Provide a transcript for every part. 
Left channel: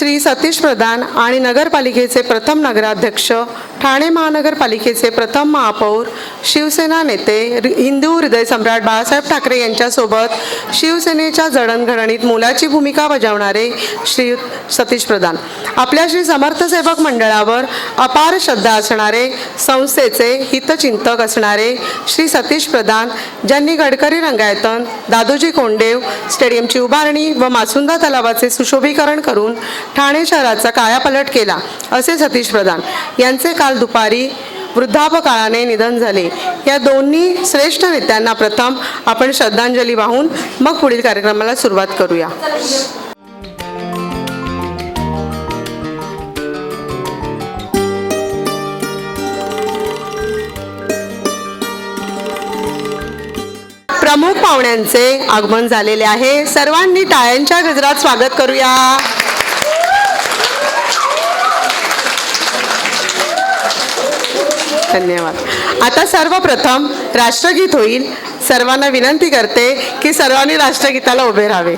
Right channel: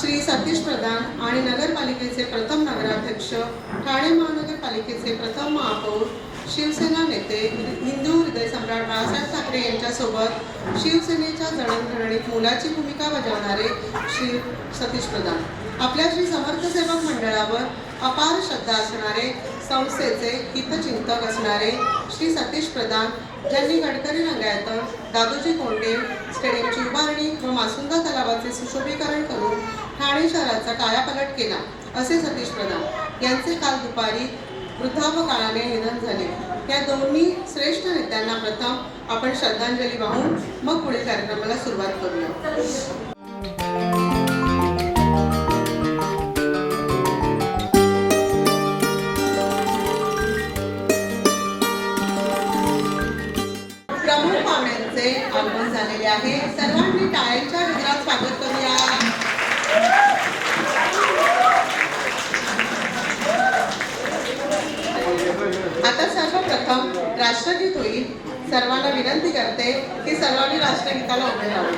श्री सतीश प्रधान आणि नगरपालिकेचे प्रथम नगराध्यक्ष, ठाणे महानगरपालिकेचे प्रथम महापौर, शिवसेना नेते, हिंदू हृदय सम्राट बाळासाहेब ठाकरे यांच्यासोबत शिवसेनेच्या जडणघडणीत मोलाची भूमिका बजावणारे श्री सतीश प्रधान, आपल्या श्री समर्थ सेवक मंडळावर अपार श्रद्धा असणारे, संस्थेचे हितचिंतक असणारे श्री सतीश प्रधान, ज्यांनी गडकरी रंगायतन, दादोजी कोंडदेव स्टेडियमची उभारणी व मासुंदा तलावाचे सुशोभीकरण करून ठाणे शहराचा कायापालट केला, असे सतीश प्रधान यांचे काल दुपारी वृद्धापकाळाने निधन झाले। या दोन्ही श्रेष्ठ नेत्यांना प्रथम आपण श्रद्धांजली वाहून मग पुढील कार्यक्रमाला सुरुवात करूया। प्रमुख पाहुण्यांचे आगमन झालेले आहे, सर्वांनी टाळ्यांच्या गजरात स्वागत करूया। धन्यवाद। आता सर्वप्रथम राष्ट्रगीत होईल। सर्वांना विनंती करते की सर्वांनी राष्ट्रगीताला उभे राहावे।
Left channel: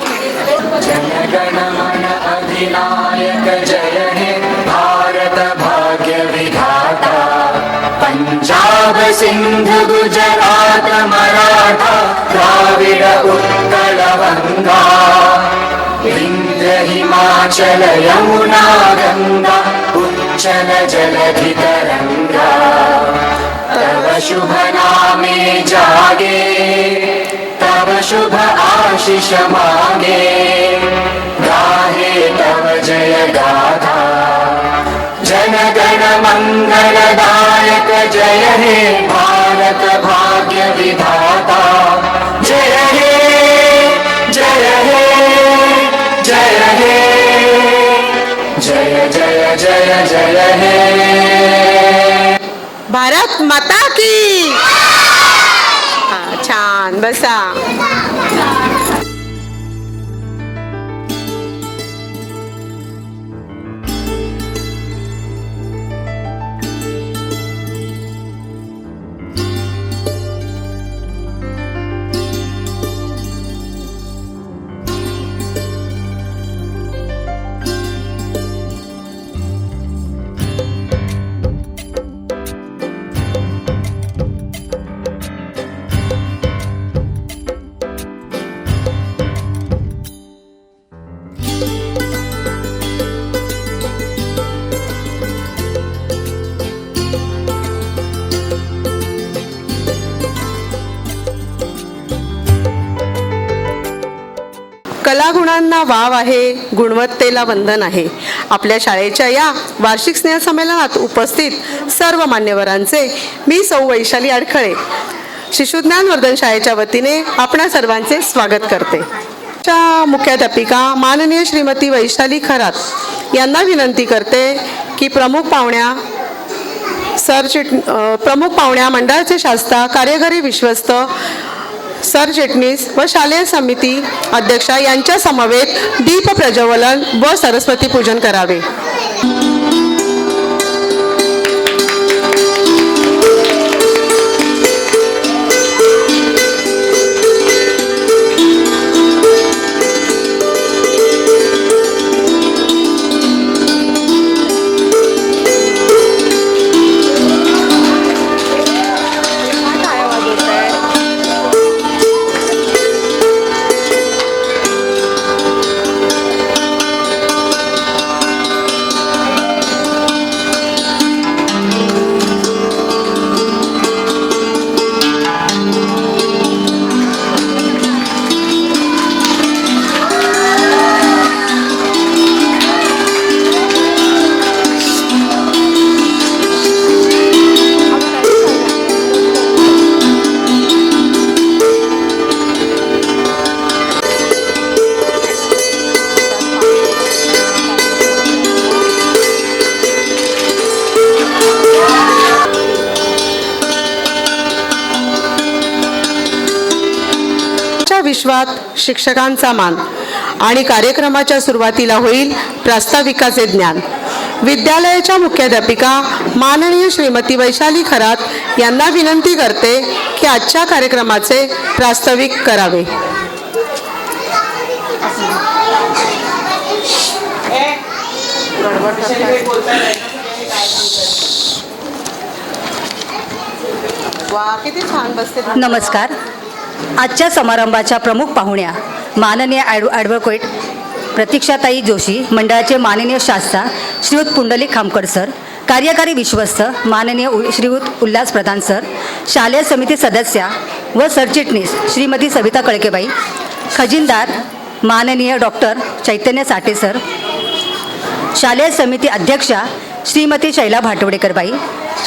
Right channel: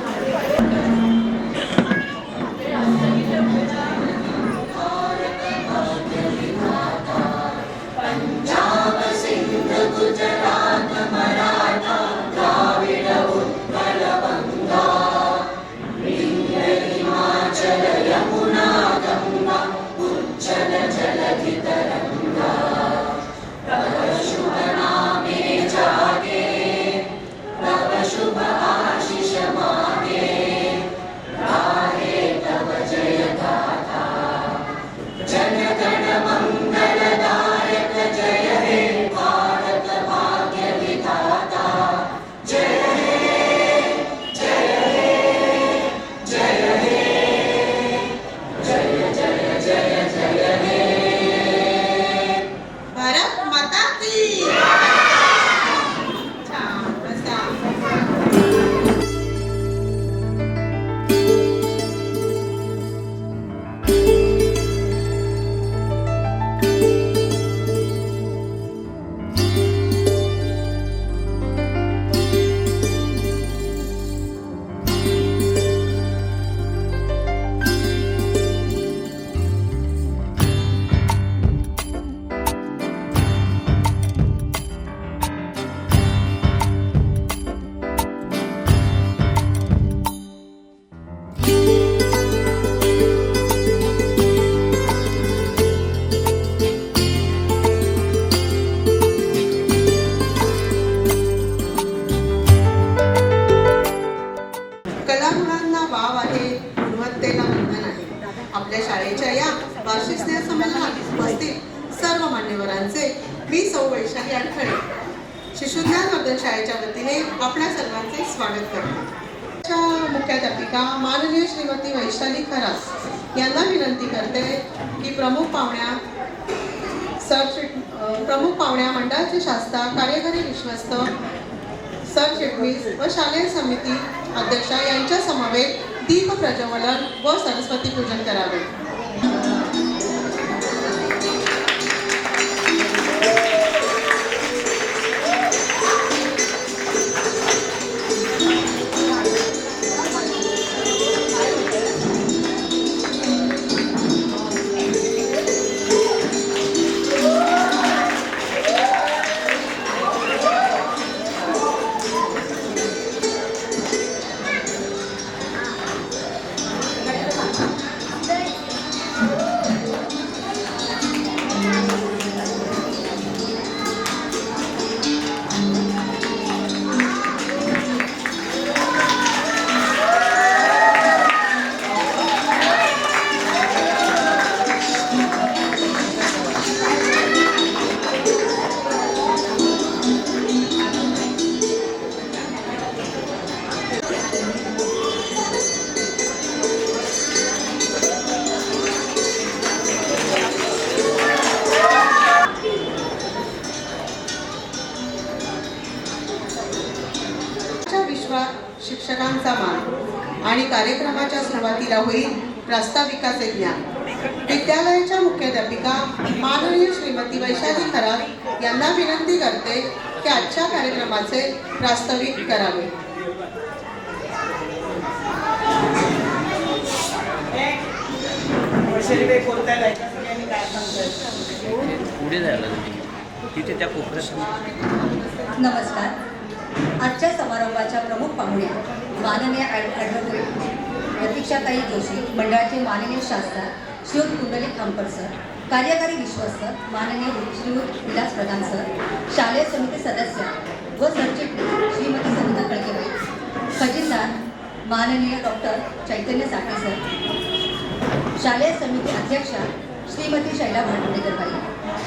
पंजाब सिंध गुजरात मराठा द्राविड उत्कल गंगा विंध्य हिमाचल यमुना गंगा उच्चल जलधि तरंगा तव शुभ नामे जागे तव शुभ आशीष मांगे गाहे तव जय गाथा जन गण मंगलदायक जय हे भारत भाग्य विधाता जय हे जय हे जय हे जय जय जय जय हे भारत माता की। छान बसा। कलागुणांना वाव आहे, गुणवत्तेला वंदन आहे। आपल्या शाळेच्या या वार्षिक स्नेहसंमेलनात उपस्थित सर्व मान्यवरांचे मी सौ वैशाली अडखळे शिशुज्ञानवर्धन शाळेच्या वतीने आपणा सर्वांचे स्वागत करते। मुख्याध्यापिका माननीय श्रीमती वैशाली खरात यांना विनंती करते की प्रमुख पाहुण्या मंडळाचे शास्ता, कार्यकारी विश्वस्त, सरचिटणीस व शालेय समिती अध्यक्षा यांच्या समवेत दीप प्रज्वलन व सरस्वती पूजन करावे। विश्वात शिक्षकांचा मान आणि कार्यक्रमाच्या सुरुवातीला होईल प्रास्ताविकाचे ज्ञान। विद्यालयाच्या मुख्याध्यापिका माननीय श्रीमती वैशाली खरात यांना विनंती करते की आजच्या कार्यक्रमाचे प्रास्ताविक करावे। वा, किती छान बसते. नमस्कार. आजच्या समारंभाच्या प्रमुख पाहुण्या माननीय ॲडव्होकेट प्रतीक्षाताई जोशी, मंडळाचे माननीय शास्त्रा श्रीयुत पुंडलिक खामकर सर, कार्यकारी विश्वस्त माननीय श्रीयुत उल्हास प्रधान सर, शालेय समिती सदस्या व सरचिटणीस श्रीमती सविता कळकेबाई, खजिनदार माननीय डॉक्टर चैतन्य साठे सर, शालेय समिती अध्यक्षा श्रीमती शैला भाटवडेकरबाई,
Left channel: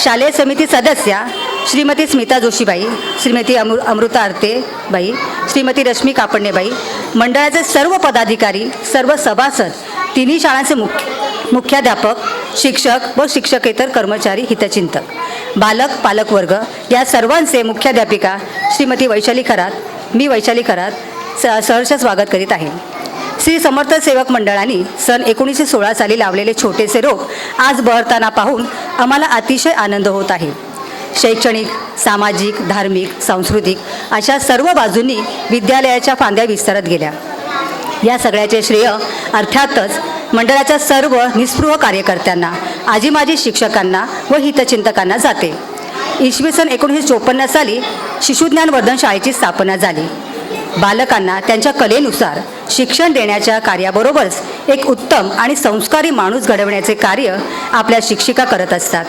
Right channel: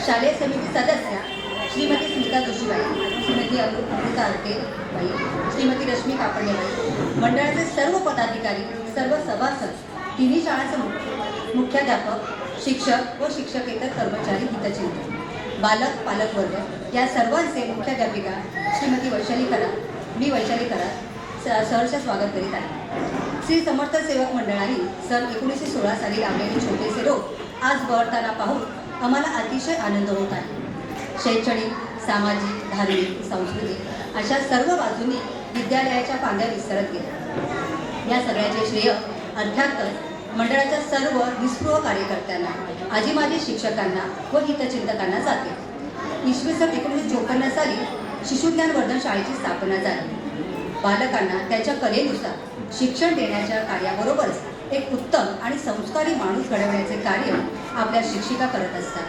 शालेय समिती सदस्या श्रीमती स्मिता जोशीबाई, श्रीमती अमृता आरतेबाई, श्रीमती रश्मी कापडणेबाई, मंडळाचे सर्व पदाधिकारी, सर्व सभासद, तिन्ही शाळांचे मुख्याध्यापक, शिक्षक व शिक्षकेतर कर्मचारी, हितचिंतक, बालक पालकवर्ग या सर्वांचे मुख्याध्यापिका श्रीमती वैशाली खरात, मी वैशाली खरात सहर्ष स्वागत करीत आहे. श्री समर्थ सेवक मंडळाने सन 1916 साली लावलेले छोटेसे रोप आज बहरताना पाहून आम्हाला अतिशय आनंद होत आहे. शैक्षणिक, सामाजिक, धार्मिक, सांस्कृतिक अशा सर्व बाजूंनी विद्यालयाच्या फांद्या विस्तारत गेल्या. या सगळ्याचे श्रेय अर्थातच मंडळाच्या सर्व निस्पृह कार्यकर्त्यांना, आजी माजी शिक्षकांना व हितचिंतकांना जाते. इसवी सन 1954 साली शिशुज्ञान वर्धन शाळेची स्थापना झाली. बालकांना त्यांच्या कलेनुसार शिक्षण देण्याच्या कार्याबरोबरच एक उत्तम आणि संस्कारी माणूस घडवण्याचे कार्य आपल्या शिक्षिका करत असतात.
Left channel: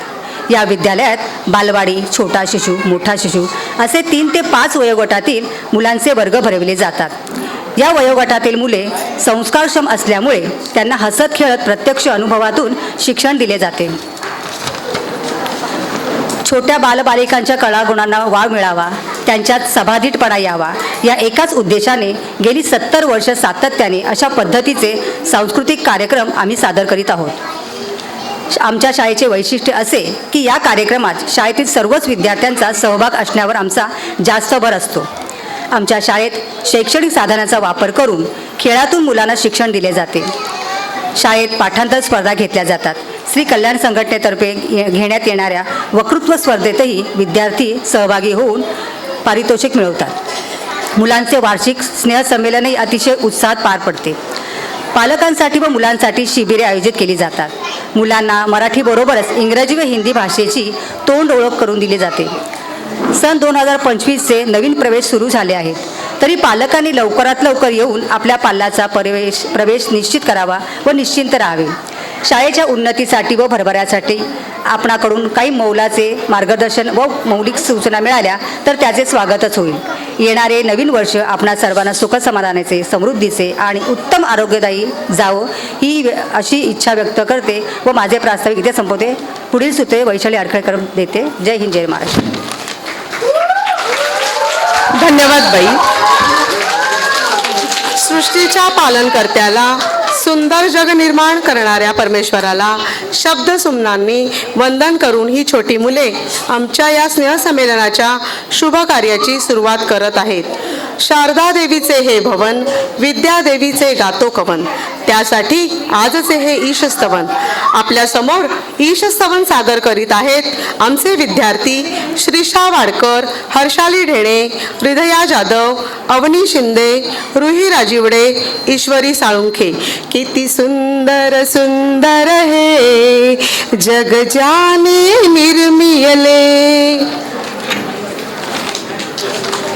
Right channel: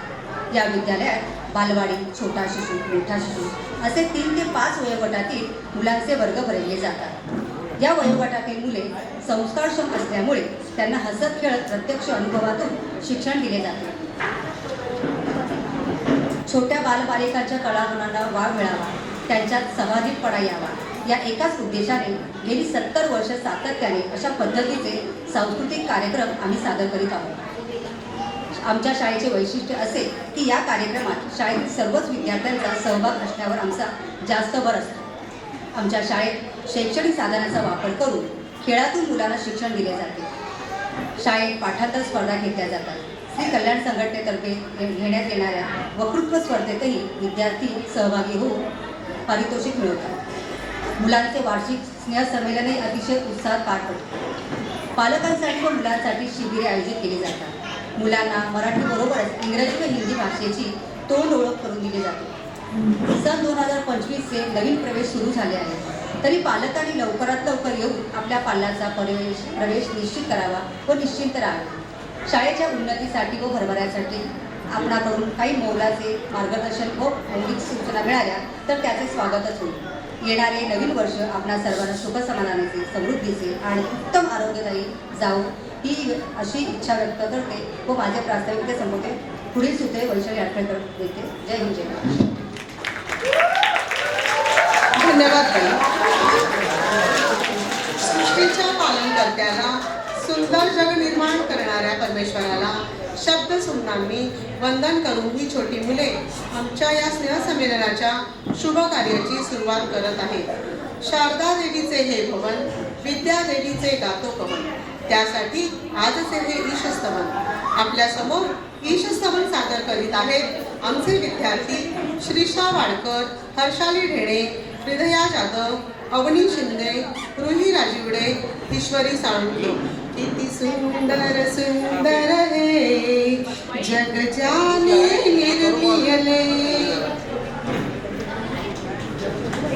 या विद्यालयात बालवाडी, छोटा शिशु, मोठा शिशु असे 3 ते 5 वयोगटातील मुलांचे वर्ग भरविले जातात. या वयोगटातील मुले संस्कारक्षम असल्यामुळे त्यांना हसत खेळत प्रत्यक्ष अनुभवातून शिक्षण दिले जाते. छोट्या बालबालिकांच्या कलागुणांना वाव मिळावा, त्यांच्यात सभाधिटपणा यावा या एकाच उद्देशाने गेली 70 वर्ष सातत्याने अशा पद्धतीचे सांस्कृतिक कार्यक्रम आम्ही सादर करीत आहोत. आमच्या शाळेचे वैशिष्ट्य असे की या कार्यक्रमात शाळेतील सर्वच विद्यार्थ्यांचा सहभाग असण्यावर आमचा जास्त भर असतो. आमच्या शाळेत शैक्षणिक साधनाचा वापर करून खेळातून मुलांना शिक्षण दिले जाते. शाळेत पाठांतर स्पर्धा घेतल्या जातात. श्री कल्याण संघटनेतर्फे घेण्यात येणाऱ्या वक्तृत्व स्पर्धेतही विद्यार्थी सहभागी होऊन पारितोषिक मिळवतात. मुलांचे वार्षिक स्नेहसंमेलनही अतिशय उत्साहात पार पडते. पालकांसाठी व मुलांसाठी शिबिरे आयोजित केली जातात. मुलांना मराठीबरोबरच इंग्रजी व हिंदी भाषेची तोंड ओळख करून दिली जाते. सन 2025चे नवीन प्रवेश सुरू झाले आहेत, तरी पालकांनी लवकरात लवकर येऊन आपल्या पाल्याचा प्रवेश निश्चित करावा व निश्चिंत राहावे. शाळेच्या उन्नतीसाठी व भरभऱ्यासाठी आपणाकडून काही मौलाचे मार्गदर्शन व मौलिक सूचना मिळाल्या तर त्याचे स्वागतच होईल. येणारे नवीन वर्ष आपणा सर्वांना सुखसमाधानाचे, समृद्धीचे आणि उत्तम आरोग्यदायी जावो ही अशी इच्छा व्यक्त करते व माझे प्रास्ताविक इथे संपवते. पुढील सूत्रे वैशाली आरखेडकर देते. जय हिंद, जय महाराष्ट्र. धन्यवाद बाई. सृष्टीच्या पालनकर्त्याला, सुंदर जग निर्माण करणाऱ्या परमेश्वराला शब्दसुमनांनी वंदन करून ही छोटी मुले आमच्या या स्नेहसंमेलनाच्या शुभ कार्याची सुरुवात करत आहेत. शारदा देवीचे हे भवन, विद्या देवीचे गातो कवन, त्यासाठी आजचे हे ईशस्तवन. आपल्या समोर ईशस्तवन सादर करीत आहेत आमचे विद्यार्थी श्रीषा वाडकर, हर्षाली ढेणे, हृदया जाधव, अवनी शिंदे, रुही राजिवडे, ईश्वरी साळुंखे. किती सुंदर सुंदर हे जग जाने निर्मियले. जय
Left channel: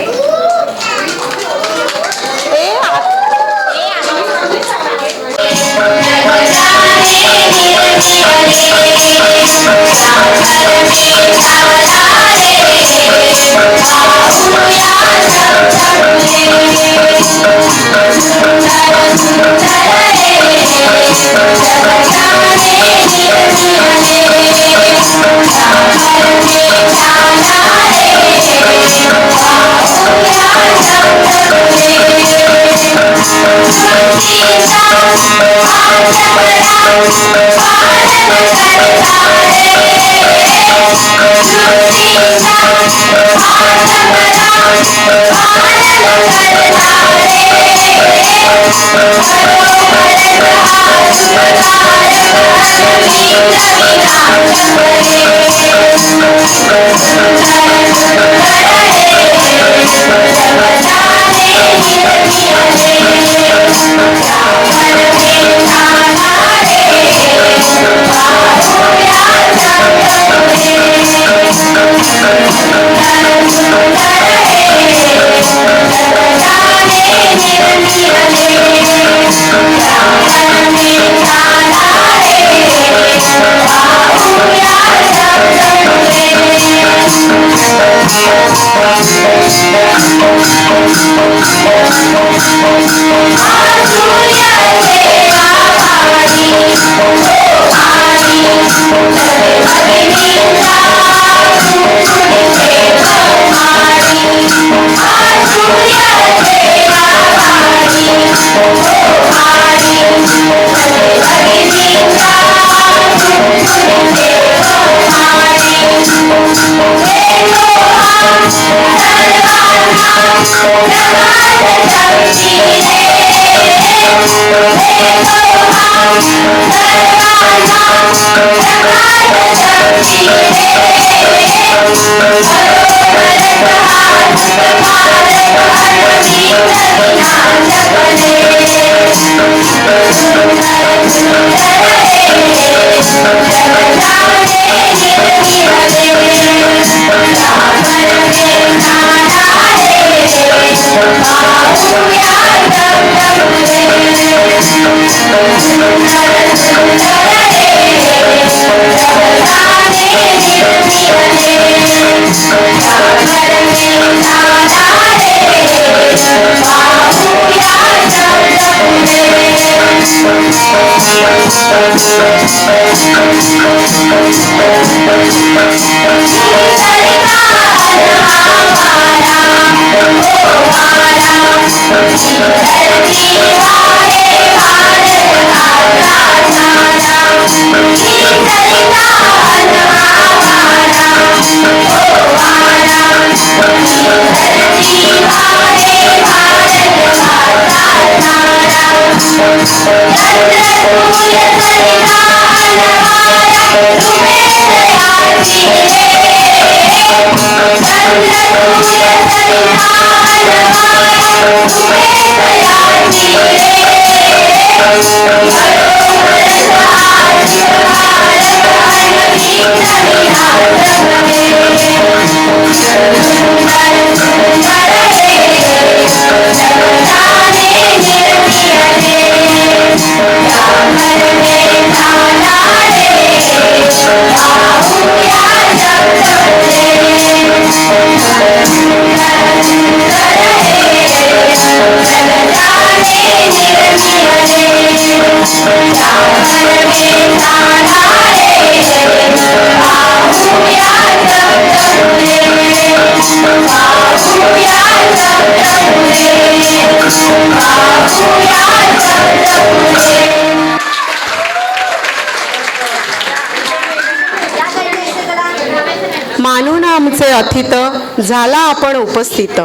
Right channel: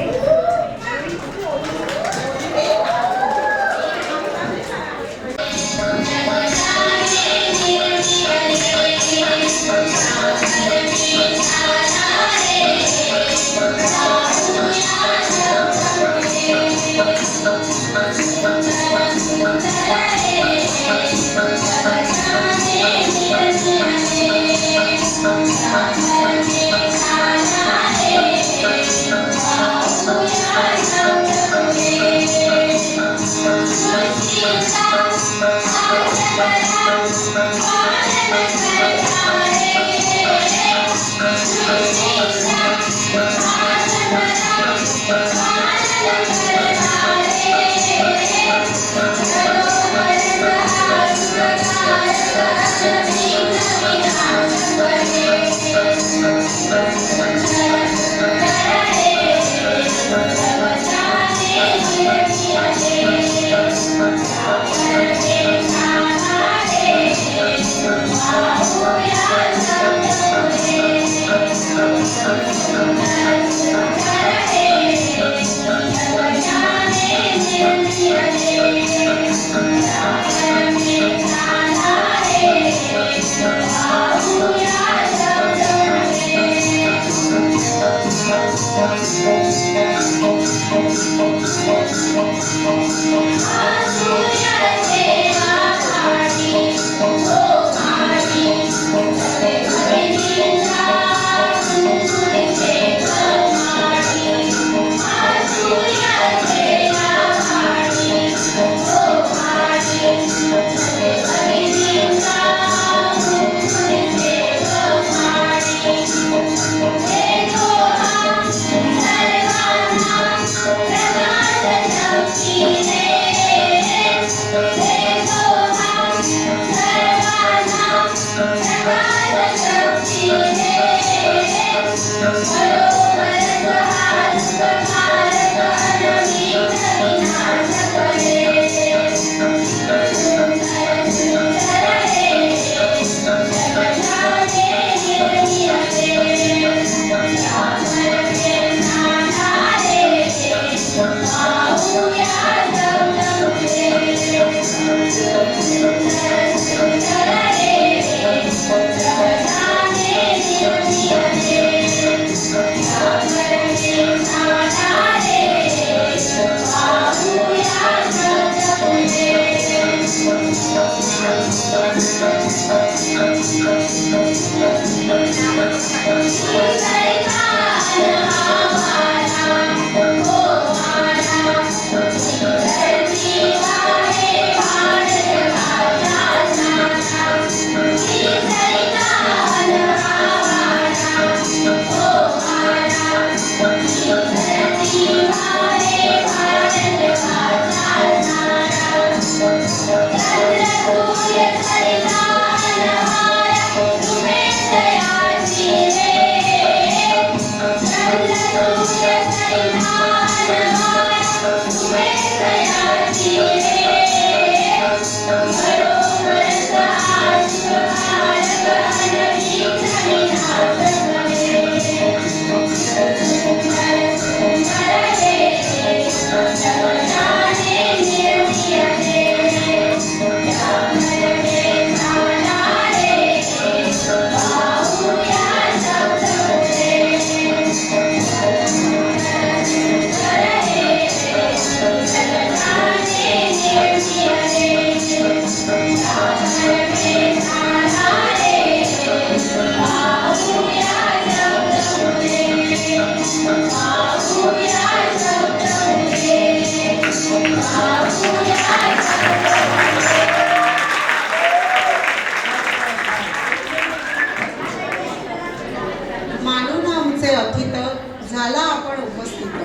प्रथित झाला आपण उपस्थित.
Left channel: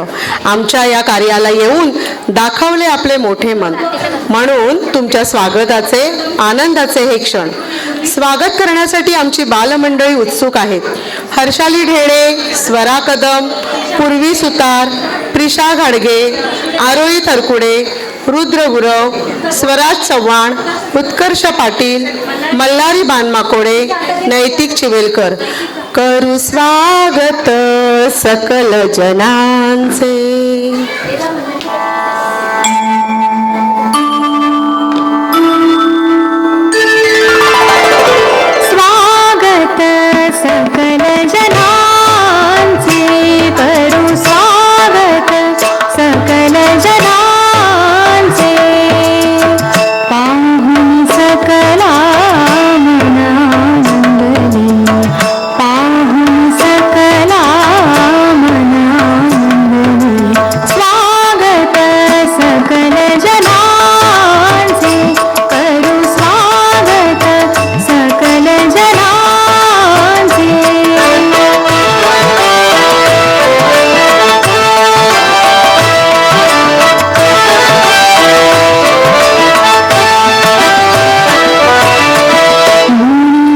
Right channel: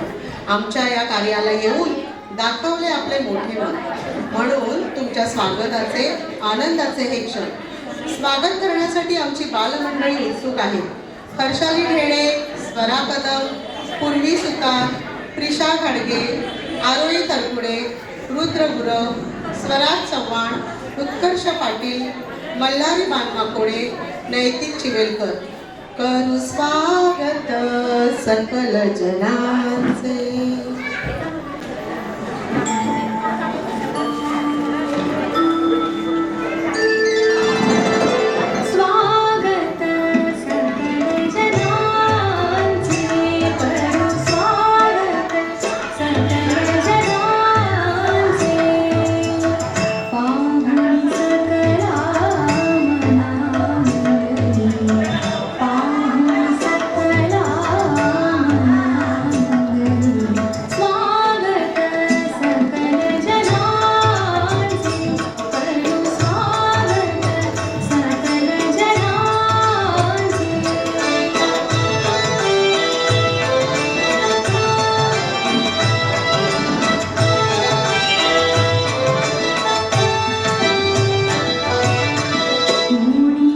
आमच्या या कार्याला येऊन दाखवले आपले मोठे मन. म्हणून तुमच्या स्वागताचे आनंदाचे हे क्षण. स्वागत करण्यासाठी आमची बालमंडळी उत्सुक आहेत. हर्षाली ढेडे, स्वरा कदम, पूर्वी सुतार, प्रिशा घाडगे, आरोही थरकुडे, रुद्र गुरव, स्वराज चव्हाण, उत्कर्ष पाटील, मल्हारी बानमाकोडे, नैतिक चिवेलकर. करू स्वागत सकल जनांचे. स्वागत सकल जनांचे, करू स्वागत सकल जनांचे. पाहुन सकला मनानंदली, पाहुन सकला मनानंदली. स्वागत सकल जनांचे, करू स्वागत सकल जनांचे.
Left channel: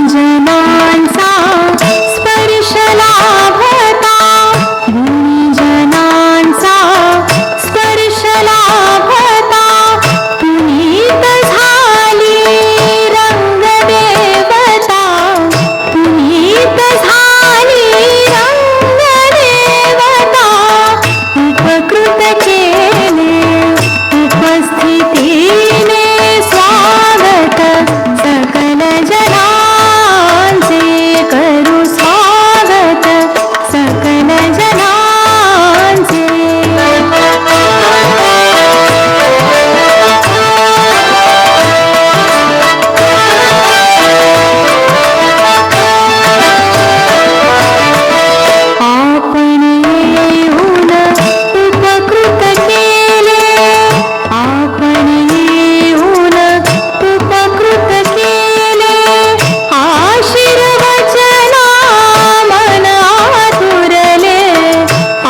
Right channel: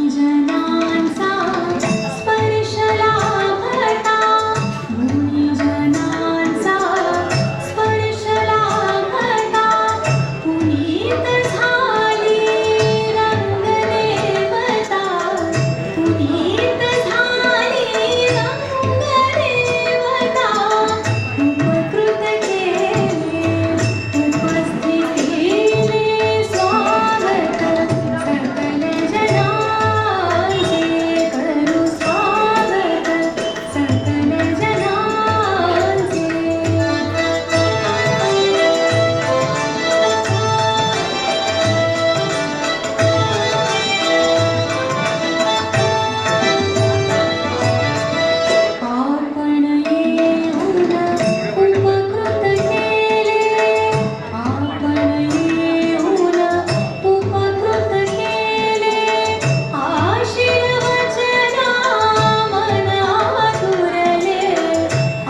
गुणीजनांचा स्पर्श लाभता, गुणीजनांचा स्पर्श लाभता. पुनीत झाली रंगदेवता, पुनीत झाली रंगदेवता. उपकृत केले उपस्थितीने, स्वागत सकल जनांचे, करू स्वागत सकल जनांचे. आपण येऊन उपकृत केले, आपण येऊन उपकृत केले. आशीर्वचना मन आतुरले,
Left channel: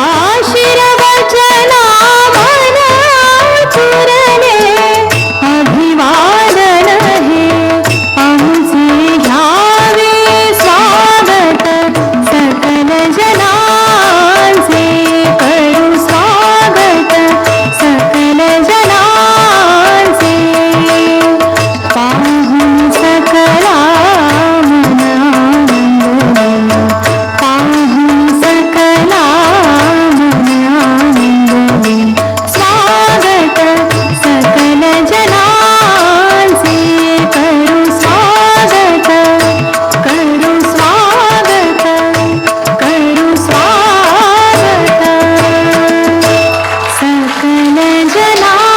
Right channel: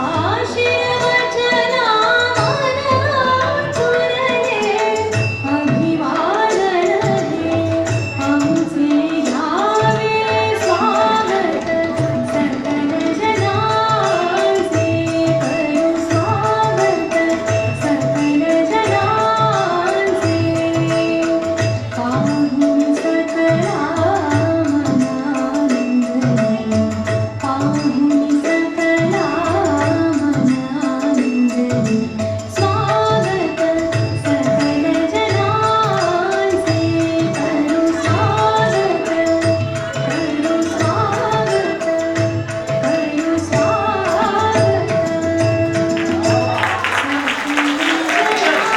आशीर्वचना मन आतुरले. अभिवादन हे आमचे घ्यावे, स्वागत सकल जनांचे, करू स्वागत सकल जनांचे. पाहुन सकला मनानंदली, पाहुन सकला मनानंदली. स्वागत सकल जनांचे, करू स्वागत, करू स्वागत, करू स्वागत सकल जनांचे.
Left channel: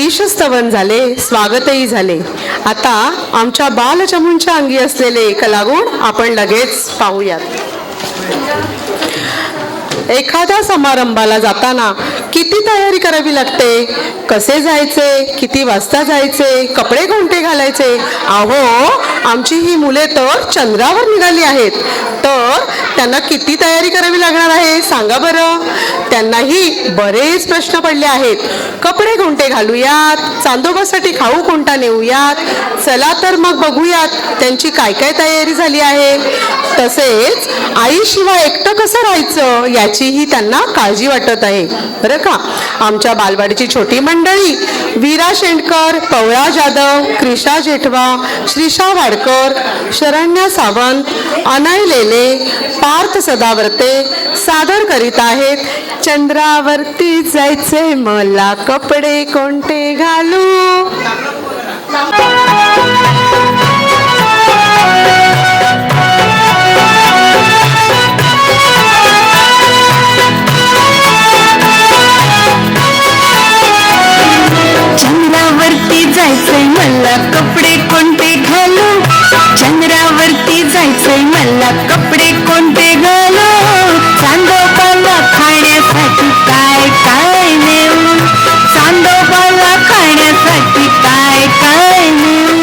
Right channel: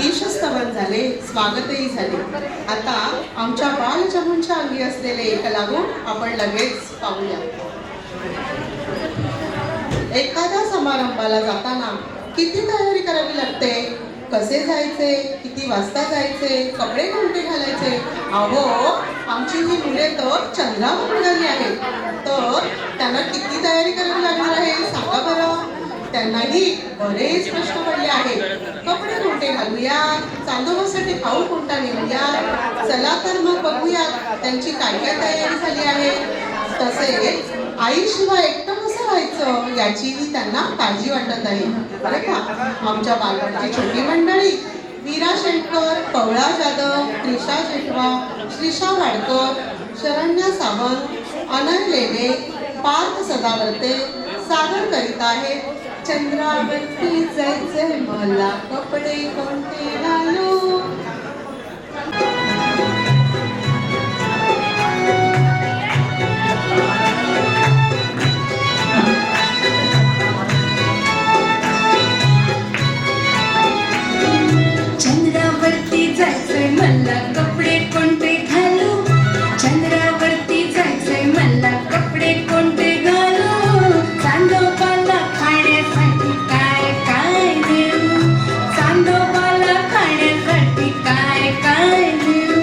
ईशस्तवन झाले, स्वागतही झाले. आता आमच्या बालचमूंच्या अंगी असलेले कलागुण आपण लगेच पाहूयात. एखाद्या समारंभाला जाताना किती तयारी करावी लागते? कसे जायचे? किती वाजता जायचे? कपडे कोणते घालायचे? अहो, आमची ही मुले तर चंद्रावर निघाली आहेत, तर त्यांना किती तयारी करावी लागणार आहे सांगा बरं. त्यांनाही बरेच प्रश्न पडले आहेत. कपडे कोणते घालूयात? चांदोबासाठी खाऊ कोणता नेऊयात? चला तर मग बघूयात त्यांची काय काय तयारी झाली आहे. तसेच आईशिवाय एकटं कसं राहायचं याचीही त्यांना काळजी वाटत आहे बरं का. आमच्या बालवाडीची छोटी मंडळी वीरा शेंडकर, पवळा जाधव, क्रिशा जेठवा, श्रीशा वाडकर, शरण्या सावंत, अनय लेले, पार्थ सदावर्ते सादर करीत आहेत. चंद्रावरती जायचे मला कपडे कोणते घालू. चंद्रावरती जायचंय मला कपडे कोणते घालू, चंद्रावरती जायचंय मला कपडे कोणते घालू. चांदोबाला खाण्यासाठी काय काय नेऊ, चांदोबाला खाण्यासाठी काय काय नेऊ.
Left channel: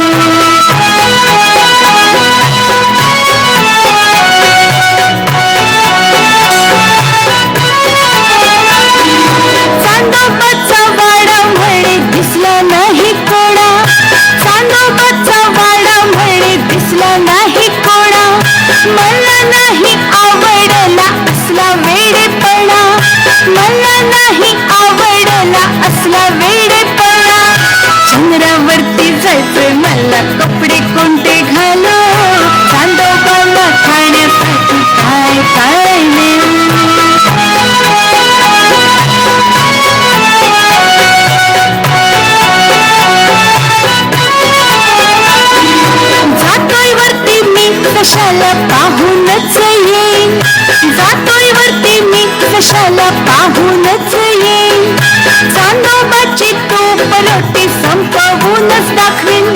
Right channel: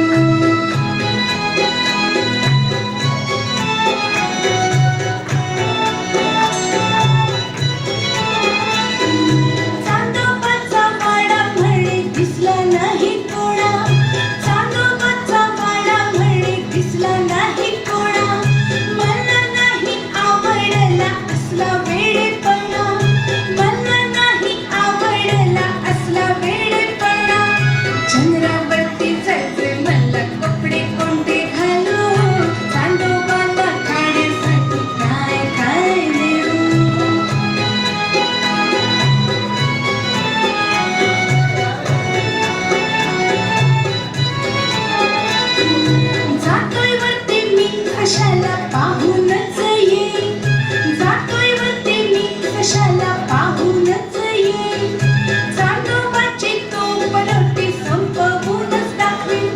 आयुष्याला पाहूनच येईल चांदोबाची तोप रोटी संपवूनच दाखवीन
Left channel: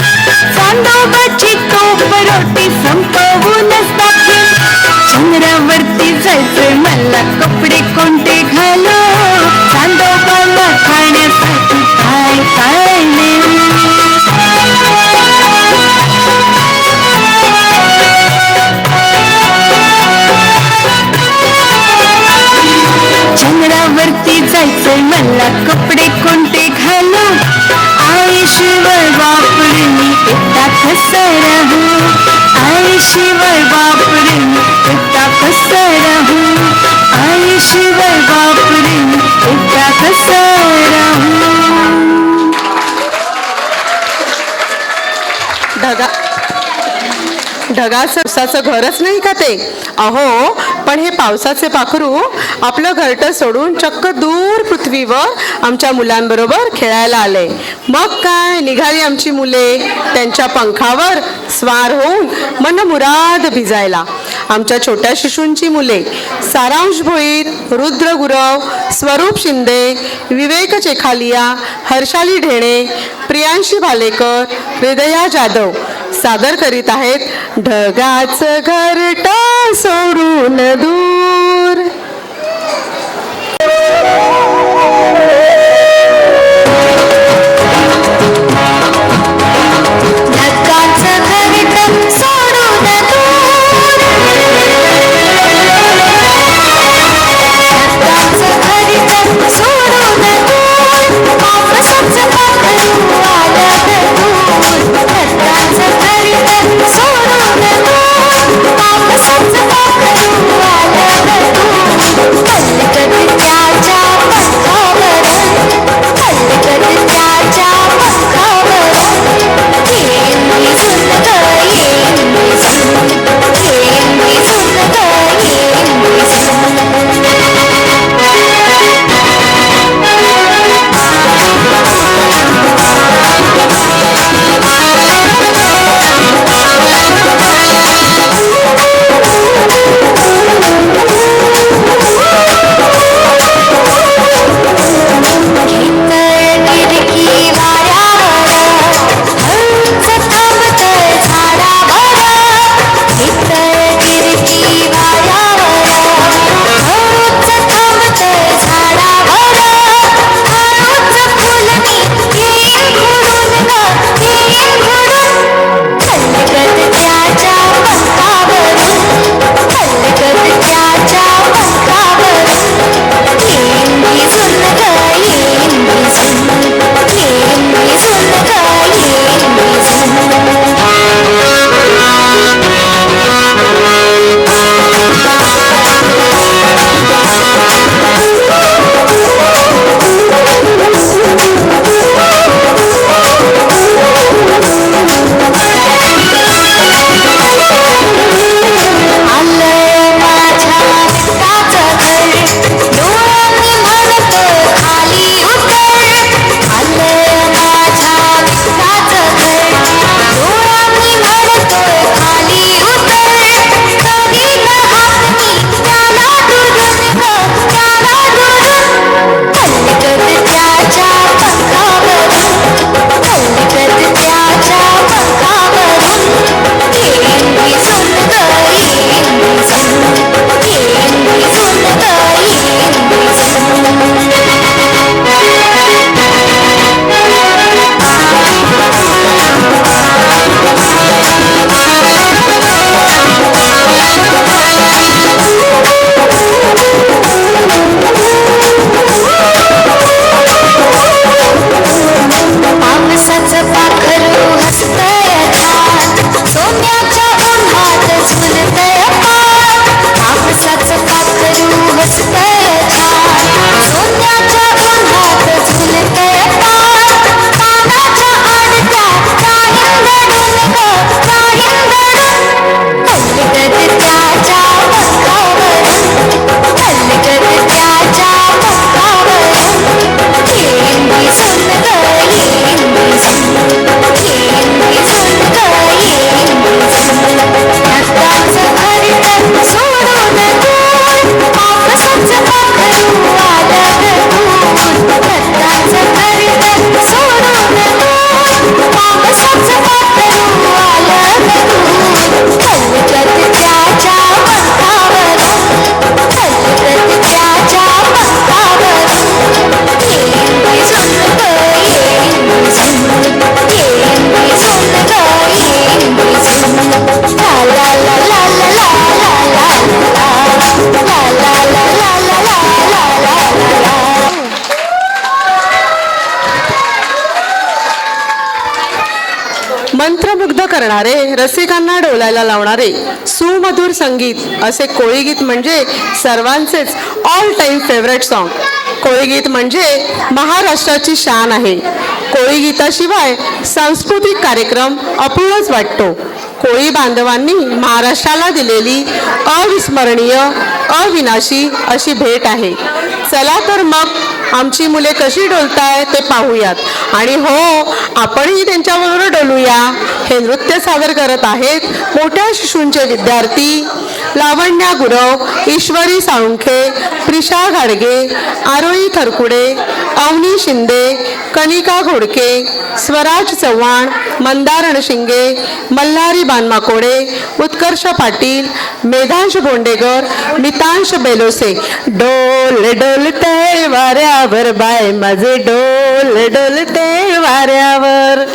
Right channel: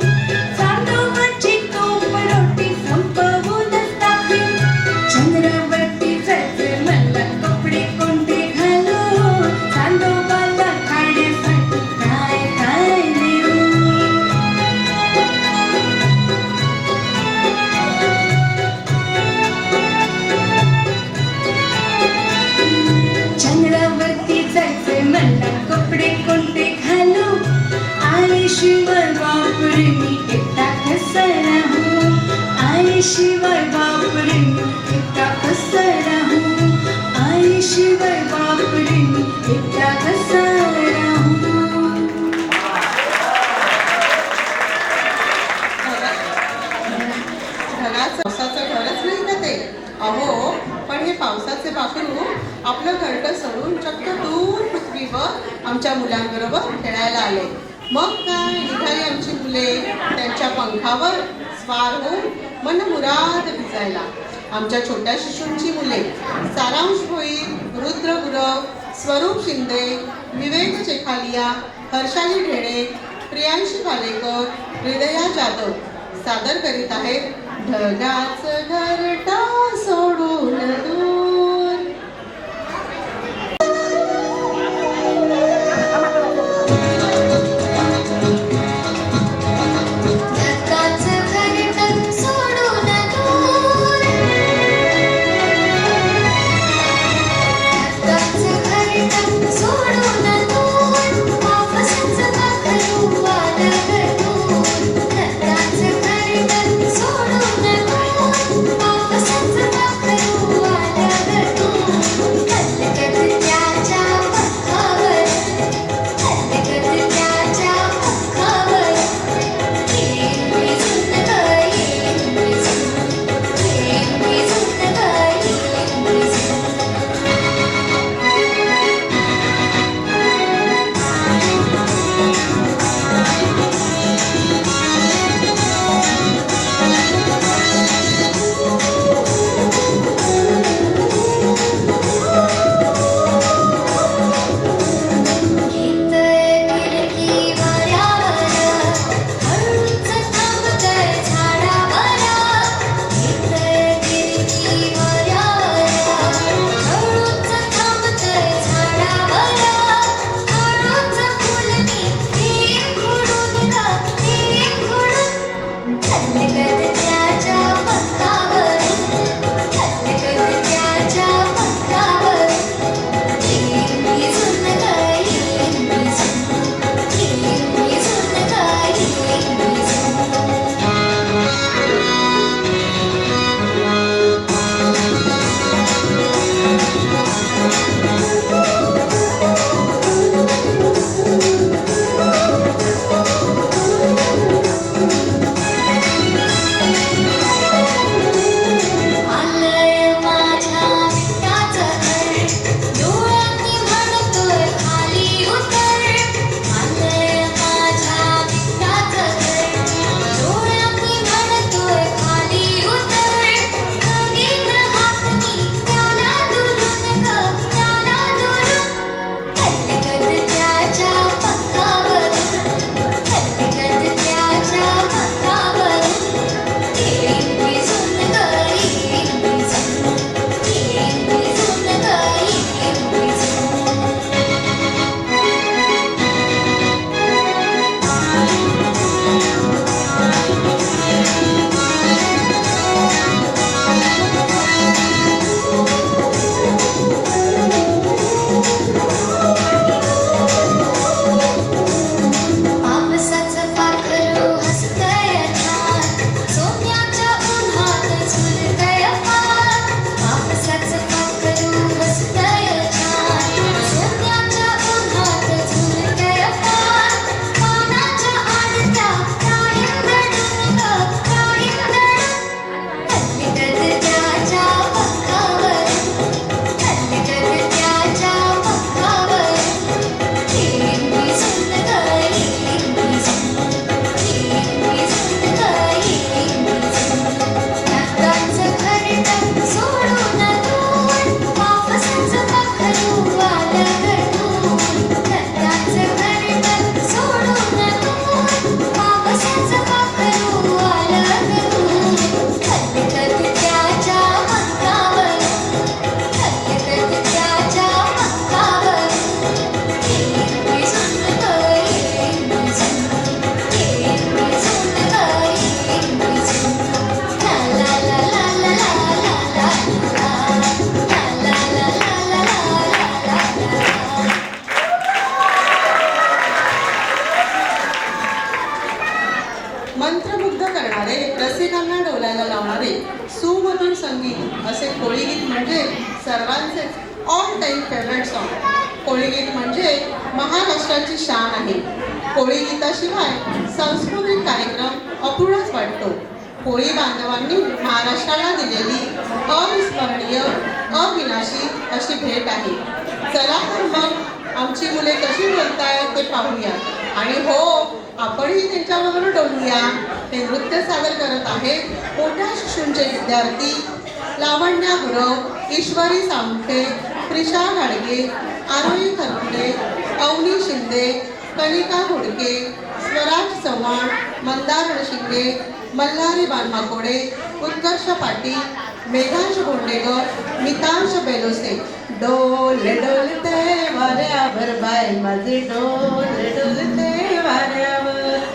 चांदोबाची तोप रोटी संपवूनच दाखवीन चंद्रावरती जायचंय मला कपडे कोणते घालू चांदोबाला खाण्यासाठी काय काय नेऊ चंद्रावरती जायचंय मला कपडे कोणते घालू आईशिवाय बापरे मी एकटा कसा राहू आईशिवाय बापरे मी एकटा कसा राहू आईशिवाय बापरे मी एकटा कसा राहू ढगाचं पावसाचं घरच नाही का ते अहो पण हे पावसाचे पाखरू आपलं घरटं सोडून चक्क दूर पृथ्वीवर आमच्या मुलांबरोबर खेळायला आले मग काय निघाली आमची मुले त्यांच्या पंखावर स्वार होऊन मनमुराद भिजायला आमच्या छोट्या शिशूंची मुले सारांश भोईर रुद्र गुरव स्वरूप शिंदे विवेक चेखालिया हर्षाली ढेणे प्रियांशी भालेकर हृदया जाधव सादर करीत आहेत ढगाचं घरटं सोडून दूर ढगाचं घरटं सोडून दूर ढगाचं घरटं सोडून दूर पावसाचं पाखरू आलं दूर ढगाचं घरटं सोडून दूर पावसाचं पाखरू आलं करणारे, रसिकांना डोलायला लावणारे सुमधुर संगीत असे कोळी गीत म्हणजे सर्वांचेच ऑल टाइम फेवरेट सॉन्ग. कोळी गीत म्हणजे महाराष्ट्राची शान आहे. कोळी गीताशिवाय सांस्कृतिक कार्यक्रम अपूर्णच वाटतो. कोळी बांधवांनी महाराष्ट्राला दिलेली अविस्मरणीय अविनाशी अशी भेट आहे. चला तर मग आमची मुले कशी डोलताय ते पाहूयात. आणि हो, आपणही त्यांच्याबरोबर डोलूया. हे नृत्य सादर करत आहेत मोठ्या शिशूंचे विद्यार्थी लावण्या गुरव, ईश्वरी साळुंखे, प्रिशा घाडगे, आरोही थरकुडे, अवनी शिंदे, कनिका घोडके, स्वराज चव्हाण, मंदार रणशिंगे, मल्हारी बानमाकोडे, उत्कर्ष पाटील, मेधांश भोंडेकर, मितांश बेलोसे. डोल डोलते वाऱ्यावर बाय माझे, डोल डोलते वाऱ्यावर.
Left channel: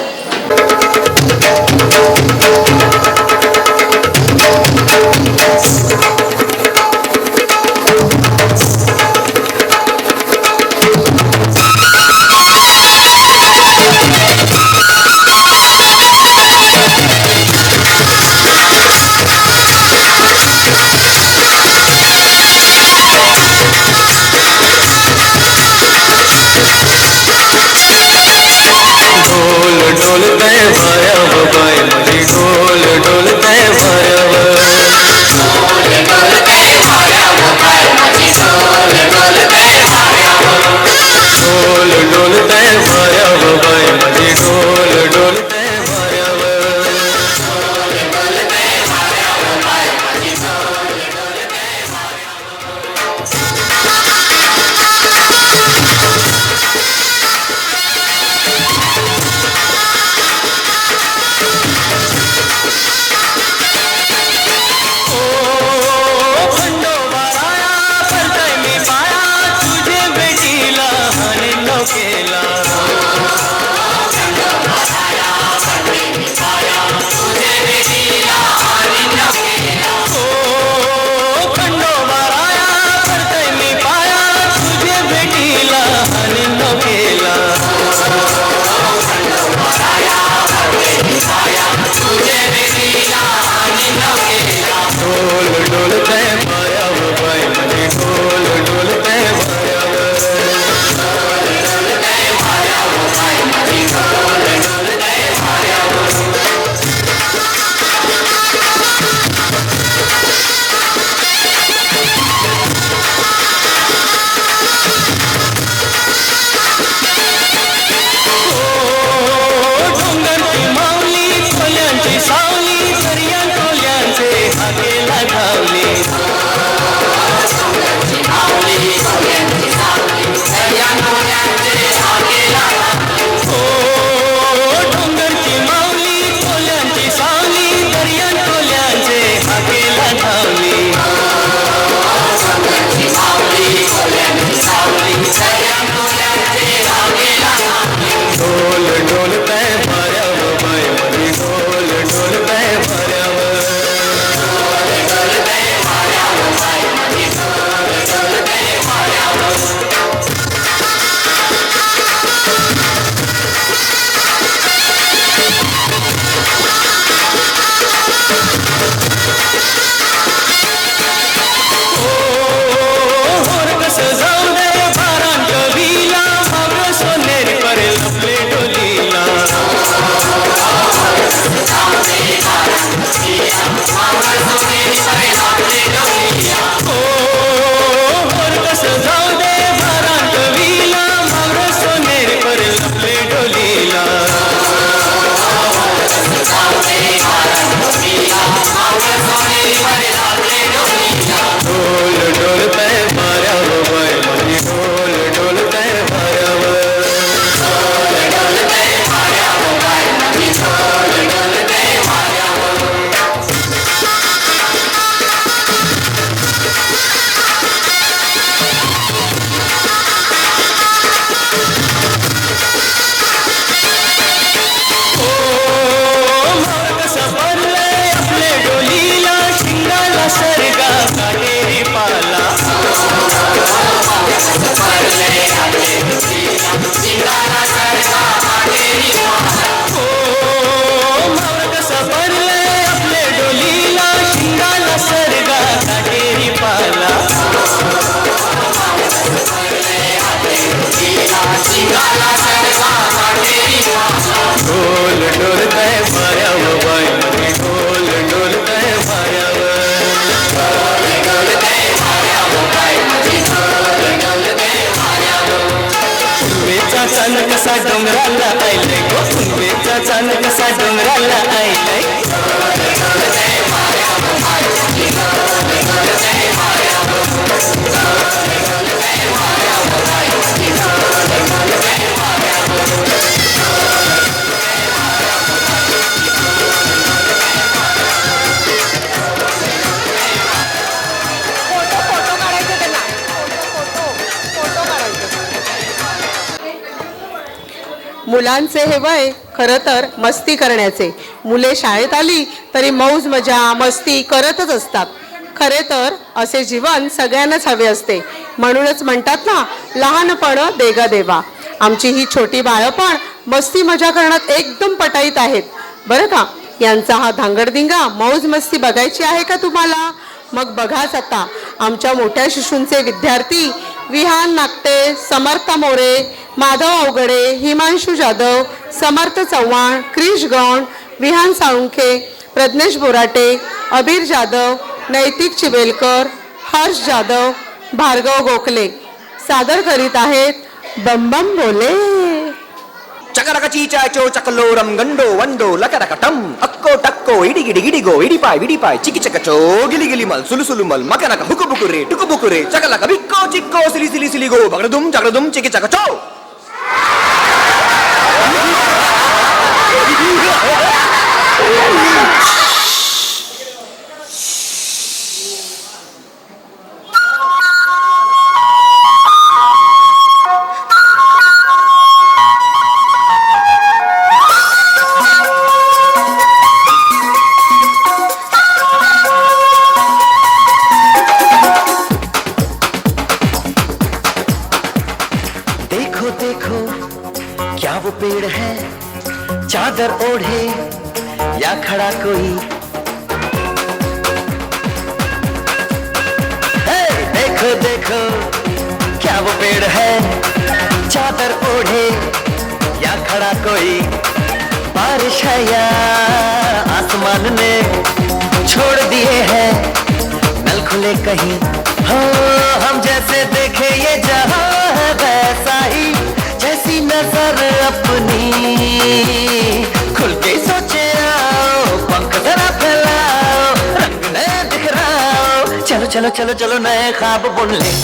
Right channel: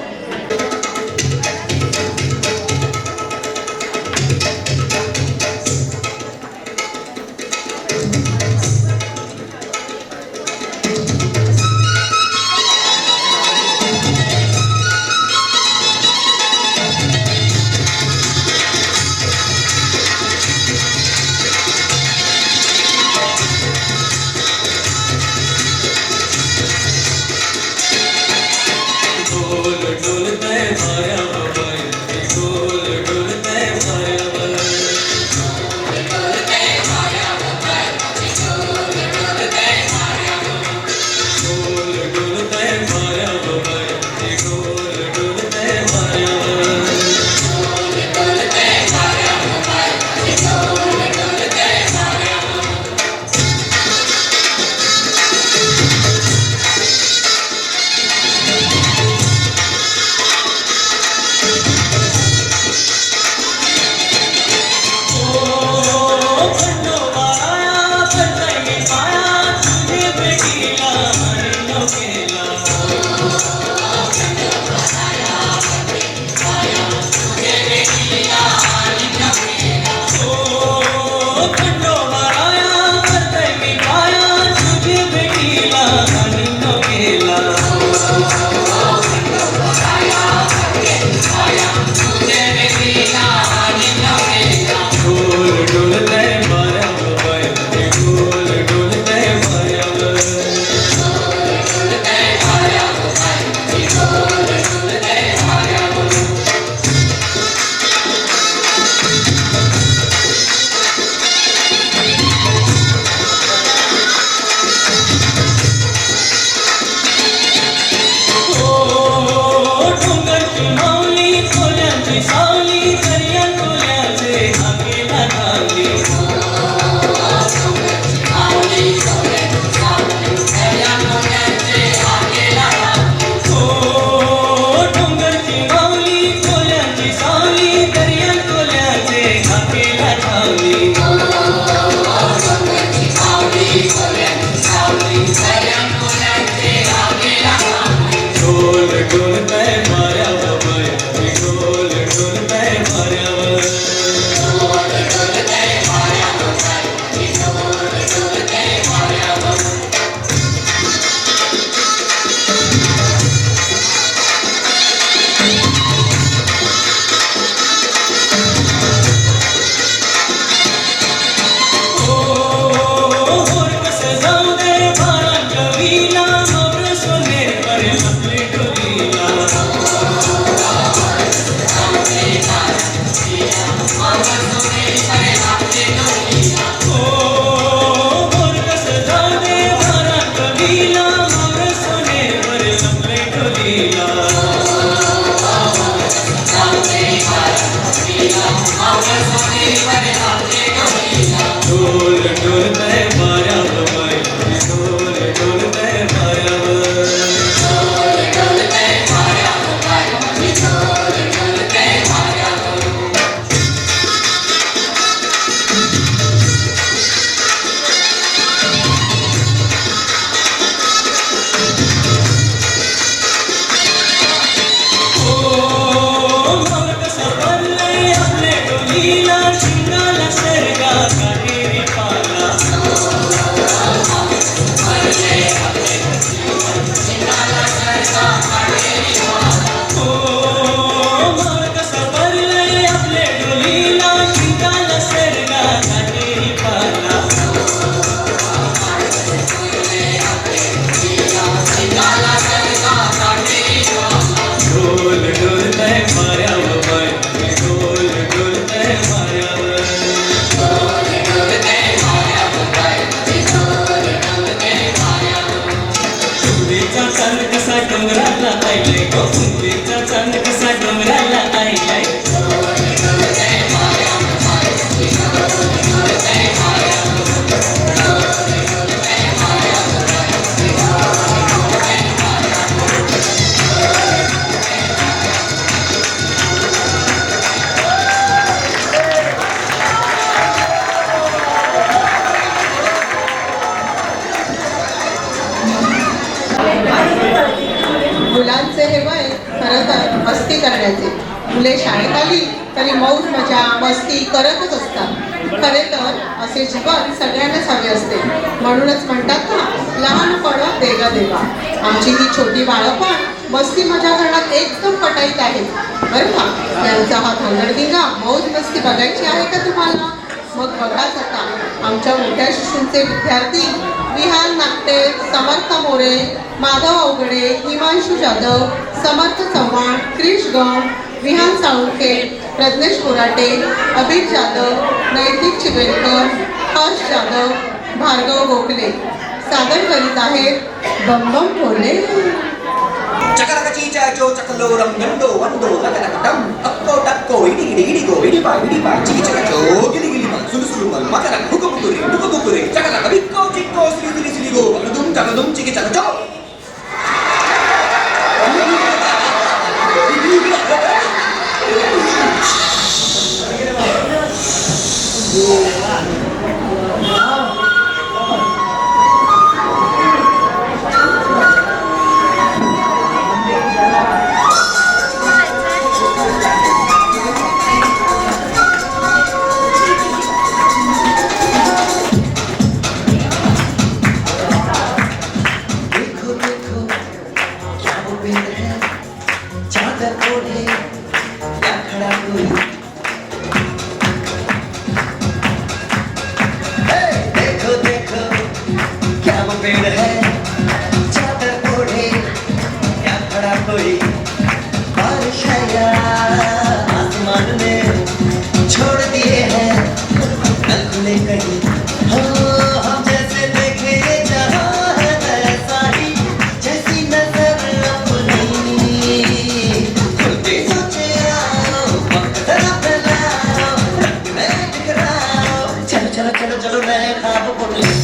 मुलांचे हे वय खरं तर मस्ती करण्याचे. मुले शाळेत आली तरी मौज मजा मस्ती करतच असतात. खरे तर असे जीवन सगळ्यांनाच हवे असते. म्हणूनच म्हणतात ना, लहानपण देगा देवा. आमची ही छोटी बाळं पण मस्ती मजा करण्यात एकदम पटाईत आहेत बरं का. यांचा हा धांगडधिंगा मौज मस्ती बघायची आहे का तुम्हाला? मग बघाच आता आमच्या मोठ्या शिशूंचे विद्यार्थी विहान नागते, समर्थ मोरे, माधव अवघडे, हिमांशू जाधव, समर्थ चव्हाण, क्रिश गण, विहान साळुंखे, प्रज्ञेश बोराटे, अभिर जाधव, नैतिक चिबेलकर, हर्ष जाधव, भार्गव गोखले सादर करीत आहेत बम बम बोले. चकरकची चाचो चकलोरम गंडो वंदो लकरकटम अक्को टक्को इडी गिडी गिडी गो इडी पाय चिकी चकचो गिली गिली मल सुलु सुलु मल मकरक हुकु बुकुरे डुकु बुकुरे चकलक बिक्को चिक्को सिली सिली सिली गो बगडुम चिकी चकचो. पेड़ है चादर ओढ़े या खड़ा कोई. देखो देखो क्या वो पेड़ है चादर ओढ़े या खड़ा कोई. बारिश है या आसमान ने छोड़ दिए हैं कल खुले कहीं. हो हम जैसे देखे ये जहां है वैसा ही जैसी नजर अपनी. खुल के सोचे आओ पंख जरा फैलाओ रंग नया दिखराओ. चलो चलो चलो चलो नए ख्वाब बुन ले.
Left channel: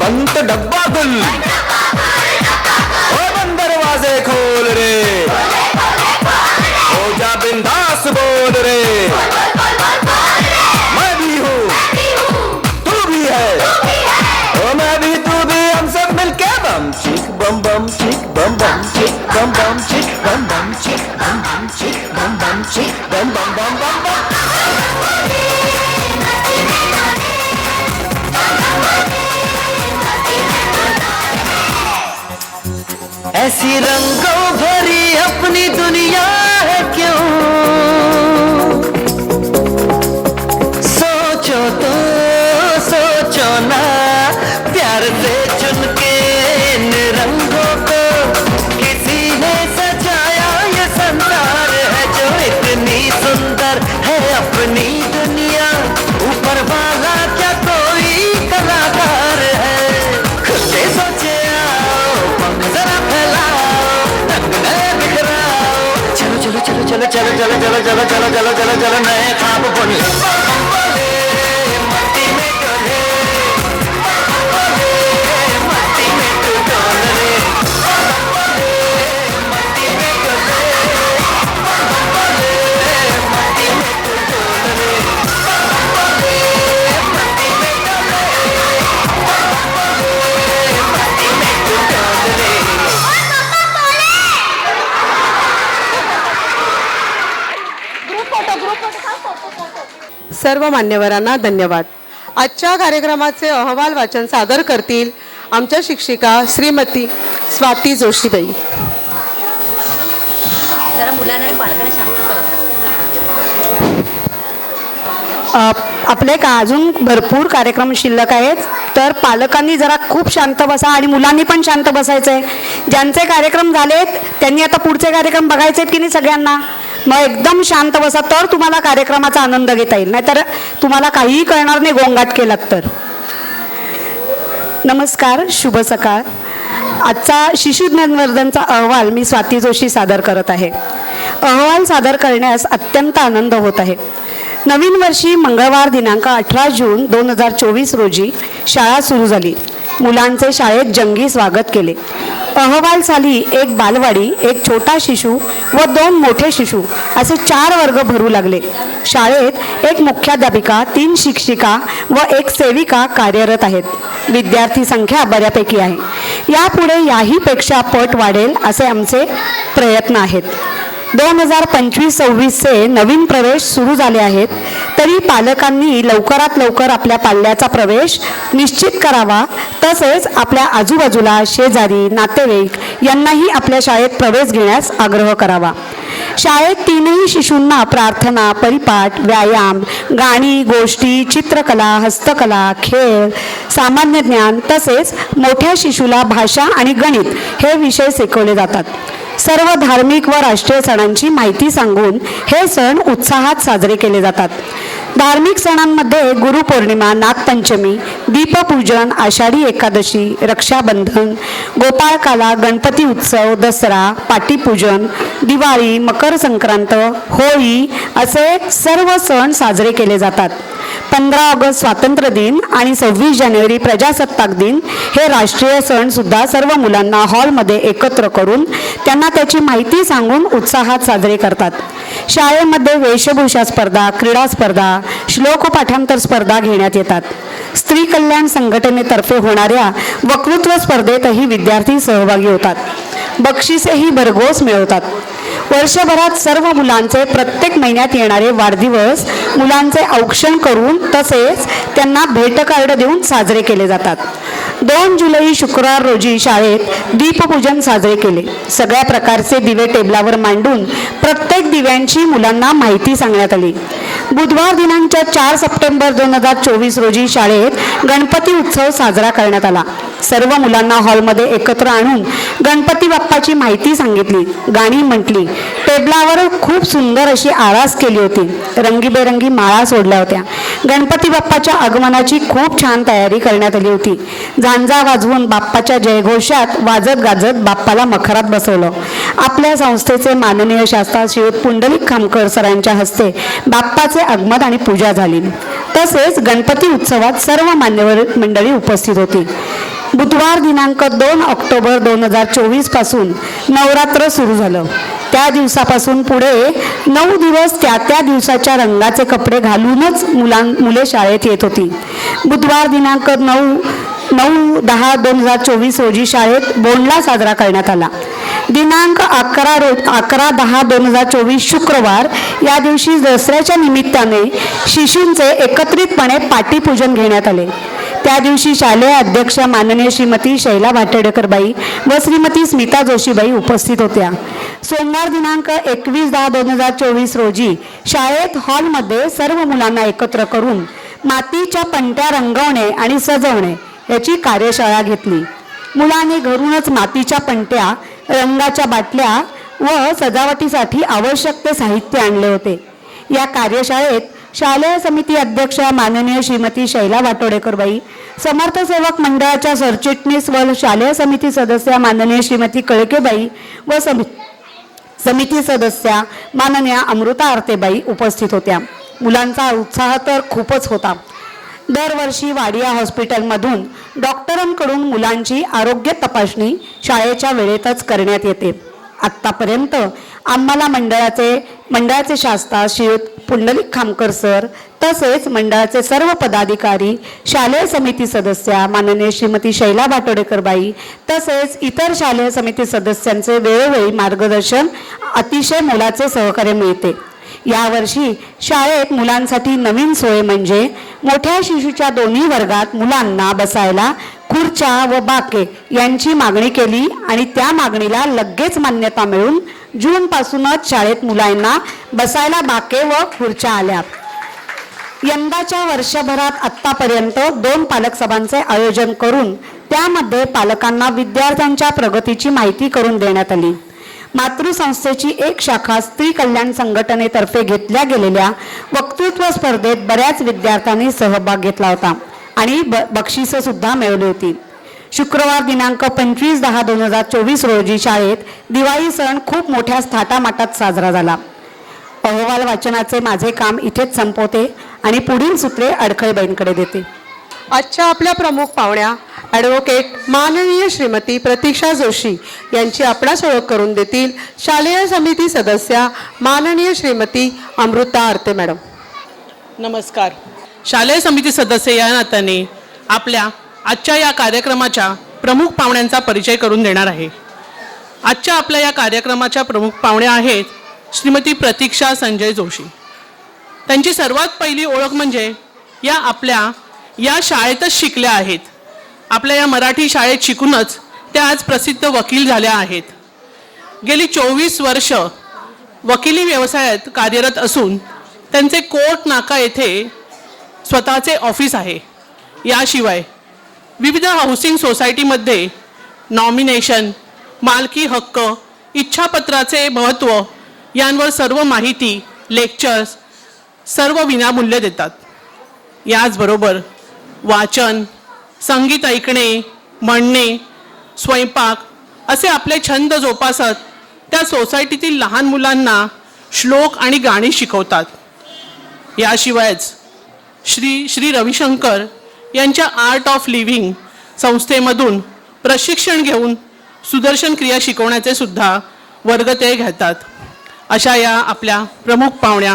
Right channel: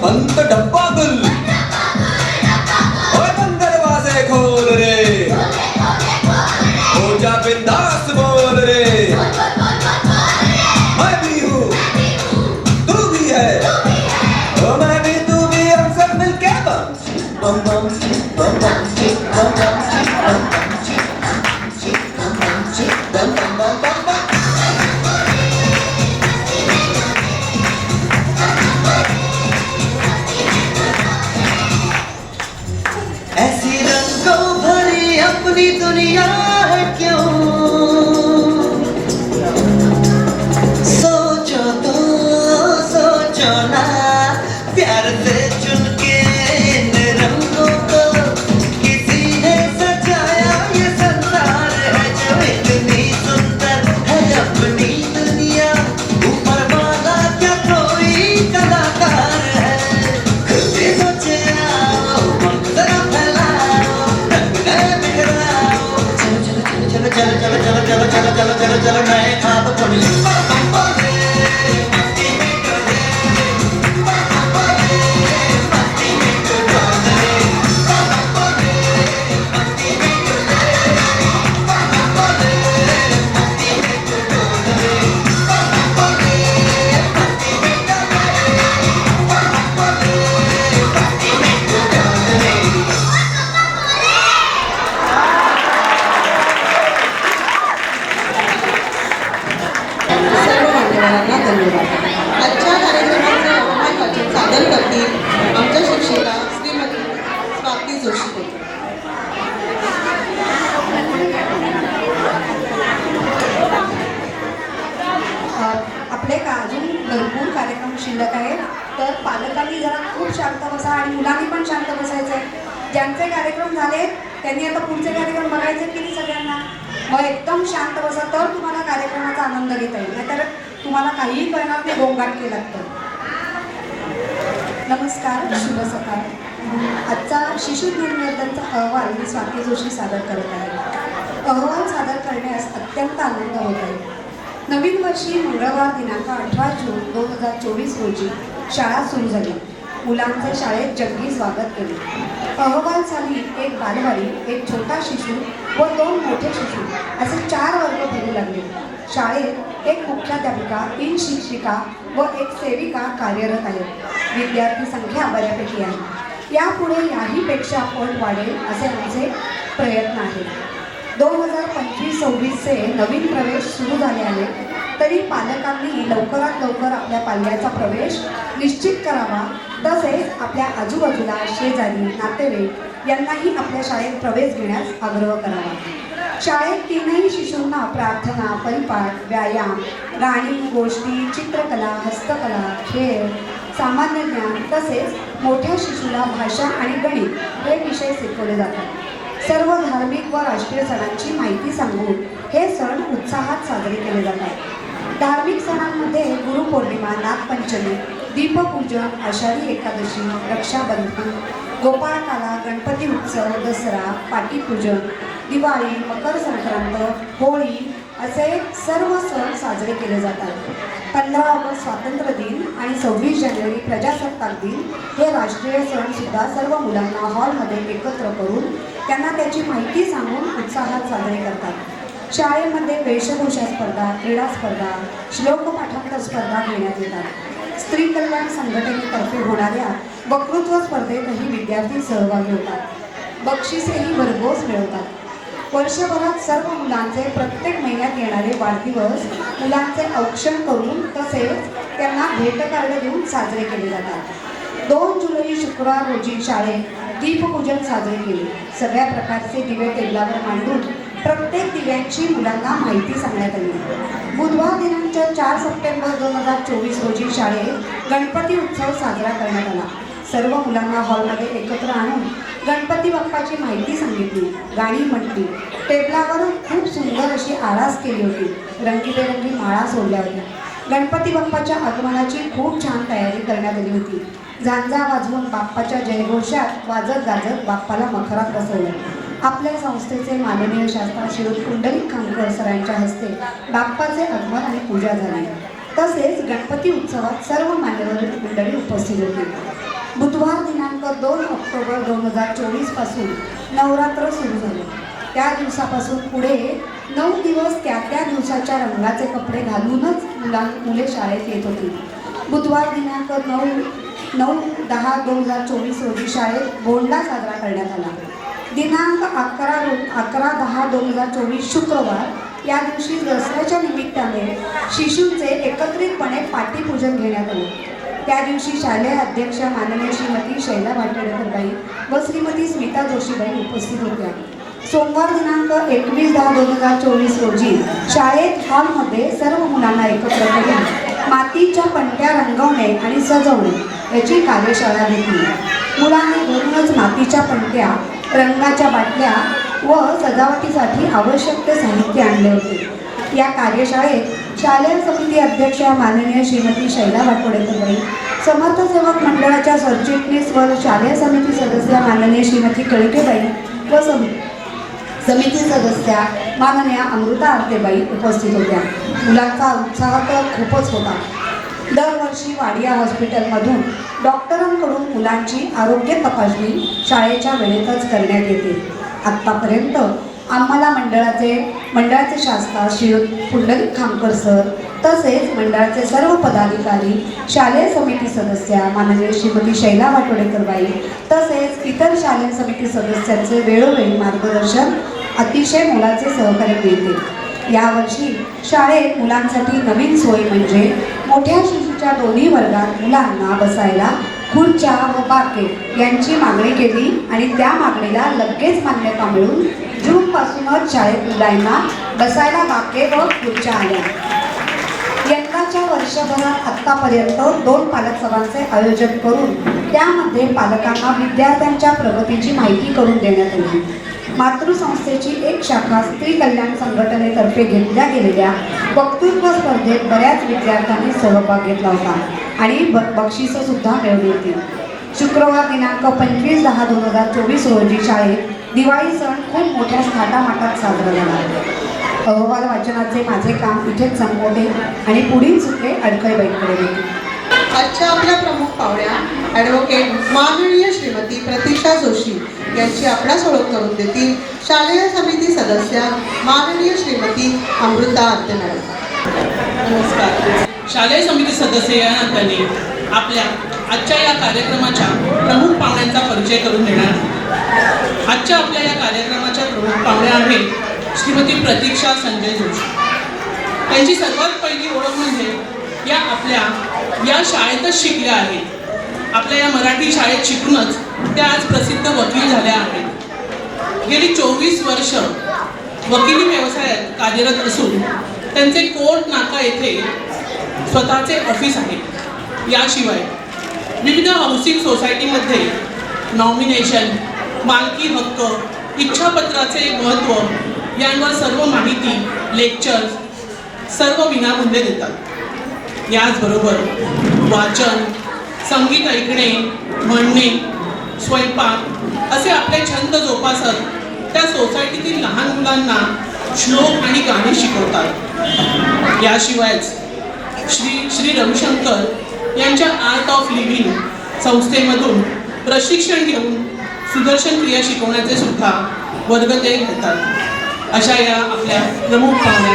बंद डब्बा गुल और बंद दरवाजे खोल रे. हो जा बिंदास बोल रे. मैं भी हूँ तू भी है और मैं भी तू भी हम सब मिलके बम चिक बम बम चिक बम बम चिक बम बम चिक बम बम चिक बम बम चिक बम बम चिक बम बम बम बम बम. ऐसी रंगों भरी अपनी दुनिया है क्यों. सोचो तो सोचो ना प्यार से चुन के इन रंगों को किसी ने सजाया. ये संसार है जो इतनी सुंदर है अपनी दुनिया. ऊपर वाला क्या कोई कलाकार है. खुद के सोचे सर्वांना धन्यवाद. आजच्या कार्यक्रमाचे अहवाल वाचन सादर करतील आमच्या शिक्षिका श्रीमती स्वाती जोशीबाई. आपले का अजून भरपूर कार्यक्रम शिल्लक आहेत, तर पालकांनी जरा खूप शांत बसा आणि मुलांनी पण शांत बसायचं आहे. ज्यांचे कार्यक्रम झालेत त्यांनी आता पुढचे कार्यक्रम बघायचे आहेत की नाही सगळ्यांना. मग एकदम शांत बसा, तर तुम्हाला कार्यक्रमाचा आनंद घेता येईल, नाहीतर तुम्हाला काहीही कळणार नाही गोंगाट केलात तर. नमस्कार, शुभ सकाळ. आजचा शिशु ज्ञानवर्धनचा अहवाल मी स्वाती जोशी सादर करत आहे. अहवाल सादर करण्यास अत्यंत आनंद होत आहे. नवीन वर्षी मंगळवार दिनांक 18 जून 2024 रोजी शाळा सुरू झाली. मुलांचे शाळेत जंगी स्वागत केले. अहवाल साली एक बालवाडी, एक छोटा शिशु व 2 मोठे शिशु असे 4 वर्ग भरू लागले. शाळेत एक मुख्याध्यापिका, 3 शिक्षिका व 1 सेविका कार्यरत आहेत. विद्यार्थी संख्या बऱ्यापैकी आहे. यापुढे याहीपेक्षा पट वाढेल असे आमचे प्रयत्न आहेत. 2025-26चे नवीन प्रवेश सुरू झाले आहेत, तरी पालकांनी लवकरात लवकर आपल्या पाल्याचा प्रवेश निश्चित करावा. तसेच आपल्या आजूबाजूला शेजारी, नातेवाईक यांनाही आपल्या शाळेत प्रवेश घेण्यास आग्रह करावा. शाळेत 3ही शिशूंना प्रार्थना, परिपाठ, व्यायाम, गाणी, गोष्टी, चित्रकला, हस्तकला, खेळ, सामान्य ज्ञान तसेच मोठ्या शिशूला भाषा आणि गणित हे विषय शिकवले जातात. सर्व धार्मिक व राष्ट्रीय सणांची माहिती सांगून हे सण उत्साहात साजरे केले जातात. धार्मिक सणांमध्ये गुरुपौर्णिमा, नागपंचमी, दीपपूजन, आषाढी एकादशी, रक्षाबंधन, गोपाळकाला, गणपती उत्सव, दसरा, पाटीपूजन, दिवाळी, मकर संक्रांत, होळी असे सर्व सण साजरे केले जातात. 15 ऑगस्ट स्वातंत्र्य दिन आणि 26 जानेवारी प्रजासत्ताक दिन हे राष्ट्रीय सण सुद्धा सर्व मुलांना हॉलमध्ये एकत्र करून त्यांना त्याची माहिती सांगून उत्साहात साजरे करतात. शाळेमध्ये वेशभूषा स्पर्धा, क्रीडा स्पर्धा, श्लोक पाठांतर स्पर्धा घेण्यात येतात. स्त्री कल्याण संघटनेतर्फे होणाऱ्या वक्तृत्व स्पर्धेतही विद्यार्थी सहभागी होतात. बक्षिसेही भरघोस मिळवतात. वर्षभरात सर्व मुलांचे प्रत्येक महिन्यात येणारे वाढदिवस मुलांचे औक्षण करून तसेच त्यांना भेट कार्ड देऊन साजरे केले जातात. 2 जुलै शुक्रवार रोजी शाळेत दीपपूजन साजरे केले. सगळ्या प्रकारचे दिवे टेबलावर मांडून प्रत्येक दिव्यांची मुलांना माहिती सांगण्यात आली. बुधवार दिनांक 4 सप्टेंबर 2024 रोजी शाळेत गणपती उत्सव साजरा करण्यात आला. सर्व मुलांना हॉलमध्ये एकत्र आणून गणपती बाप्पाची माहिती सांगितली, गाणी म्हटली. टेबलावर खूप सुंदर अशी आरास केली होती. रंगीबेरंगी माळा सोडल्या होत्या. गणपती बाप्पाच्या आगमनाची खूप छान तयारी करण्यात आली होती. झांजा वाजवून बाप्पाच्या जयघोषात वाजत गाजत बाप्पाला मखरात बसवलं. आपल्या संस्थेचे माननीय शास्त्रा श्री पुंडलिक खामकर सरांच्या हस्ते बाप्पाचे आगमन आणि पूजा झाली. तसेच गणपती उत्सवात सर्व मान्यवर मंडळी उपस्थित होती. बुधवार दिनांक 2 ऑक्टोबर 2024 पासून नवरात्र सुरू झालं. त्या दिवसापासून पुढे 9 दिवस त्या त्या दिवसाच्या रंगाचे कपडे घालूनच मुले शाळेत येत होती. बुधवार दिनांक 9/10/2024 रोजी शाळेत बोंडला साजरा करण्यात आला. दिनांक 11/10/2024 शुक्रवार या दिवशी दसऱ्याच्या निमित्ताने शिशूंचे एकत्रितपणे पाटीपूजन घेण्यात आले. त्या दिवशी शालेय अध्यक्षा माननीय श्रीमती शैला भाटेडकरबाई व श्रीमती स्मिता जोशीबाई उपस्थित होत्या. सोमवार दिनांक 21/10/2024 रोजी शाळेत हॉलमध्ये सर्व मुलांना एकत्र करून मातीच्या पणत्या रंगवणे आणि सजवणे याची कार्यशाळा घेतली. मुलांनी घरूनच मातीच्या पणत्या, रंगाच्या बाटल्या व सजावटीसाठी आवश्यक ते साहित्य आणले होते. या कार्यशाळेत शालेय समिती अध्यक्ष माननीय श्रीमती शैला वाटोडेकरबाई, समर्थ सेवक मंडळाच्या सरचिटणीस व शालेय समिती सदस्य माननीय श्रीमती कळकेबाई व समिती सदस्या माननीय अमृता आरतेबाई उपस्थित होत्या. मुलांचा उत्साह तर खूपच होता. दरवर्षी वाडिया हॉस्पिटलमधून डॉक्टरांकडून मुलांची आरोग्य तपासणी शाळेच्या वेळेतच करण्यात येते. आत्तापर्यंत आम्हाला मंडळाचे शास्त्रा श्री पुंडलिक खामकर सर तसेच मंडळाचे सर्व पदाधिकारी, शालेय समिती सदस्या माननीय श्रीमती शैला भाटोडेकरबाई तसेच इतर शालेय समिती सदस्यांचे वेळोवेळी मार्गदर्शन, अतिशय मोलाचे सहकार्य मिळते. यावर्षी शाळेत मुलांसाठी नवीन सोय म्हणजे मोठ्या शिशूच्या दोन्ही वर्गात मुलांना बसायला खुर्च्या व बाके यांची मागणी केली आणि त्या मागणीला लगेच मान्यता मिळून जून पासूनच शाळेत मुलांना बसायला बाके व खुर्च्या आल्या. यंदाच्या वर्षभरात आतापर्यंत 2 पालक सभांचे आयोजन करून त्यामध्ये पालकांना विद्यार्थ्यांच्या प्रगतीची माहिती करून देण्यात आली. मातृसंस्थेची एक शाखा स्त्री कल्याण संघटनेतर्फे घेतल्या गेलेल्या वक्तृत्व स्पर्धेत बऱ्याच विद्यार्थ्यांनी सहभाग घेतला होता आणि बक्षिसं सुद्धा मिळवली होती. शुक्रवार दिनांक 25/10/2024 रोजी शाळेत दिवाळी सण खूप मोठ्या थाटामाटात साजरा झाला. अहवाल वाचनाचे माझे काम इथेच संपवते आणि पुढील सूत्रे अडखळबाईंकडे देते. आजच्या आपल्या प्रमुख पाहुण्या ॲडव्होकेट माननीय श्रीमती प्रतीक्षा जोशी यांची आपणास ओळख करून देतील शालेय समिती सदस्या माननीय श्रीमती अमृता आरते मॅडम. नमस्कार. शालेय समिती सदस्य या नात्याने आपल्या आजच्या या कार्यक्रमाच्या प्रमुख पाहुण्यांचा परिचय करून देणार आहे. आजच्या आपल्या या कार्यक्रमाच्या प्रमुख पाहुण्या आहेत श्रीमती प्रतीक्षा संजय जोशी. त्यांची सर्वात पहिली ओळख म्हणजे या आपल्या या शाळेतच शिकल्या आहेत. आपल्या या मराठी शाळेत शिकूनच त्या आज प्रसिद्ध वकील झाल्या आहेत. गेली 24 वर्ष वकिली व्यवसायात कार्यरत असून त्यांचे कोर्ट नाका येथे स्वतःचे ऑफिस आहे. याशिवाय विविध हाऊसिंग सोसायटीमध्ये नॉमिनेशन, मालकी हक्क, इच्छापत्राचे महत्त्व यांवर सर्व माहिती, लेक्चर्स सर्व विनामूल्य देतात. याचबरोबर वाचन, संगीत ऐकणे, म्हणणे, स्वयंपाक असे आपले छंद जोपासत त्या सोसायटीतील लहान मुलांना श्लोक आणि गाणी शिकवतात. याशिवायच श्री रविशंकर यांच्या आर्ट ऑफ लिव्हिंग संस्थेमधून प्रशिक्षण घेऊन सुदर्शन क्रिया शिकवण्याचे सुद्धा वर्ग ते घेतात. अशा या आपल्या प्रमुख पाहुण्या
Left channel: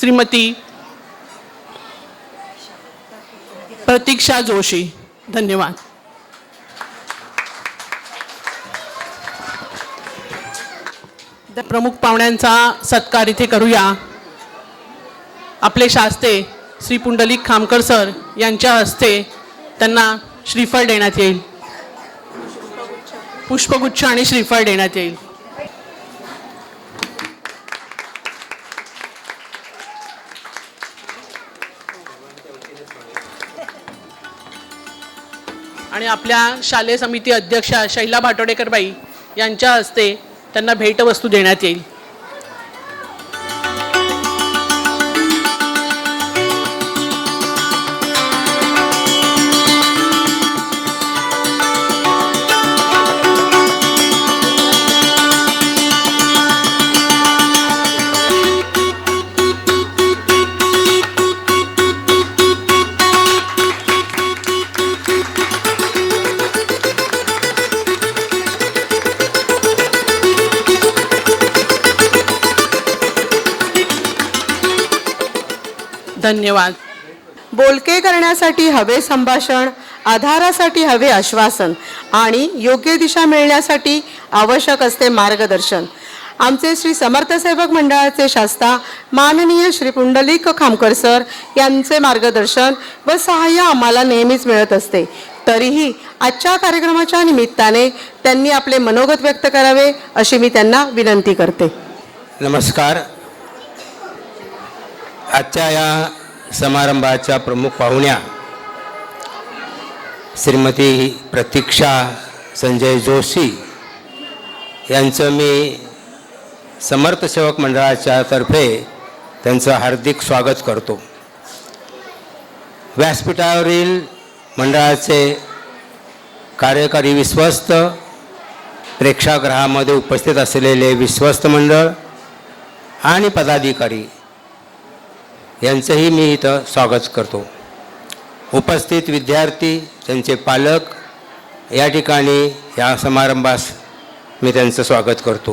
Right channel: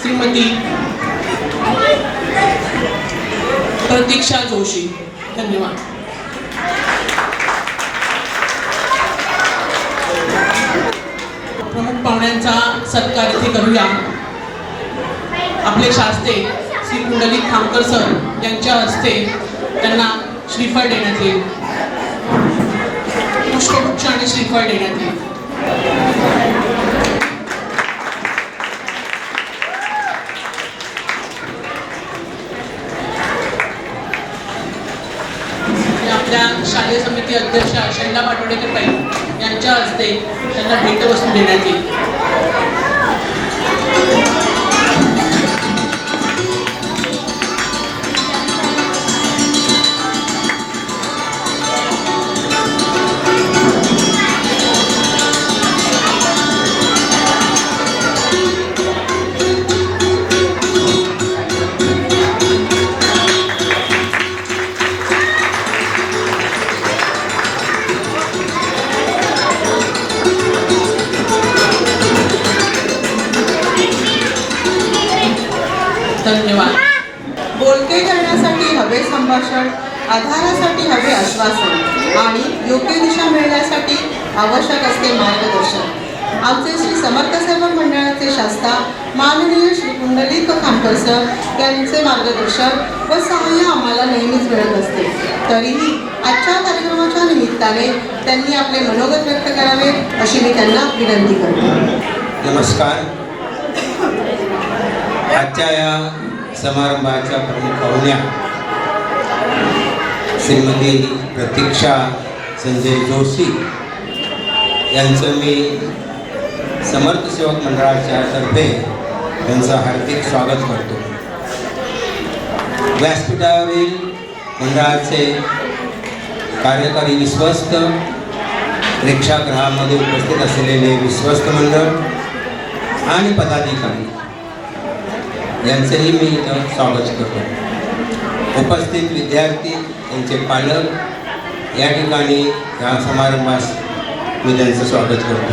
श्रीमती प्रतीक्षा जोशी. धन्यवाद. प्रमुख पाहुण्यांचा सत्कार इथे करूया. आपले शास्ते श्री पुंडलिक खामकर सर यांच्या हस्ते त्यांना श्रीफळ देण्यात येईल. पुष्पगुच्छ आणि श्रीफळ देण्यात येईल. आणि आपल्या शालेय समिती अध्यक्षा शैला भाटोडेकर बाई यांच्या हस्ते त्यांना भेटवस्तू देण्यात येईल. धन्यवाद. बोलके करण्यासाठी हवे संभाषण, आधारासाठी हवे आश्वासन आणि योग्य दिशा मिळण्यासाठी आवश्यक असते मार्गदर्शन. आमचे श्री समर्थ सेवक मंडळाचे शास्ता माननीय श्री पुंडलिक खामकर सर यांचे मार्गदर्शन व सहाय्य आम्हाला नेहमीच मिळत असते. तरीही आजच्या कार्यक्रमाच्या निमित्ताने त्यांनी आपले मनोगत व्यक्त करावे अशी मी त्यांना विनंती करते. नमस्कार. आजच्या या समारंभाच्या प्रमुख पाहुण्या श्रीमती प्रतीक्षा संजय जोशी यांचं मी समर्थ सेवक मंडळाच्या तर्फे त्यांचं हार्दिक स्वागत करतो. व्यासपीठावरील मंडळाचे कार्यकारी विश्वस्त, प्रेक्षागृहामध्ये उपस्थित असलेले विश्वस्त मंडळ आणि पदाधिकारी यांचंही मी इथं स्वागत करतो. उपस्थित विद्यार्थी, त्यांचे पालक या ठिकाणी या समारंभास मी त्यांचं स्वागत करतो.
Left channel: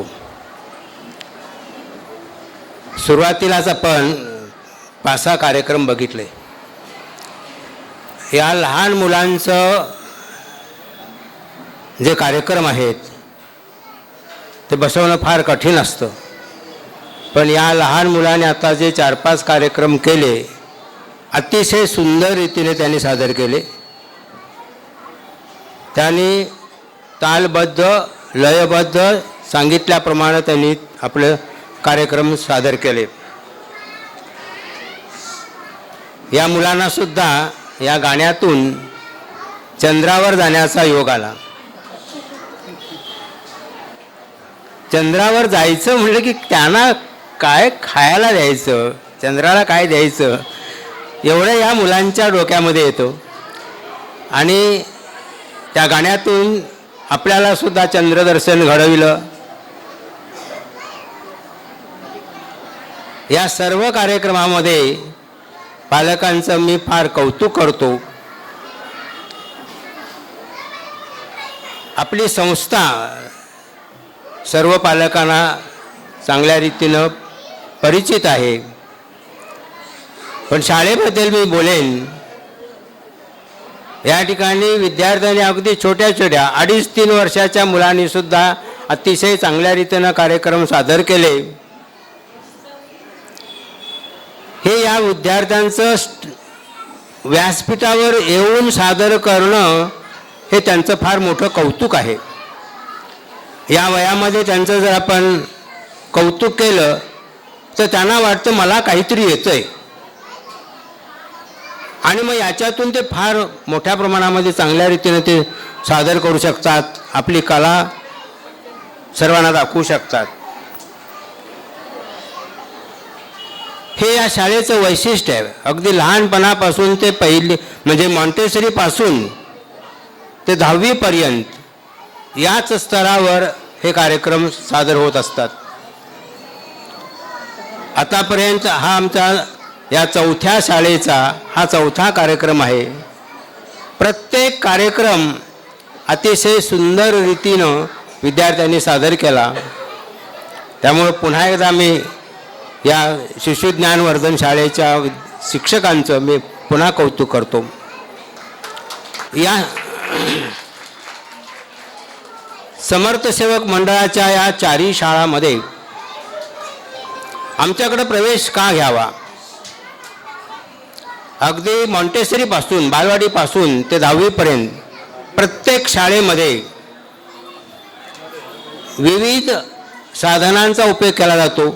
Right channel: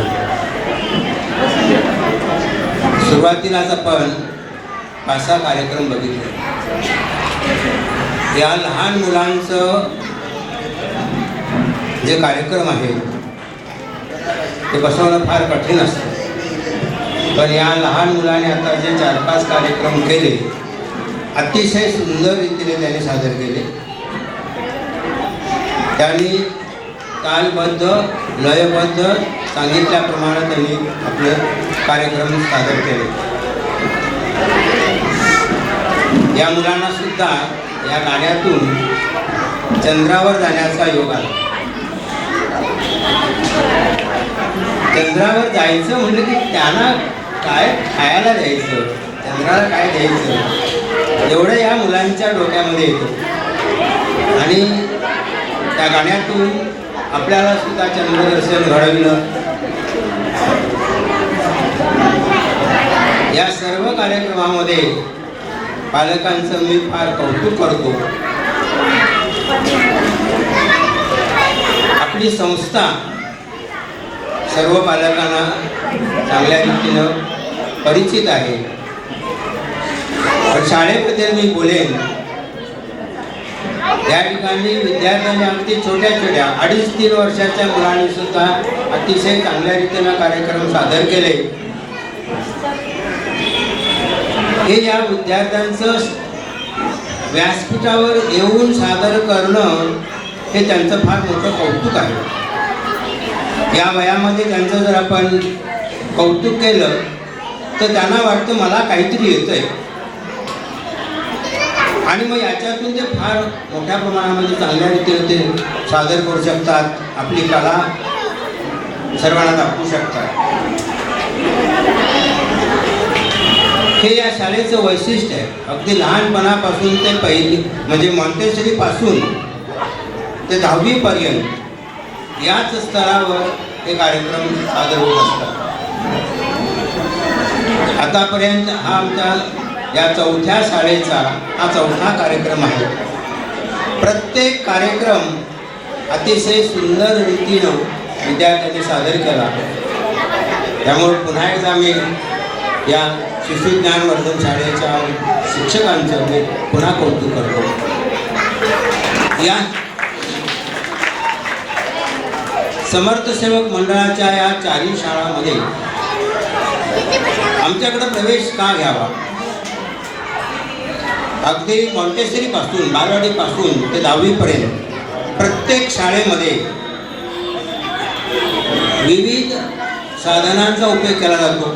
सुरुवातीलाच आपण 5-6 कार्यक्रम बघितले. या लहान मुलांचं जे कार्यक्रम आहेत ते बसवणं फार कठीण असतं. पण या लहान मुलाने आता जे 4-5 कार्यक्रम केले अतिशय सुंदर रीतीने त्यांनी सादर केले. त्यांनी तालबद्ध लयबद्ध सांगितल्याप्रमाणे त्यांनी आपले कार्यक्रम सादर केले. या मुलांना सुद्धा या गाण्यातून चंद्रावर जाण्याचा योग आला. चंद्रावर जायचं म्हणलं की त्यांना काय खायला द्यायचं, चंद्राला काय द्यायचं, एवढं या मुलांच्या डोक्यामध्ये येतं. आणि त्या गाण्यातून आपल्याला सुद्धा चंद्रदर्शन घडविलं. या सर्व कार्यक्रमामध्ये पालकांचं मी फार कौतुक करतो. आपली संस्था सर्व पालकांना चांगल्या रीतीनं परिचित आहे. पण शाळेबद्दल मी बोलेन. या ठिकाणी विद्यार्थ्यांनी अगदी छोट्या छोट्या 2.5-3 वर्षाच्या मुलांनी सुद्धा अतिशय चांगल्या रीतीनं कार्यक्रम सादर केले. हे या विद्यार्थ्यांचं व्यासपीठावर येऊन सादर करणं हे त्यांचं फार मोठं कौतुक आहे. या वयामध्ये त्यांचं जर आपण कौतुक केलं तर त्यांना वाटतं मला काहीतरी येतंय आणि मग याच्यातून ते फार मोठ्या प्रमाणामध्ये चांगल्या रीतीने ते सादर करू शकतात. आपली कला सर्वांना दाखवू शकतात. हे या शाळेचं वैशिष्ट्य आहे. अगदी लहानपणापासून ते पहिली म्हणजे मॉन्टेसरी पासून ते 10वी पर्यंत याच स्तरावर हे कार्यक्रम सादर होत असतात. आतापर्यंत हा आमचा या 4थ्या शाळेचा हा 4था कार्यक्रम आहे. प्रत्येक कार्यक्रम अतिशय सुंदर रीतीनं विद्यार्थ्यांनी सादर केला. त्यामुळे पुन्हा एकदा मी या शिशुज्ञानवर्धन शाळेच्या शिक्षकांचं मी पुन्हा कौतुक करतो. या समर्थ सेवक मंडळाच्या या 4ही शाळांमध्ये आमच्याकडे प्रवेश का घ्यावा. अगदी मॉन्टेसरी पासून बालवाडी पासून ते 10वी पर्यंत प्रत्येक शाळेमध्ये विविध साधनांचा उपयोग केला जातो.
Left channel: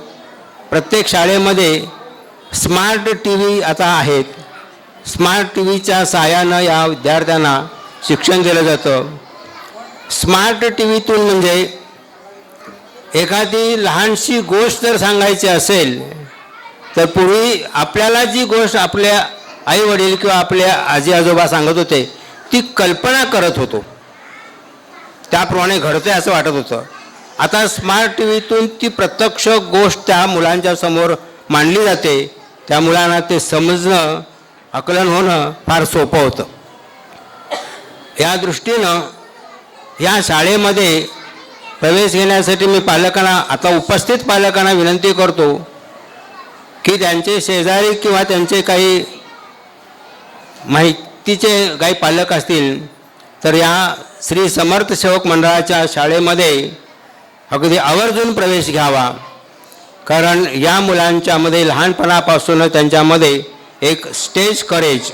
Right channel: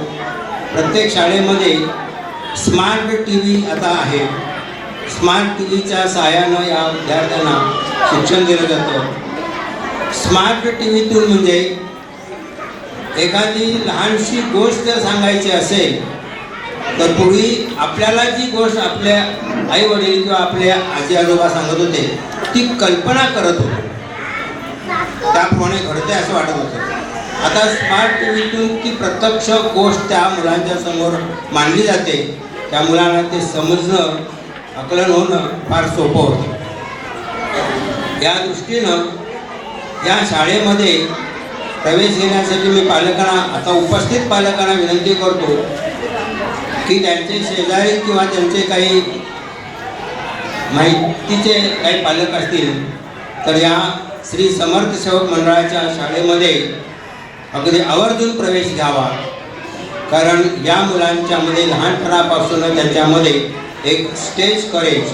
प्रत्येक शाळेमध्ये स्मार्ट TV आता आहेत. स्मार्ट TVच्या सहाय्यानं या विद्यार्थ्यांना शिक्षण दिलं जातं. स्मार्ट TVतून म्हणजे एखादी लहानशी गोष्ट जर सांगायची असेल तर पूर्वी आपल्याला जी गोष्ट आपल्या आई वडील किंवा आपल्या आजी आजोबा सांगत होते ती कल्पना करत होतो, त्याप्रमाणे घडते असं वाटत होतं. आता स्मार्ट TVतून ती प्रत्यक्ष गोष्ट त्या मुलांच्या समोर मांडली जाते. त्या मुलांना ते समजणं आकलन होणं फार सोपं होतं. या दृष्टीनं या शाळेमध्ये प्रवेश घेण्यासाठी मी पालकांना आता उपस्थित पालकांना विनंती करतो की त्यांचे शेजारी किंवा त्यांचे काही माहितीचे काही पालक असतील तर या श्री समर्थ सेवक मंडळाच्या शाळेमध्ये अगदी आवर्जून प्रवेश घ्यावा. कारण या मुलांच्यामध्ये लहानपणापासून त्यांच्यामध्ये एक स्टेज करेज,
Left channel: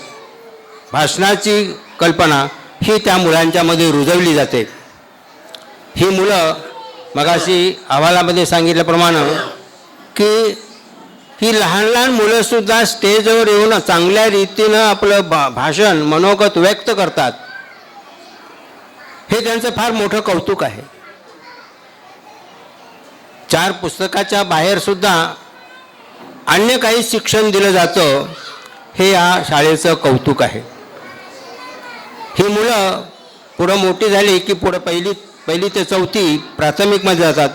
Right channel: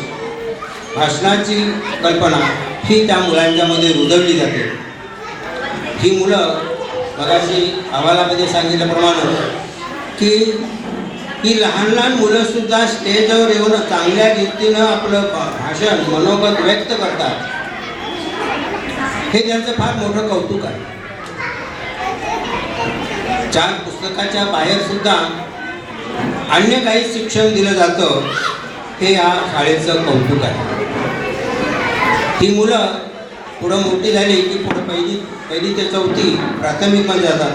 भाषणाची कल्पना ही त्या मुलांच्यामध्ये रुजवली जाते. ही मुलं मगाशी अहवालामध्ये सांगितल्याप्रमाणे की ही लहान लहान मुलंसुद्धा स्टेजवर येऊन चांगल्या रीतीनं आपलं भाषण मनोगत व्यक्त करतात. हे त्यांचं फार मोठं कौतुक आहे. 4 पुस्तकाच्या बाहेर सुद्धा अन्य काही शिक्षण दिलं जातं हे या शाळेचं कौतुक आहे. ही मुलं पुढं मोठी झाली की पुढं पहिली ते 4थी प्राथमिकमध्ये जातात.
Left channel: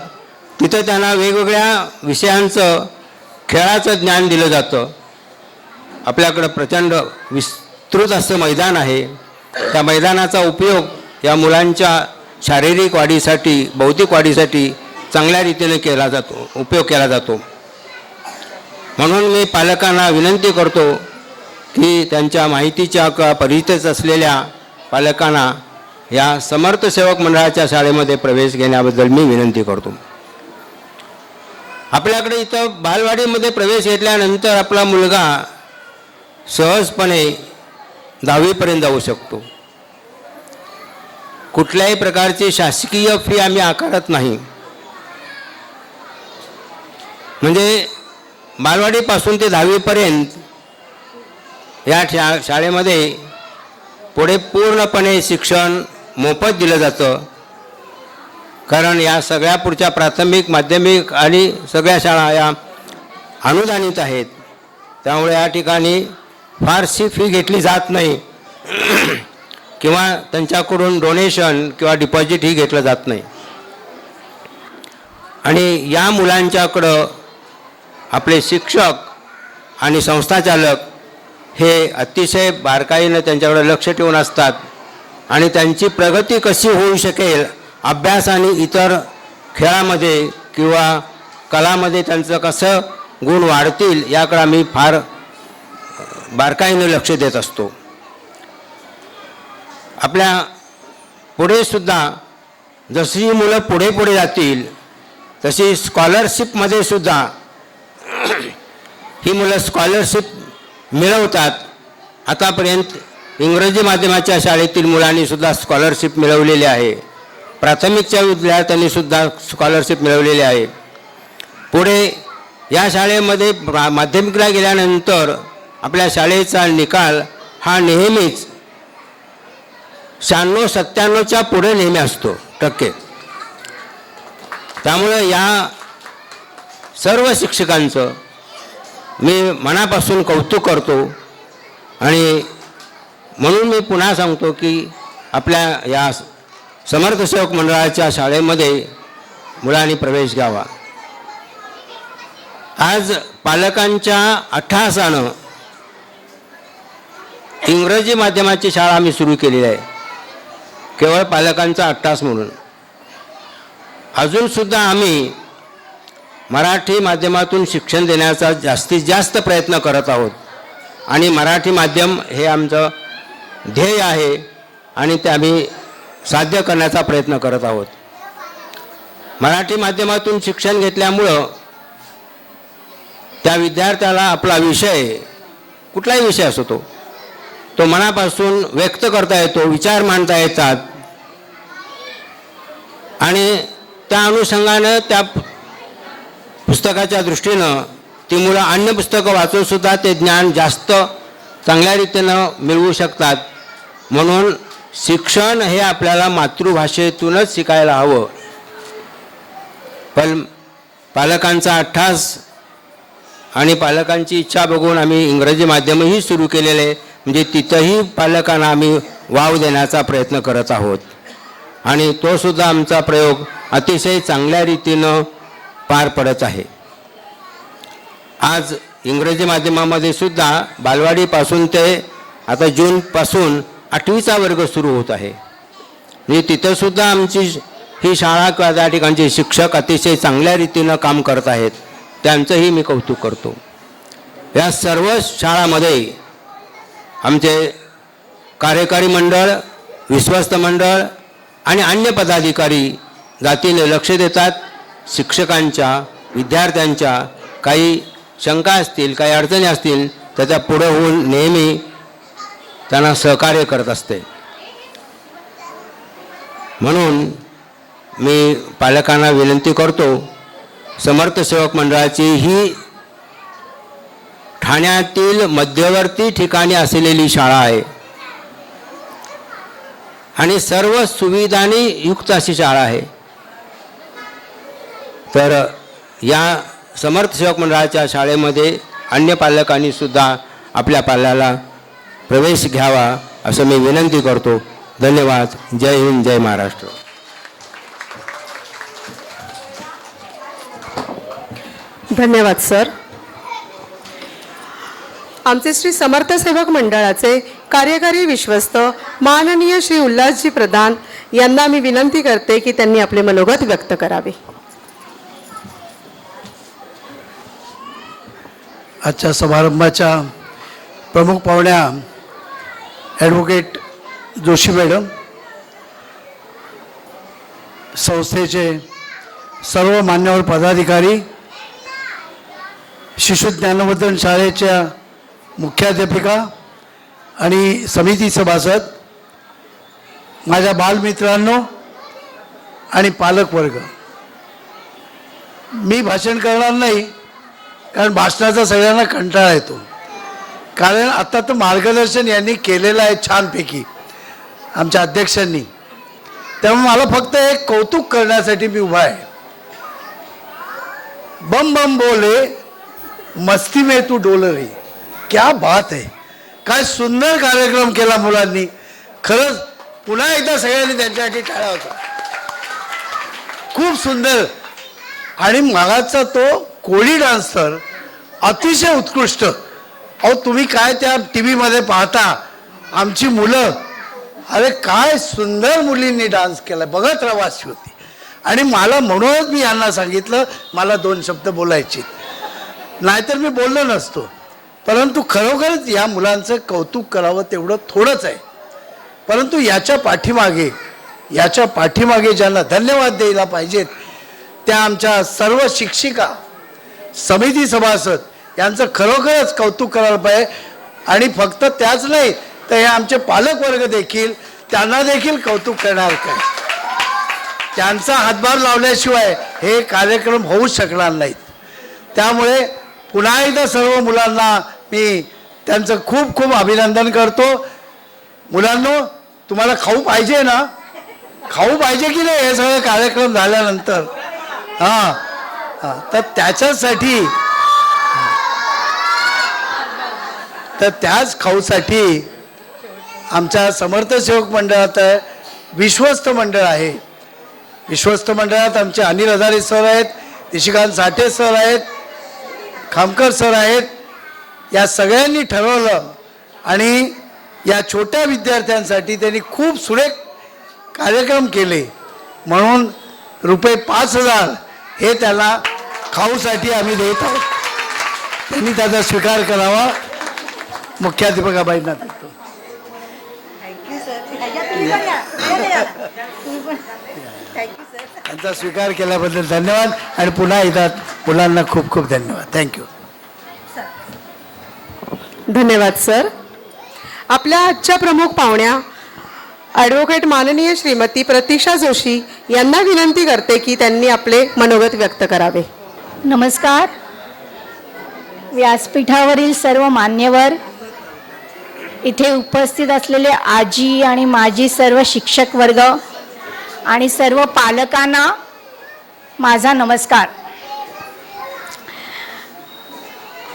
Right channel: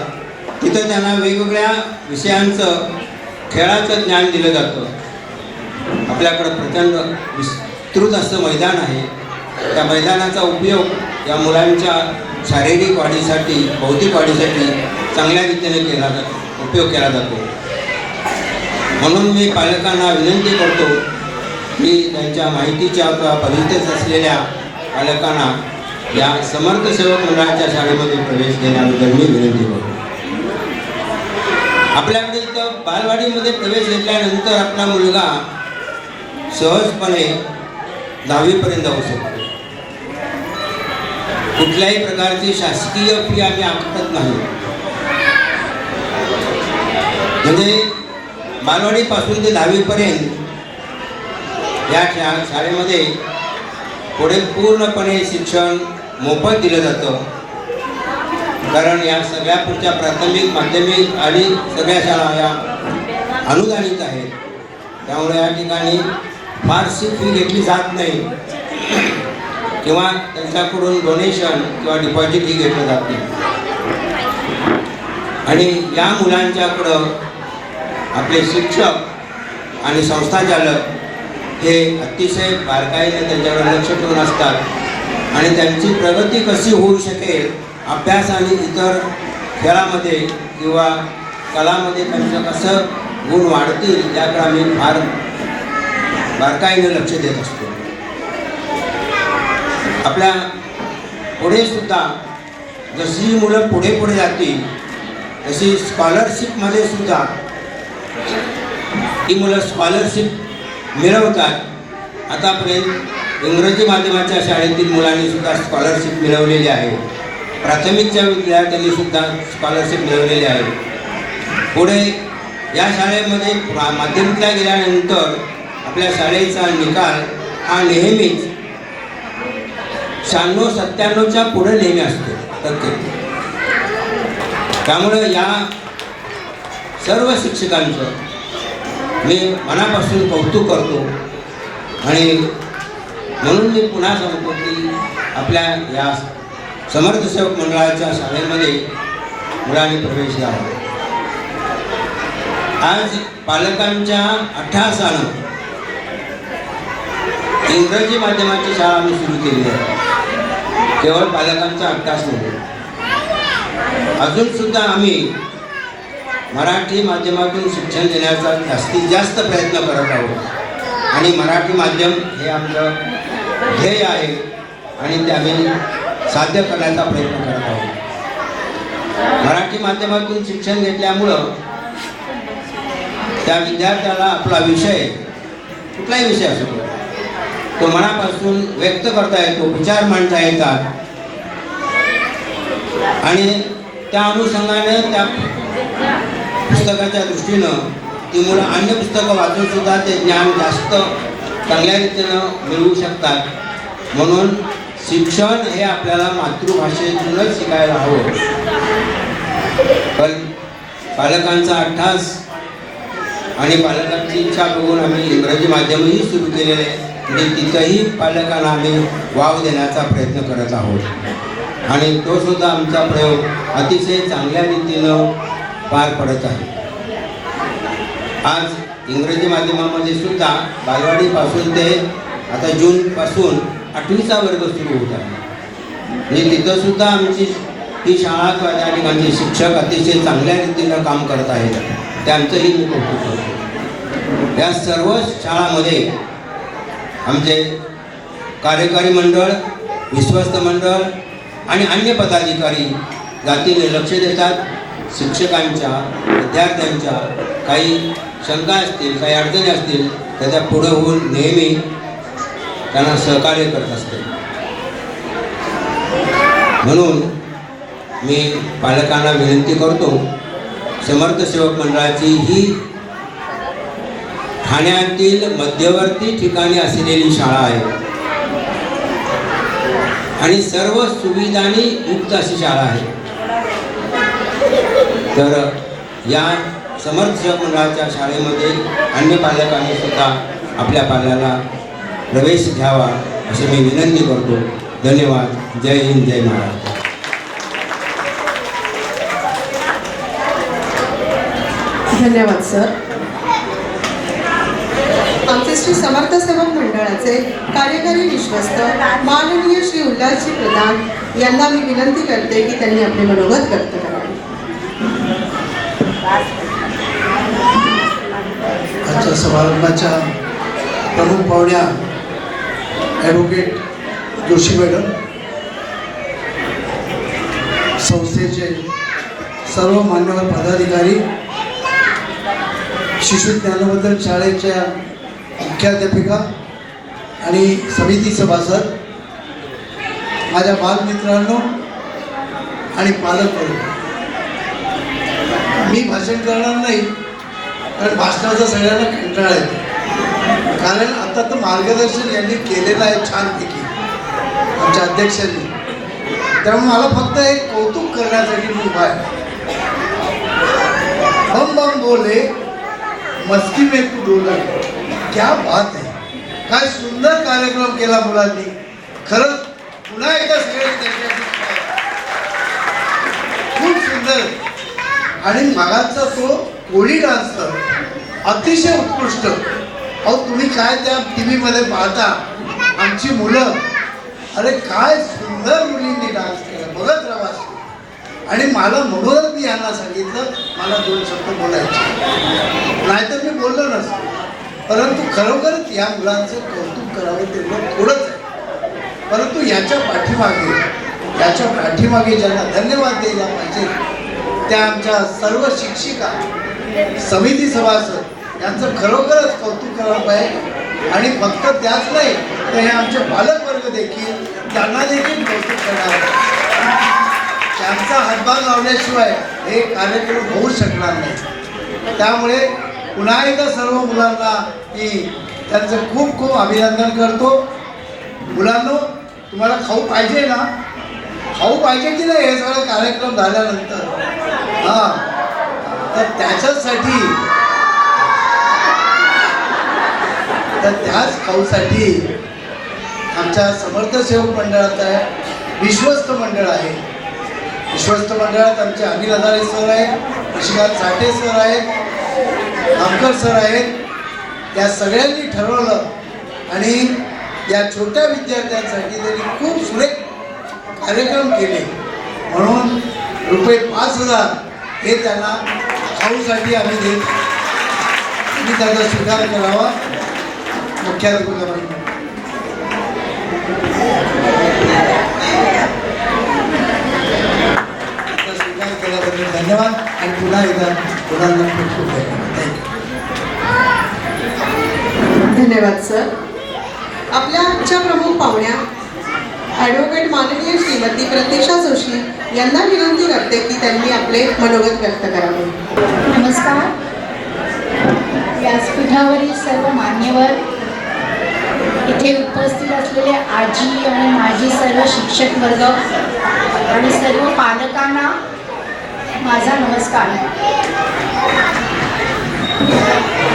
तिथं त्यांना वेगवेगळ्या विषयांचं खेळाचं ज्ञान दिलं जातं. आपल्याकडं प्रचंड विस्तृत असं मैदान आहे. त्या मैदानाचा उपयोग या मुलांच्या शारीरिक वाढीसाठी बौद्धिक वाढीसाठी चांगल्या रीतीने उपयोग केला जातो. म्हणून मी पालकांना विनंती करतो की त्यांच्या माहितीच्या किंवा परिचित असलेल्या पालकांना या समर्थ सेवक मंडळाच्या शाळेमध्ये प्रवेश घेण्याबद्दल मी विनंती करतो. आपल्याकडे इतर तर बालवाडीमध्ये प्रवेश घेतल्यानंतर आपला मुलगा सहजपणे 10वीपर्यंत जाऊ शकतो. कुठल्याही प्रकारची शासकीय फी आम्ही आकारत नाही. म्हणजे बालवाडीपासून ते 10वीपर्यंत या शाळेमध्ये पुढे पूर्णपणे शिक्षण मोफत दिलं जातं. कारण या सगळ्या पुढच्या प्राथमिक, माध्यमिक आणि सगळ्या शाळा या अनुदानित आहेत. त्यामुळे या ठिकाणी फारशी फी घेतली जात नाही किंवा त्यांच्याकडून डोनेशन किंवा डिपॉझिट ही घेतलं जात नाही. आणि या मुलांच्याकडं आपले शिक्षक आणि संस्थाचालक हे अतिशय बारकाईने त्यांच्याकडे लक्ष ठेवून असतात आणि त्यांची प्रगती कशी होऊ शकेल, अभ्यास आणि इतर खेळामध्ये किंवा कलामध्ये त्यांचं कसं गुण वाढतील याकडे आम्ही फार बारकाईने लक्ष देत असतो. आपल्या पुढे सुद्धा जशी मुलं पुढे पुढे जातील तशी स्कॉलरशिपमध्ये सुद्धा ही मुलं स्कॉलरशिप मिळवतात. आतापर्यंत इंग्रजी माध्यमाच्या शाळेतील मुलांनी सुद्धा स्कॉलरशिप मिळवलेली आहे. प्राथमिकच्या विद्यार्थ्यांनी सुद्धा स्कॉलरशिप मिळवलेली आहे. पुढे या शाळेमध्ये माध्यमिकला गेल्यानंतर आपल्या शाळेचा निकाल हा नेहमीच 96-97च्या पुढे नेहमी असतो टक्के. त्यामुळे या सर्व शिक्षकांचं मी मनापासून कौतुक करतो आणि म्हणून मी पुन्हा सांगतो की आपल्या या समर्थ सेवक मंडळाच्या शाळेमध्ये मुलांनी प्रवेश घ्यावा. आज पालकांच्या अट्टहासानं इंग्रजी माध्यमाची शाळा आम्ही सुरू केली आहे, केवळ पालकांचा अट्टहास म्हणून. अजून सुद्धा आम्ही मराठी माध्यमातून शिक्षण देण्याचा जास्तीत जास्त प्रयत्न करत आहोत आणि मराठी माध्यम हे आमचं ध्येय आहे आणि ते आम्ही साध्य करण्याचा प्रयत्न करत आहोत. मराठी माध्यमातून शिक्षण घेतल्यामुळं त्या विद्यार्थ्याला आपला विषय, कुठलाही विषय असो तो मनापासून व्यक्त करता येतो, विचार मांडता येतात आणि त्या अनुषंगानं त्या पुस्तकाच्या दृष्टीनं ती मुलं अन्य पुस्तकं वाचून सुद्धा ते ज्ञान जास्त चांगल्या रीतीनं मिळवू शकतात. म्हणून शिक्षण हे आपल्याला मातृभाषेतूनच शिकायला हवं. पण पालकांचा अट्टहास आणि पालकांची इच्छा बघून आम्ही इंग्रजी माध्यमही सुरू केलेले आहे. म्हणजे तिथंही पालकांना आम्ही वाव देण्याचा प्रयत्न करत आहोत आणि तो सुद्धा आमचा प्रयोग अतिशय चांगल्या रीतीनं पार पडत आहे. आज इंग्रजी माध्यमामध्ये सुद्धा बालवाडीपासून ते आता जूनपासून 8वीचा वर्ग सुरू होत आहे. म्हणजे तिथं सुद्धा आमची ही शाळा, त्या ठिकाणचे शिक्षक अतिशय चांगल्या रीतीनं काम करत आहेत. त्यांचंही मी कौतुक करतो. या सर्व शाळामध्ये आमचे कार्यकारी मंडळ, विश्वस्त मंडळ आणि अन्य पदाधिकारी जातीने लक्ष देतात. शिक्षकांच्या, विद्यार्थ्यांच्या काही शंका असतील, काही अडचणी असतील तर त्या पुढे होऊन नेहमी त्यांना सहकार्य करत असते. म्हणून मी पालकांना विनंती करतो, समर्थ सेवक मंडळाची ही ठाण्यातील मध्यवर्ती ठिकाणी असलेली शाळा आहे आणि सर्व सुविधांनी युक्त अशी शाळा आहे. तर या समर्थ सेवक मंडळाच्या शाळेमध्ये अन्य पालकांनी सुद्धा आपल्या पाल्याला प्रवेश घ्यावा असं मी विनंती करतो. धन्यवाद. जय हिंद, जय महाराष्ट्र. धन्यवाद सर. आमचे श्री समर्थ सेवक मंडळाचे कार्यकारी विश्वस्त माननीय श्री उल्हासजी प्रधान यांना मी विनंती करते की त्यांनी आपले मनोगत व्यक्त करावे. आजच्या समारंभाच्या प्रमुख पाहुण्या ॲडव्होकेट जोशी मॅडम, संस्थेचे सर्व मान्यवर पदाधिकारी, शिशु ज्ञानवर्धन शाळेच्या मुख्याध्यापिका आणि समिती सभासद, माझ्या बालमित्रांनो आणि पालक वर्ग, मी भाषण करणार नाही कारण भाषणाचा सगळ्यांना कंटाळा येतो. कारण आता तर मार्गदर्शन यांनी केलेलं आहे छानपैकी आमच्या अध्यक्षांनी. त्यामुळे मला फक्त एक कौतुक करण्यासाठी मी उभा आहे. बम बम बोले मस्ती में तू डोले, क्या बात आहे. काय सुंदर कार्यक्रम केला मुलांनी. खरंच पुन्हा एकदा सगळ्यांनी त्यांच्यासाठी करावं. खूप सुंदर. आणि मागाचा तो कोळी डान्स तर अतिशय उत्कृष्ट. अहो तुम्ही काय त्या टी व्हीमध्ये पाहता आमची मुलं, अरे काय सुंदर मुलींनी डान्स केला, बघत रवासी होती. आणि मला म्हणूनच मी यांना सांगितलं मला 2 शब्द बोलायचे, नाहीतर मी बोललो नसतो. परंतु खरोखरच या मुलांचं कौतुक करावं तेवढं थोडंच आहे. परंतु याच्या पाठीमागे ज्यांना धन्यवाद द्यायला पाहिजे त्या आमच्या सर्व शिक्षिका, समिती सभासद यांचं खरोखरच कौतुक करायला पाहिजे. आणि फक्त त्याच नाही तर हे आमचे पालक वर्ग देखील, त्यांना देखील कौतुक करणार. त्यांचा हातभार लावल्याशिवाय हे कार्यक्रम होऊ शकणार नाही. त्यामुळे पुन्हा एकदा सर्व मुलांना मी त्यांचं खूप खूप अभिनंदन करतो. मुलांनो तुम्हाला खाऊ पाहिजे ना, खाऊ पाहिजे की नाही हे सगळं कार्यक्रम झाल्यानंतर? हां, तर त्याच खाऊसाठी आमच्या समर्थ सेवक मंडळात विश्वस्त मंडळ आहे. विश्वस्त मंडळात आमचे अनिल हजारे सर आहेत, निशिकांत साठे सर आहेत, खामकर सर आहेत. या सगळ्यांनी ठरवलं आणि या छोट्या विद्यार्थ्यांसाठी त्यांनी खूप सुरेख कार्यक्रम केले. म्हणून ₹5,000 हे त्याला खाऊसाठी आम्ही देत आहोत. त्यांनी त्याचा स्वीकार करावा. मुख्याध्यापिकाबाईंना स्वीकार केल्याबद्दल धन्यवाद. आणि पुन्हा एकदा मुलांना खूप खूप धन्यवाद. थँक्यू. धन्यवाद सर. आपल्या आजच्या प्रमुख पाहुण्या ॲडव्होकेट माननीय श्रीमती प्रतीक्षा जोशी यांना विनंती करते की त्यांनी आपले मनोगत व्यक्त करावे. नमस्कार. व्यासपीठावरील सर्व मान्यवर, इथे उपस्थित असलेले आजी आणि माजी सर्व शिक्षक वर्ग आणि सर्व पालकांना माझा नमस्कार.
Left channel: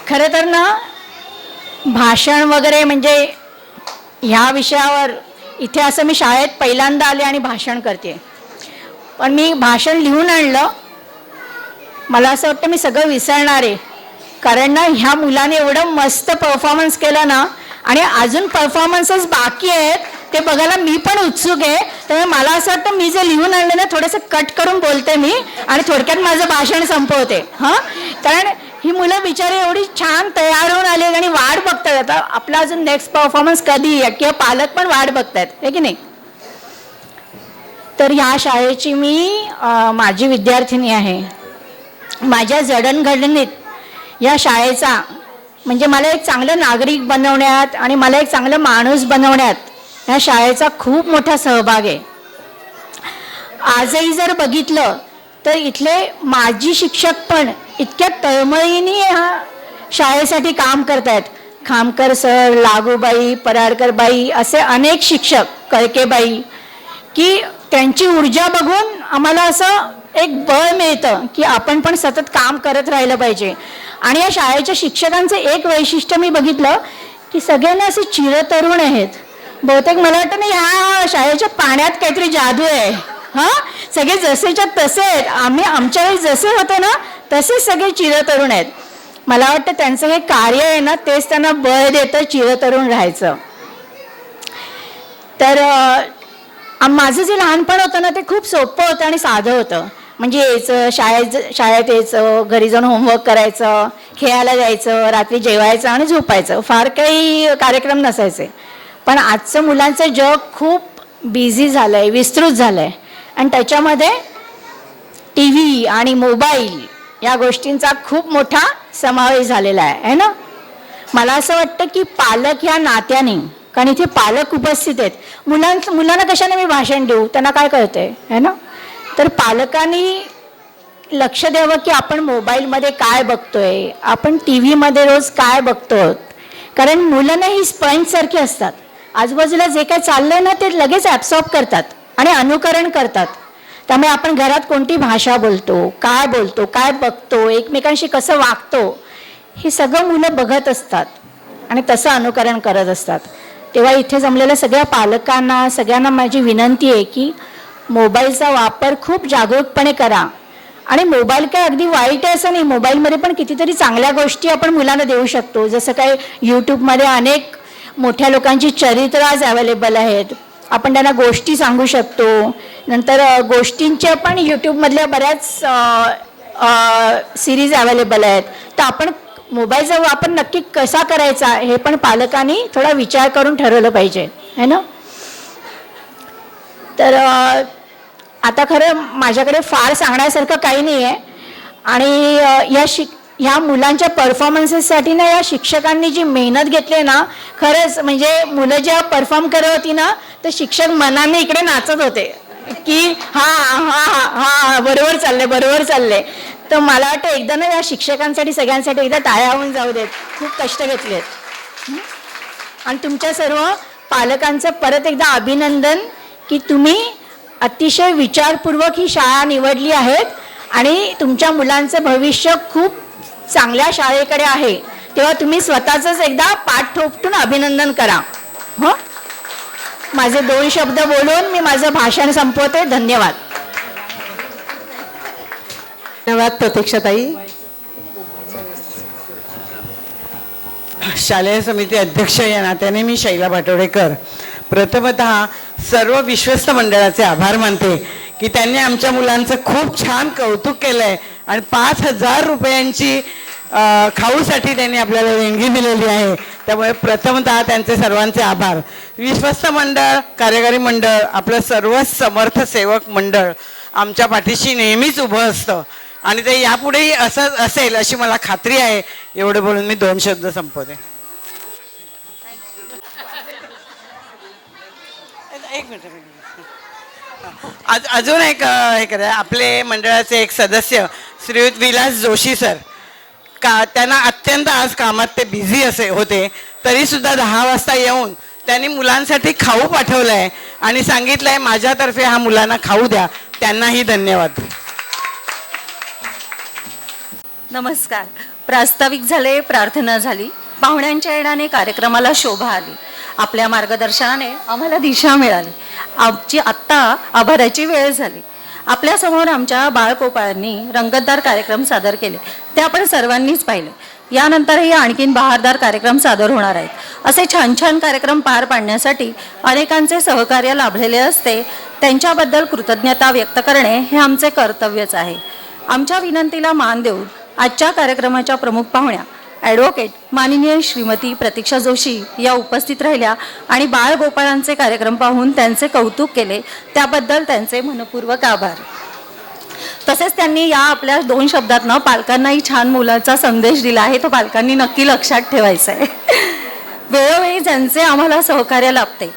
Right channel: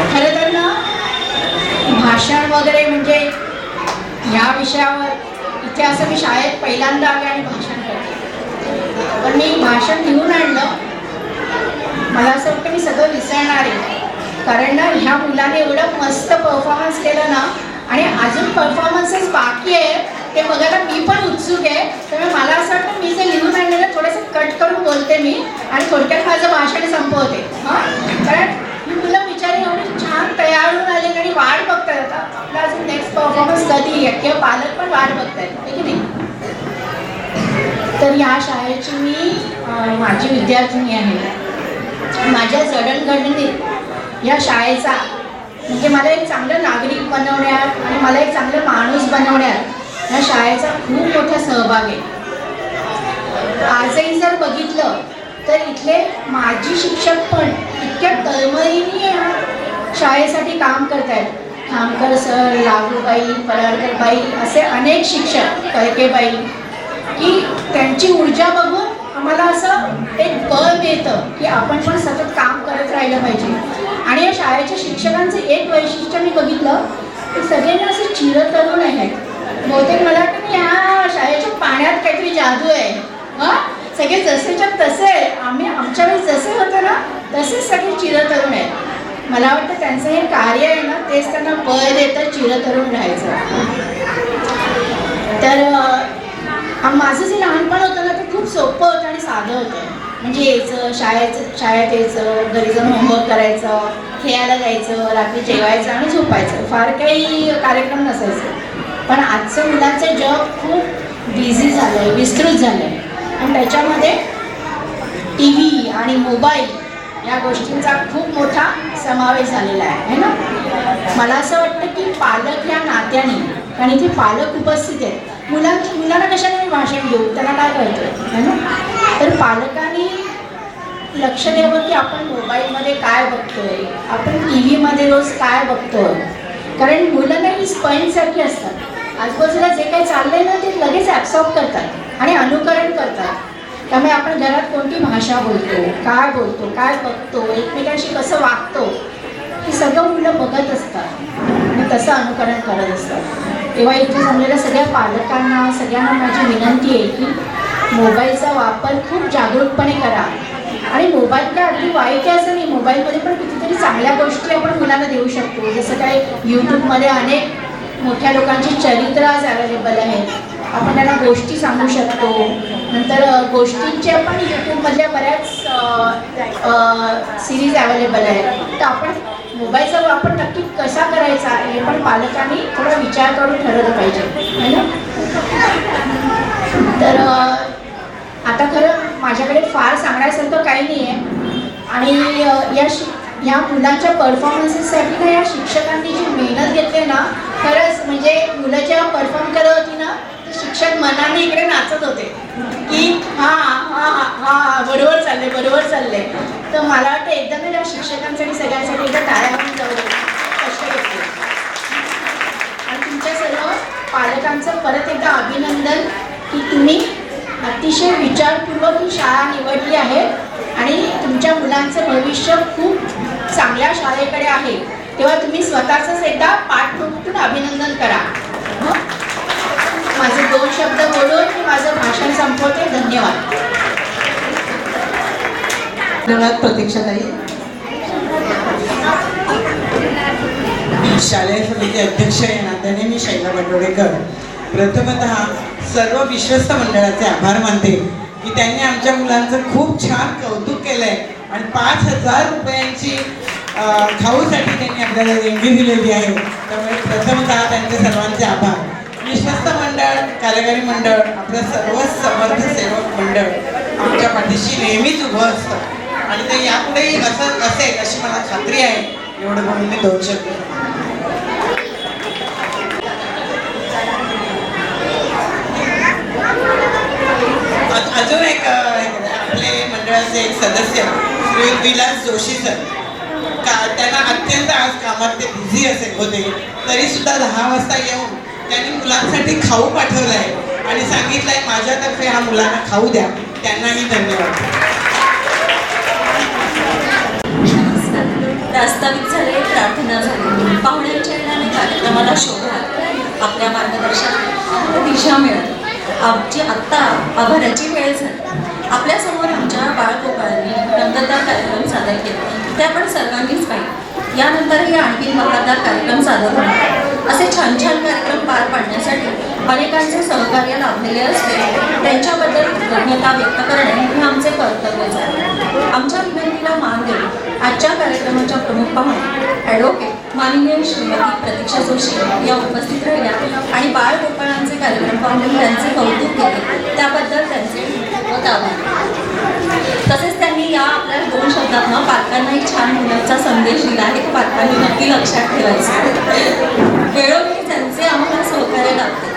खरं तर ना भाषण वगैरे म्हणजे ह्या विषयावर इथे असं मी शाळेत पहिल्यांदा आले आणि भाषण करते. पण मी भाषण लिहून आणलं. मला असं वाटतं मी सगळं विसरणार आहे. कारण ना ह्या मुलाने एवढं मस्त परफॉर्मन्स केलं ना, आणि अजून परफॉर्मन्सेस बाकी आहेत ते बघायला मी पण उत्सुक आहे. त्यामुळे मला असं वाटतं मी जे लिहून आणलं ना थोडंसं कट करून बोलते मी आणि थोडक्यात माझं भाषण संपवते. हां, कारण ही मुलं बिचारी एवढी छान तयार होऊन आली आणि वाट बघतात आता आपला अजून नेक्स्ट परफॉर्मन्स कधी आहे, किंवा पालक पण वाट बघतायत, आहे की नाही. तर ह्या शाळेची मी माझी विद्यार्थिनी आहे. माझ्या जडणघडणीत या शाळेचा म्हणजे मला एक चांगलं नागरिक बनवण्यात आणि मला एक चांगलं माणूस बनवण्यात या शाळेचा खूप मोठा सहभाग आहे. आजही जर बघितलं तर इथले माजी शिक्षक पण इतक्या तळमळीने ह्या शाळेसाठी काम करत आहेत. खामकर सर, लागूबाई, पराडकरबाई असे अनेक शिक्षक, कळकेबाई, की त्यांची ऊर्जा बघून आम्हाला असं एक बळ मिळतं की आपण पण सतत काम करत राहिलं पाहिजे. आणि या शाळेच्या शिक्षकांचं एक वैशिष्ट्य मी बघितलं की सगळ्यांना असे चिरतरुण आहेत. बहुतेक मला वाटतं ना ह्या शाळेच्या पाण्यात काहीतरी जादू आहे. हां, सगळे जसेच्या तसे आहेत. आम्ही आमच्या वेळेस जसे होते ना तसेच सगळे चिरतरुण आहेत. मला वाटतं त्यांचं हे कार्य आहे ना तेच त्यांना बळ देतं चिरतरुण राहायचं. तर माझं जे लहानपण होतं ना ते खूप सोपं होतं आणि साधं होतं. म्हणजे यायचं शाळेत यायचं, घरी जाऊन होमवर्क करायचं, खेळायला जायचं, रात्री जेवायचं आणि झोपायचं. फार काही कार्यक्रम नसायचे. पण आजचं मुलांचं जग खूप बिझी झालं आहे, विस्तृत झालं आहे. आणि त्याच्यामध्ये टी व्ही आणि मोबाईल या गोष्टींचा खूप मोठा समावेश झालेला आहे ना. मला असं वाटतं की पालक ह्या नात्याने, कारण इथे पालक उपस्थित आहेत, मुलांना कशाने मी भाषण देऊ, त्यांना काय कळतंय है ना. तर पालकांनी लक्ष द्यावं की आपण मोबाईलमध्ये काय बघतोय, आपण टी व्हीमध्ये रोज काय बघतोय. कारण मुलं ना ही स्पंजसारखी असतात, आजूबाजूला जे काय चाललंय ना ते लगेच ॲब्सॉर्ब करतात आणि अनुकरण करतात. त्यामुळे आपण घरात कोणती भाषा बोलतो, काय बघतो, एकमेकांशी कसं वागतो, हे सगळं मुलं बघत असतात आणि तसं अनुकरण करत असतात. तेव्हा इथे जमलेल्या सगळ्या पालकांना, सगळ्यांना माझी विनंती आहे की मोबाईलचा वापर खूप जागरूकपणे करा. आणि मोबाईल काय अगदी वाईट आहे असं नाही, मोबाईलमध्ये पण कितीतरी चांगल्या गोष्टी आपण मुलांना देऊ शकतो. जसं काय यूट्यूबमध्ये अनेक मोठ्या लोकांची चरित्र आज अवेलेबल आहेत, आपण त्यांना गोष्टी सांगू शकतो. नंतर गोष्टींचे पण यूट्यूबमधल्या बऱ्याच सिरीज अवेलेबल आहेत. तर आपण मोबाईलचा वापर नक्की कसा करायचा हे पण पालकांनी थोडा विचार करून ठरवलं पाहिजे है ना. तर आता खरं माझ्याकडे फार सांगण्यासारखं काही नाही आहे. आणि ह्या मुलांच्या परफॉर्मन्सेससाठी ना या शिक्षकांनी जी मेहनत घेतली ना, खरंच म्हणजे मुलं जेव्हा परफॉर्म करत होती ना तर शिक्षक मनाने इकडे नाचत होते की हा हा हा हा बरोबर चालले. तर मला वाटतं एकदा ना या शिक्षकांसाठी सगळ्यांसाठी एकदा टाळ्या होऊन जाऊ देत, खूप कष्ट घेतले. आणि तुमच्या सर्व पालकांचं परत एकदा अभिनंदन की तुम्ही अतिशय विचारपूर्वक ही शाळा निवडली आहे आणि तुमच्या मुलांचं भविष्य खूप चांगल्या शाळेकडे आहे. तेव्हा तुम्ही स्वतःच एकदा पाठ ठोकून अभिनंदन करा. हो, माझे 2 शब्द बोलून मी माझं भाषण संपवते. धन्यवाद. धन्यवाद प्रतीक्षाताई. शालेय समिती अध्यक्ष या नात्याने मी शैला पाटोळेकर प्रथमतः सर्व विश्वस्त मंडळाचे आभार मानते की त्यांनी आमच्या मुलांचं खूप छान कौतुक केलंय आणि 5,000 रुपयांची खाऊसाठी त्यांनी आपल्याला देणगी दिलेली आहे. त्यामुळे प्रथमतः त्यांचे सर्वांचे आभार. विश्वस्त मंडळ, कार्यकारी मंडळ, आपलं सर्व समर्थ सेवक मंडळ आमच्या पाठीशी नेहमीच उभं असतं आणि ते यापुढेही असं असेल अशी मला खात्री आहे. एवढं बोलून मी 2 शब्द संपवतो. अजून एक आपले मंडळाचे एक सदस्य श्रीयुत विलास जोशी सर, त्यांना अत्यंत आज कामात ते बिझी असे होते तरी सुद्धा 10 वाजता येऊन त्यांनी मुलांसाठी खाऊ पाठवलाय आणि सांगितलंय माझ्यातर्फे हा मुलांना खाऊ द्या. त्यांनाही धन्यवाद. नमस्कार. प्रास्ताविक झाले, प्रार्थना झाली, पाहुण्यांच्या येण्याने कार्यक्रमाला शोभा आली, आपल्या मार्गदर्शनाने आम्हाला दिशा मिळाली. आमची आत्ता आभाराची वेळ झाली. आपल्यासमोर आमच्या बाळगोपाळांनी रंगतदार कार्यक्रम सादर केले, ते आपण सर्वांनीच पाहिले. यानंतरही आणखीन बहारदार कार्यक्रम सादर होणार आहे. असे छान छान कार्यक्रम पार पाडण्यासाठी अनेकांचे सहकार्य लाभलेले असते, त्यांच्याबद्दल कृतज्ञता व्यक्त करणे हे आमचे कर्तव्यच आहे. आमच्या विनंतीला मान देऊन आजच्या कार्यक्रमाच्या प्रमुख पाहुण्या ॲडव्होकेट माननीय श्रीमती प्रतीक्षा जोशी या उपस्थित राहिल्या आणि बाळगोपाळांचे कार्यक्रम पाहून त्यांचे कौतुक केले, त्याबद्दल त्यांचे खूप आभार. तसेच त्यांनी या आपल्या 2 शब्दांना पालकांनाही छान मुलांचा संदेश दिला आहे, तो पालकांनी नक्की लक्षात ठेवायचा. वेळोवेळी ज्यांचे आम्हाला सहकार्य लाभते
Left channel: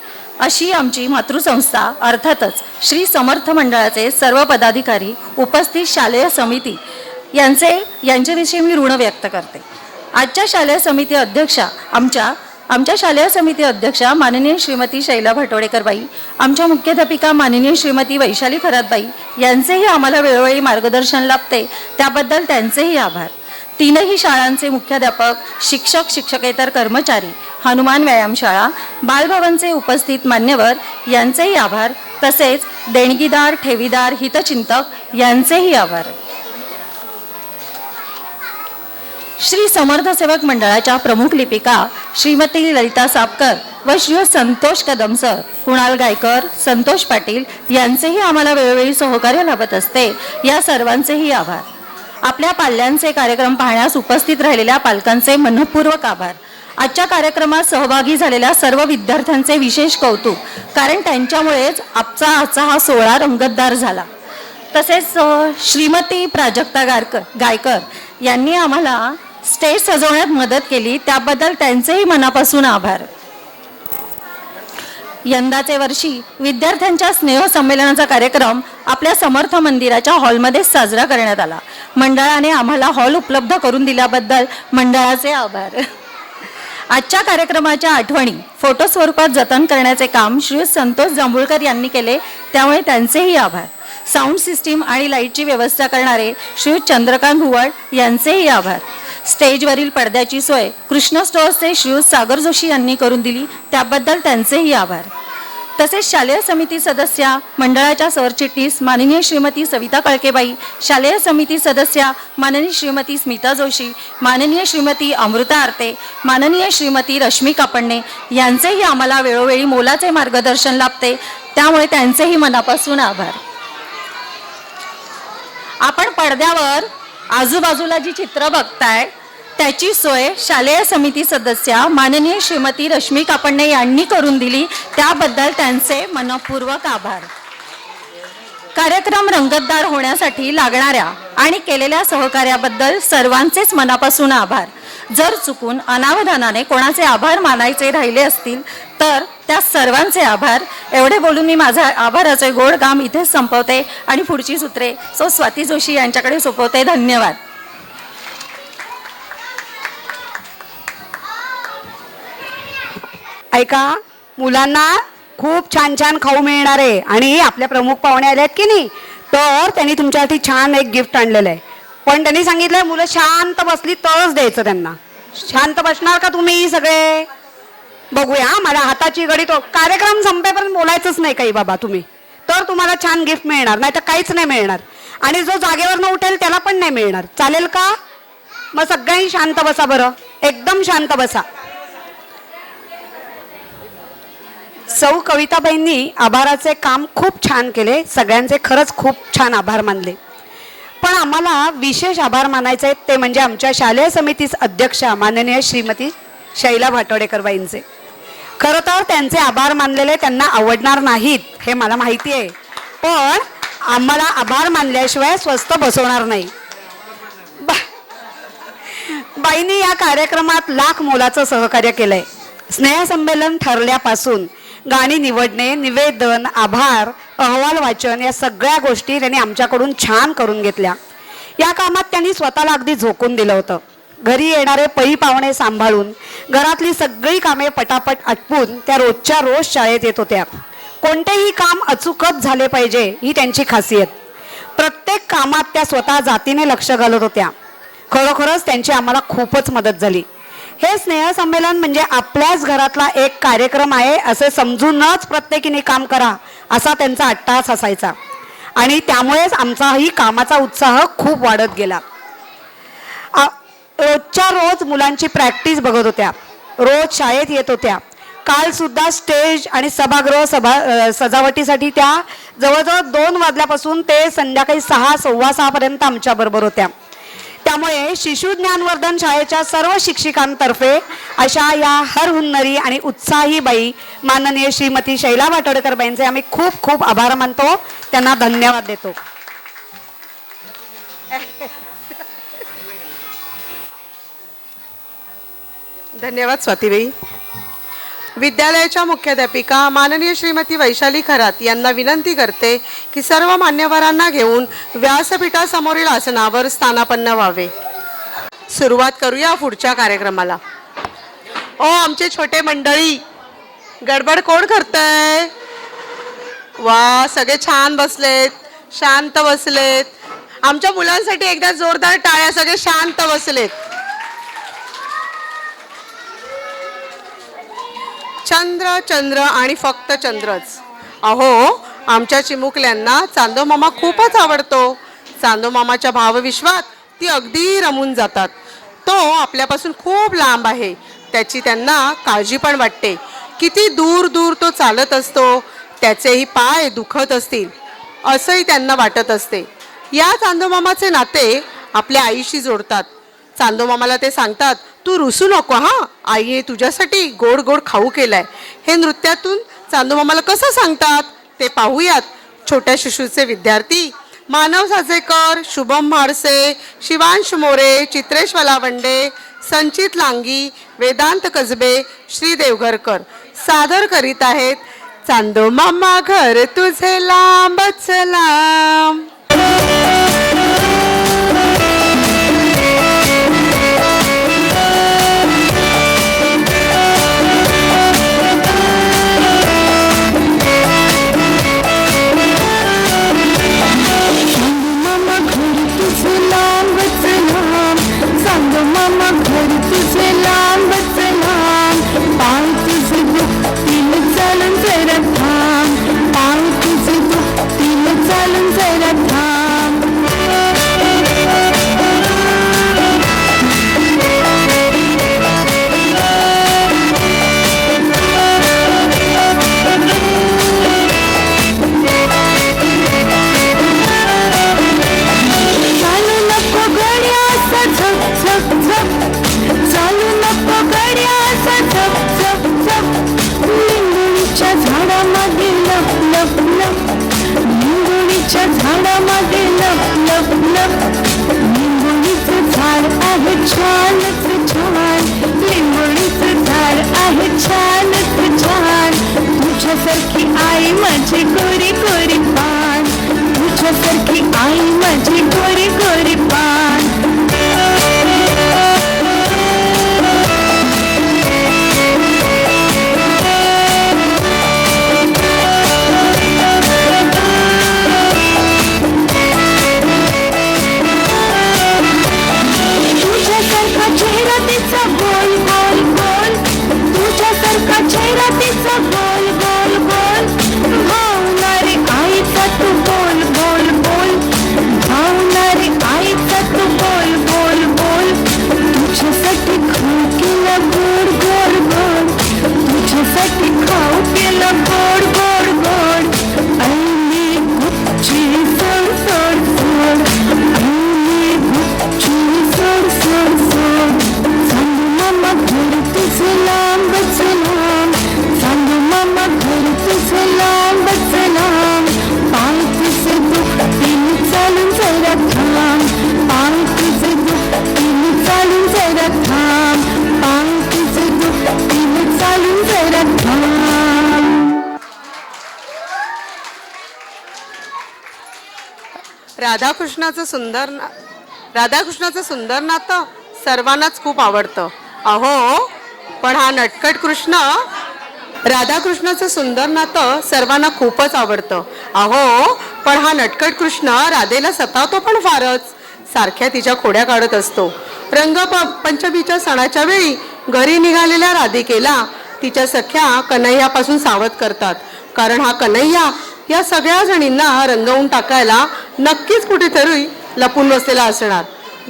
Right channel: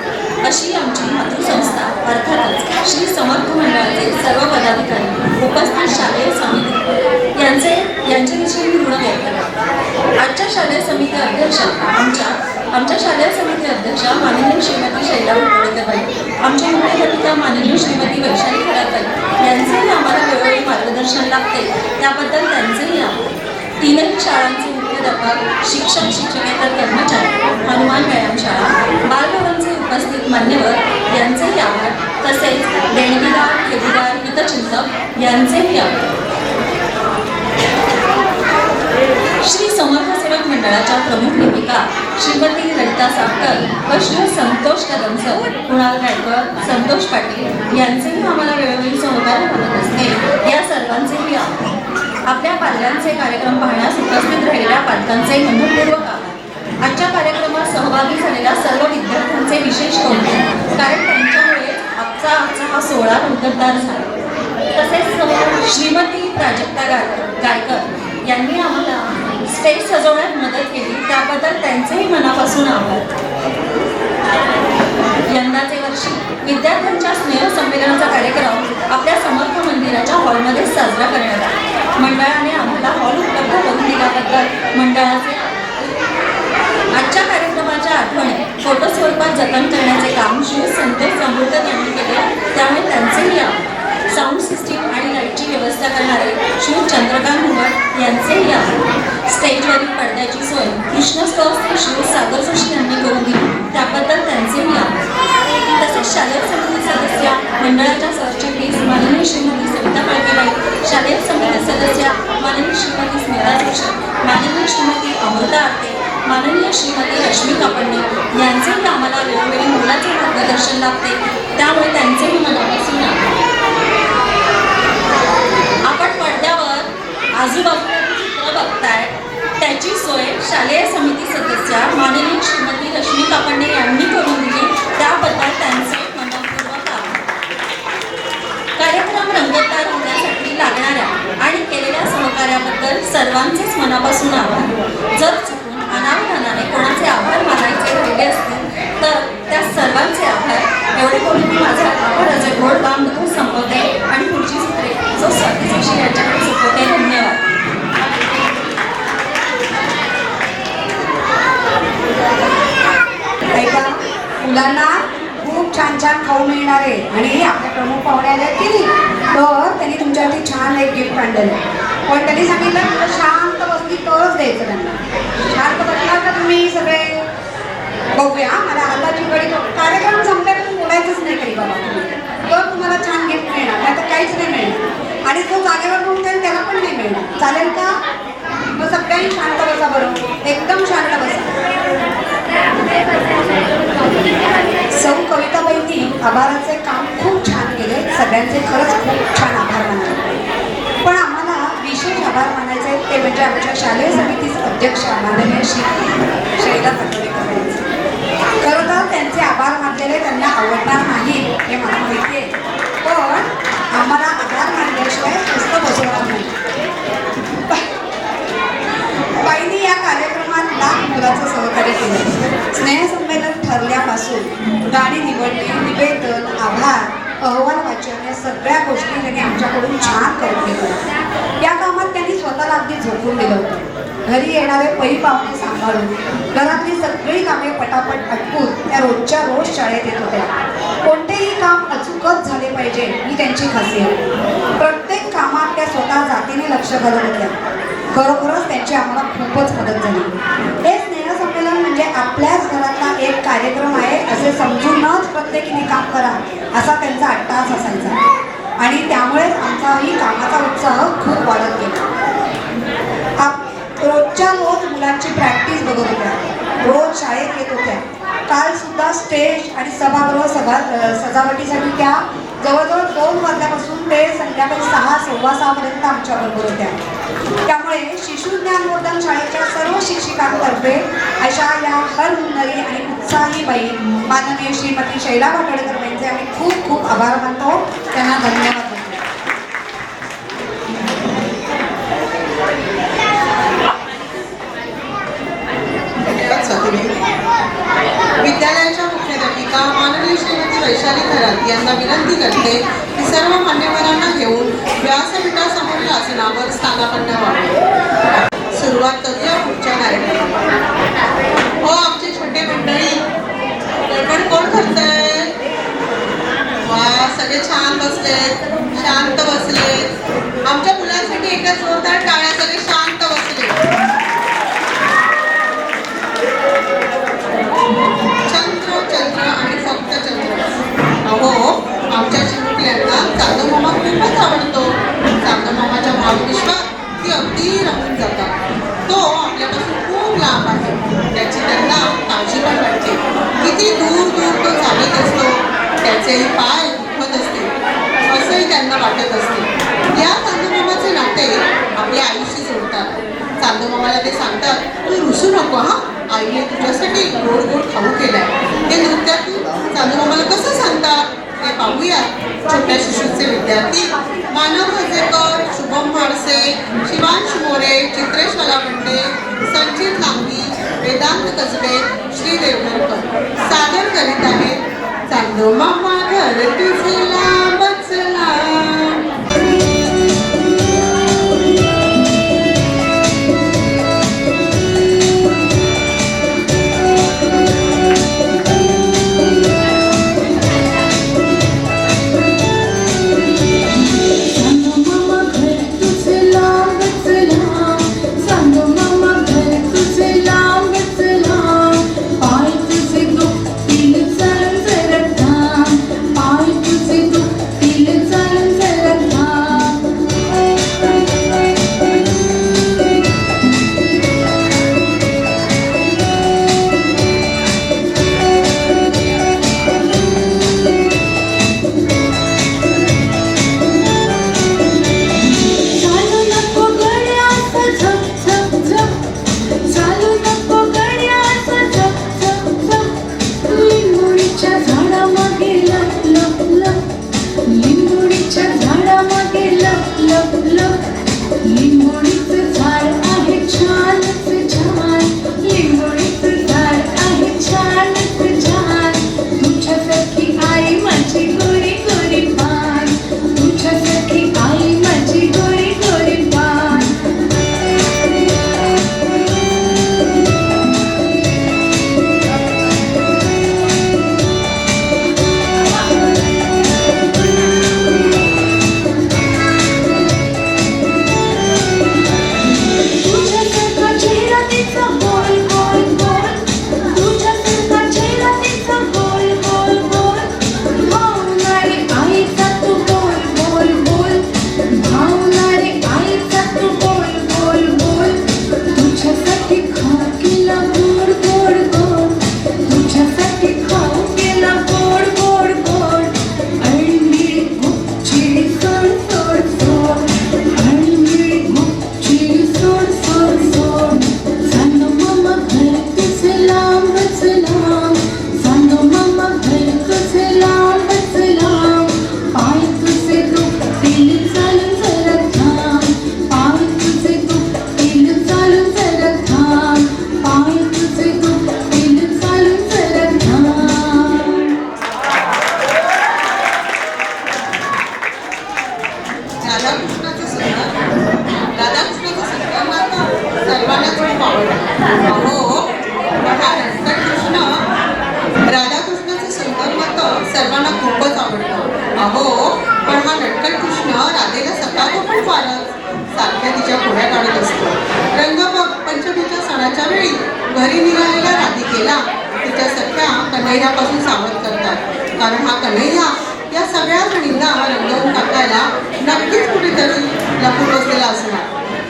अशी आमची मातृसंस्था अर्थातच श्री समर्थ मंडळाचे सर्व पदाधिकारी, उपस्थित शालेय समिती यांच्याविषयी मी ऋण व्यक्त करते. आजच्या शालेय समिती अध्यक्षा आमच्या शालेय समिती अध्यक्षा माननीय श्रीमती शैला पाटोळेकरबाई, आमच्या मुख्याध्यापिका माननीय श्रीमती वैशाली खरातबाई यांचेही आम्हाला वेळोवेळी मार्गदर्शन लाभते, त्याबद्दल त्यांचेही आभार. 3ही शाळांचे मुख्याध्यापक, शिक्षक, शिक्षकेतर कर्मचारी, हनुमान व्यायामशाळा, बालभवनचे उपस्थित मान्यवर यांचेही आभार. तसेच देणगीदार, ठेवीदार, हितचिंतक यांचेही आभार. श्री समर्थ सेवक मंडळाच्या प्रमुख लिपिका श्रीमती ललिता सापकर व श्री संतोष कदम सर, कुणाल गायकर, संतोष पाटील यांचेही आम्हाला वेळोवेळी सहकार्य लाभत असते, या सर्वांचेही आभार. आपल्या पाल्यांचे कार्यक्रम पाहण्यास उपस्थित राहिलेल्या पालकांचे मनपूर्वक आभार. आजच्या कार्यक्रमात सहभागी झालेल्या सर्व विद्यार्थ्यांचे विशेष कौतुक, कारण त्यांच्यामुळेच आजचा हा सोहळा रंगतदार झाला. तसेच श्रीमती प्राजक्ता गायकर यांनी आम्हाला स्टेज सजवण्यात मदत केली, त्याबद्दल त्यांचेही मनापासून आभार. यंदाचे वर्षी विद्यार्थ्यांच्या स्नेहसंमेलनाचा कार्यक्रम आपल्या समर्थ मंदिराच्या हॉलमध्ये साजरा करण्यात आला. मंडळाने आम्हाला हॉल उपलब्ध करून दिल्याबद्दल मंडळाचे आभार. आजच्या कार्यक्रमाच्या आठवणी फोटो स्वरूपात जतन करण्याचे काम श्री संतोष जांभूळकर यांनी केले, त्यामुळे त्यांचेही आभार. साऊंड सिस्टीम आणि लाईटची व्यवस्था करणारे श्री चंद्रकांत हुवट यांचेही आभार. स्टेजवरील पडद्याची सोय कृष्ण स्टॉल्सचे श्री सागर जोशी यांनी करून दिली, त्याबद्दल त्यांचेही आभार. तसेच शालेय समिती सदस्य मंडळाच्या सरचिटणीस माननीय श्रीमती सविता कळकेबाई, शालेय समिती सदस्य माननीय श्रीमती स्मिता जोशी, माननीय श्रीमती अमृता आरते, माननीय श्रीमती रश्मी कापडणे यांचेही आम्हाला वेळोवेळी मोलाचे मार्गदर्शन लाभते, त्यामुळे त्यांचेही मनापासून आभार. आपण पडद्यावर आजूबाजूला जी चित्र बघताय त्याची सोय शालेय समिती सदस्य माननीय श्रीमती रश्मी कापडणे यांनी करून दिली, त्याबद्दल त्यांचे मनपूर्वक आभार. कार्यक्रम रंगतदार होण्यासाठी लागणाऱ्या आणि केलेल्या सहकार्याबद्दल सर्वांचेच मनापासून आभार. जर चुकून अनावधानाने कोणाचे आभार मानायचे राहिले असतील तर त्या सर्वांचे आभार. एवढे बोलून मी माझा आभाराचे गोड काम इथेच संपवते आणि पुढची सूत्रे स्वाती जोशी यांच्याकडे सोपवते. धन्यवाद. ऐका, मुलांना खूप छान छान खाऊ मिळणार आहे आणि आपले प्रमुख पाहुणे आले आहेत की नाही, तर त्यांनी तुमच्यासाठी छान एक गिफ्ट आणलेलं आहे. पण त्यांनी सांगितलं मुलं शांत बसली तरच द्यायचं त्यांना. शांत बसणार का तुम्ही सगळे? बघूया, मला हाताची घडी तो कार्यक्रम संपेपर्यंत बोलायचंच नाही काही बाबा तुम्ही, तर तुम्हाला छान गिफ्ट मिळणार, नाही तर काहीच नाही मिळणार. आणि जो जागेवर न उठेल त्याला पण नाही मिळणार. चालेल का? मग सगळ्यांनी शांत बसा बरं, एकदम शांत बसा. सौ कविताबाईंनी आभाराचे काम खूप छान केले, सगळ्यांचे खरंच खूप छान आभार मानले. पण आम्हाला विशेष आभार मानायचे ते म्हणजे आमच्या शालेय समिती अध्यक्षा माननीय श्रीमती शैला भाटोडेकरबाईंचे. खरं तर त्यांचे आभार मानलेले त्यांना आवडणार नाहीत हे मला माहिती आहे, पण आम्हाला आभार मानल्याशिवाय स्वस्थ बसवणार नाही. बाईंनी या कार्यक्रमात लाख मोलाचं सहकार्य केलंय. स्नेहसंमेलन ठरल्यापासून गाणी निवडणे, निवेदन, आभार, अहवाल वाचन या सगळ्या गोष्टी त्यांनी आमच्याकडून छान करून घेतल्या. या कामात त्यांनी स्वतःला अगदी झोकून दिलं होतं. घरी येणारे पै पाहुणे सांभाळून घरातली सगळी कामे पटापट आटपून त्या रोजच्या रोज शाळेत येत होत्या. कोणतेही काम अचूकच झाले पाहिजे ही त्यांची खासियत. प्रत्येक कामात त्या स्वतः जातीने लक्ष घालत होत्या. खरोखरच त्यांची आम्हाला खूपच मदत झाली. हे स्नेहसंमेलन म्हणजे आपल्याच घरातला एक कार्यक्रम आहे असे समजूनच प्रत्येकीने काम करा असा त्यांचा अट्टास असायचा आणि त्यामुळेच आमचाही कामाचा उत्साह खूप वाढत गेला. रोजच्या रोज मुलांची प्रॅक्टिस बघत होत्या, रोज शाळेत येत होत्या. काल सुद्धा स्टेज आणि सभागृह सजावटीसाठी त्या जवळजवळ 2 वाजल्यापासून ते संध्याकाळी 6, 6:15 पर्यंत आमच्या बरोबर होत्या. त्यामुळे शिशु ज्ञानवर्धन शाळेच्या सर्व शिक्षिकांतर्फे अशा या हरहुन्नरी आणि उत्साही बाई माननीय श्रीमती शैला भाटोडेकरबाईंचे आम्ही खूप खूप आभार मानतो, त्यांना धन्यवाद देतो. धन्यवाद स्वातीबाई. विद्यालयाच्या मुख्याध्यापिका माननीय श्रीमती वैशाली खरात यांना विनंती करते की सर्व मान्यवरांना घेऊन व्यासपीठासमोरील आसनावर स्थानापन्न व्हावे. सुरुवात करूया पुढच्या कार्यक्रमाला. ओ आमचे छोटे मंडळी, गडबड कोण करतंय? वा, सगळे छान बसलेत, शांत बसलेत. आमच्या मुलांसाठी एकदा जोरदार टाळ्या. सगळे शांत बसलेत. चंद्र चंद्र आणि फक्त चंद्रच. अहो, आमच्या चिमुकल्यांना चांदो मामा खूपच आवडतो. चांदो मामाच्या भावविश्वात ती अगदी रमून जातात. तो आपल्यापासून खूप लांब आहे, त्याची त्यांना काळजी पण वाटते. किती दूर दूर तो चालत असतो, त्याचेही पाय दुखत असतील असंही त्यांना वाटत असते. या चांदो मामाचे नाते आपल्या आईशी जोडतात. चांदो मामाला ते सांगतात, तू रुसू नको हा, आईने तुझ्यासाठी गोड गोड खाऊ केलाय. हे नृत्यातून चांदो मामाला कसं सांगतात ते पाहूयात. छोट्या शिशूचे विद्यार्थी मानव हजेकर, शुभम म्हाडसे, शिवांश मोरे, चित्रेश वलावंडे, संचित लांगी, वेदांत कसबे, श्री देवगरकर सादर करीत आहेत चांदो मामा घर तुझे लांबच लांब. राधाकृष्णाचं सुंदर नातं सर्वांनाच खूप आवडतं. अहो पण हा नटखट कृष्ण, राधाकृष्णाचं सुंदर नातं सर्वांना खूपच आवडतं. अहो पण हा नटखट कृष्ण राधेला सतावतो पण फारच. सारख्या तिच्या खोड्या काढत असतो. रंगपंचमीच्या सणाच्या वेळी घरी निघालेल्या राधिकेला तिच्या सख्या कन्हैयापासून सावध करतात. कारण हा कन्हैया या सगळ्या जणींना रंगवून टाकायला नक्कीच कुठेतरी लपून बसलेला असणार.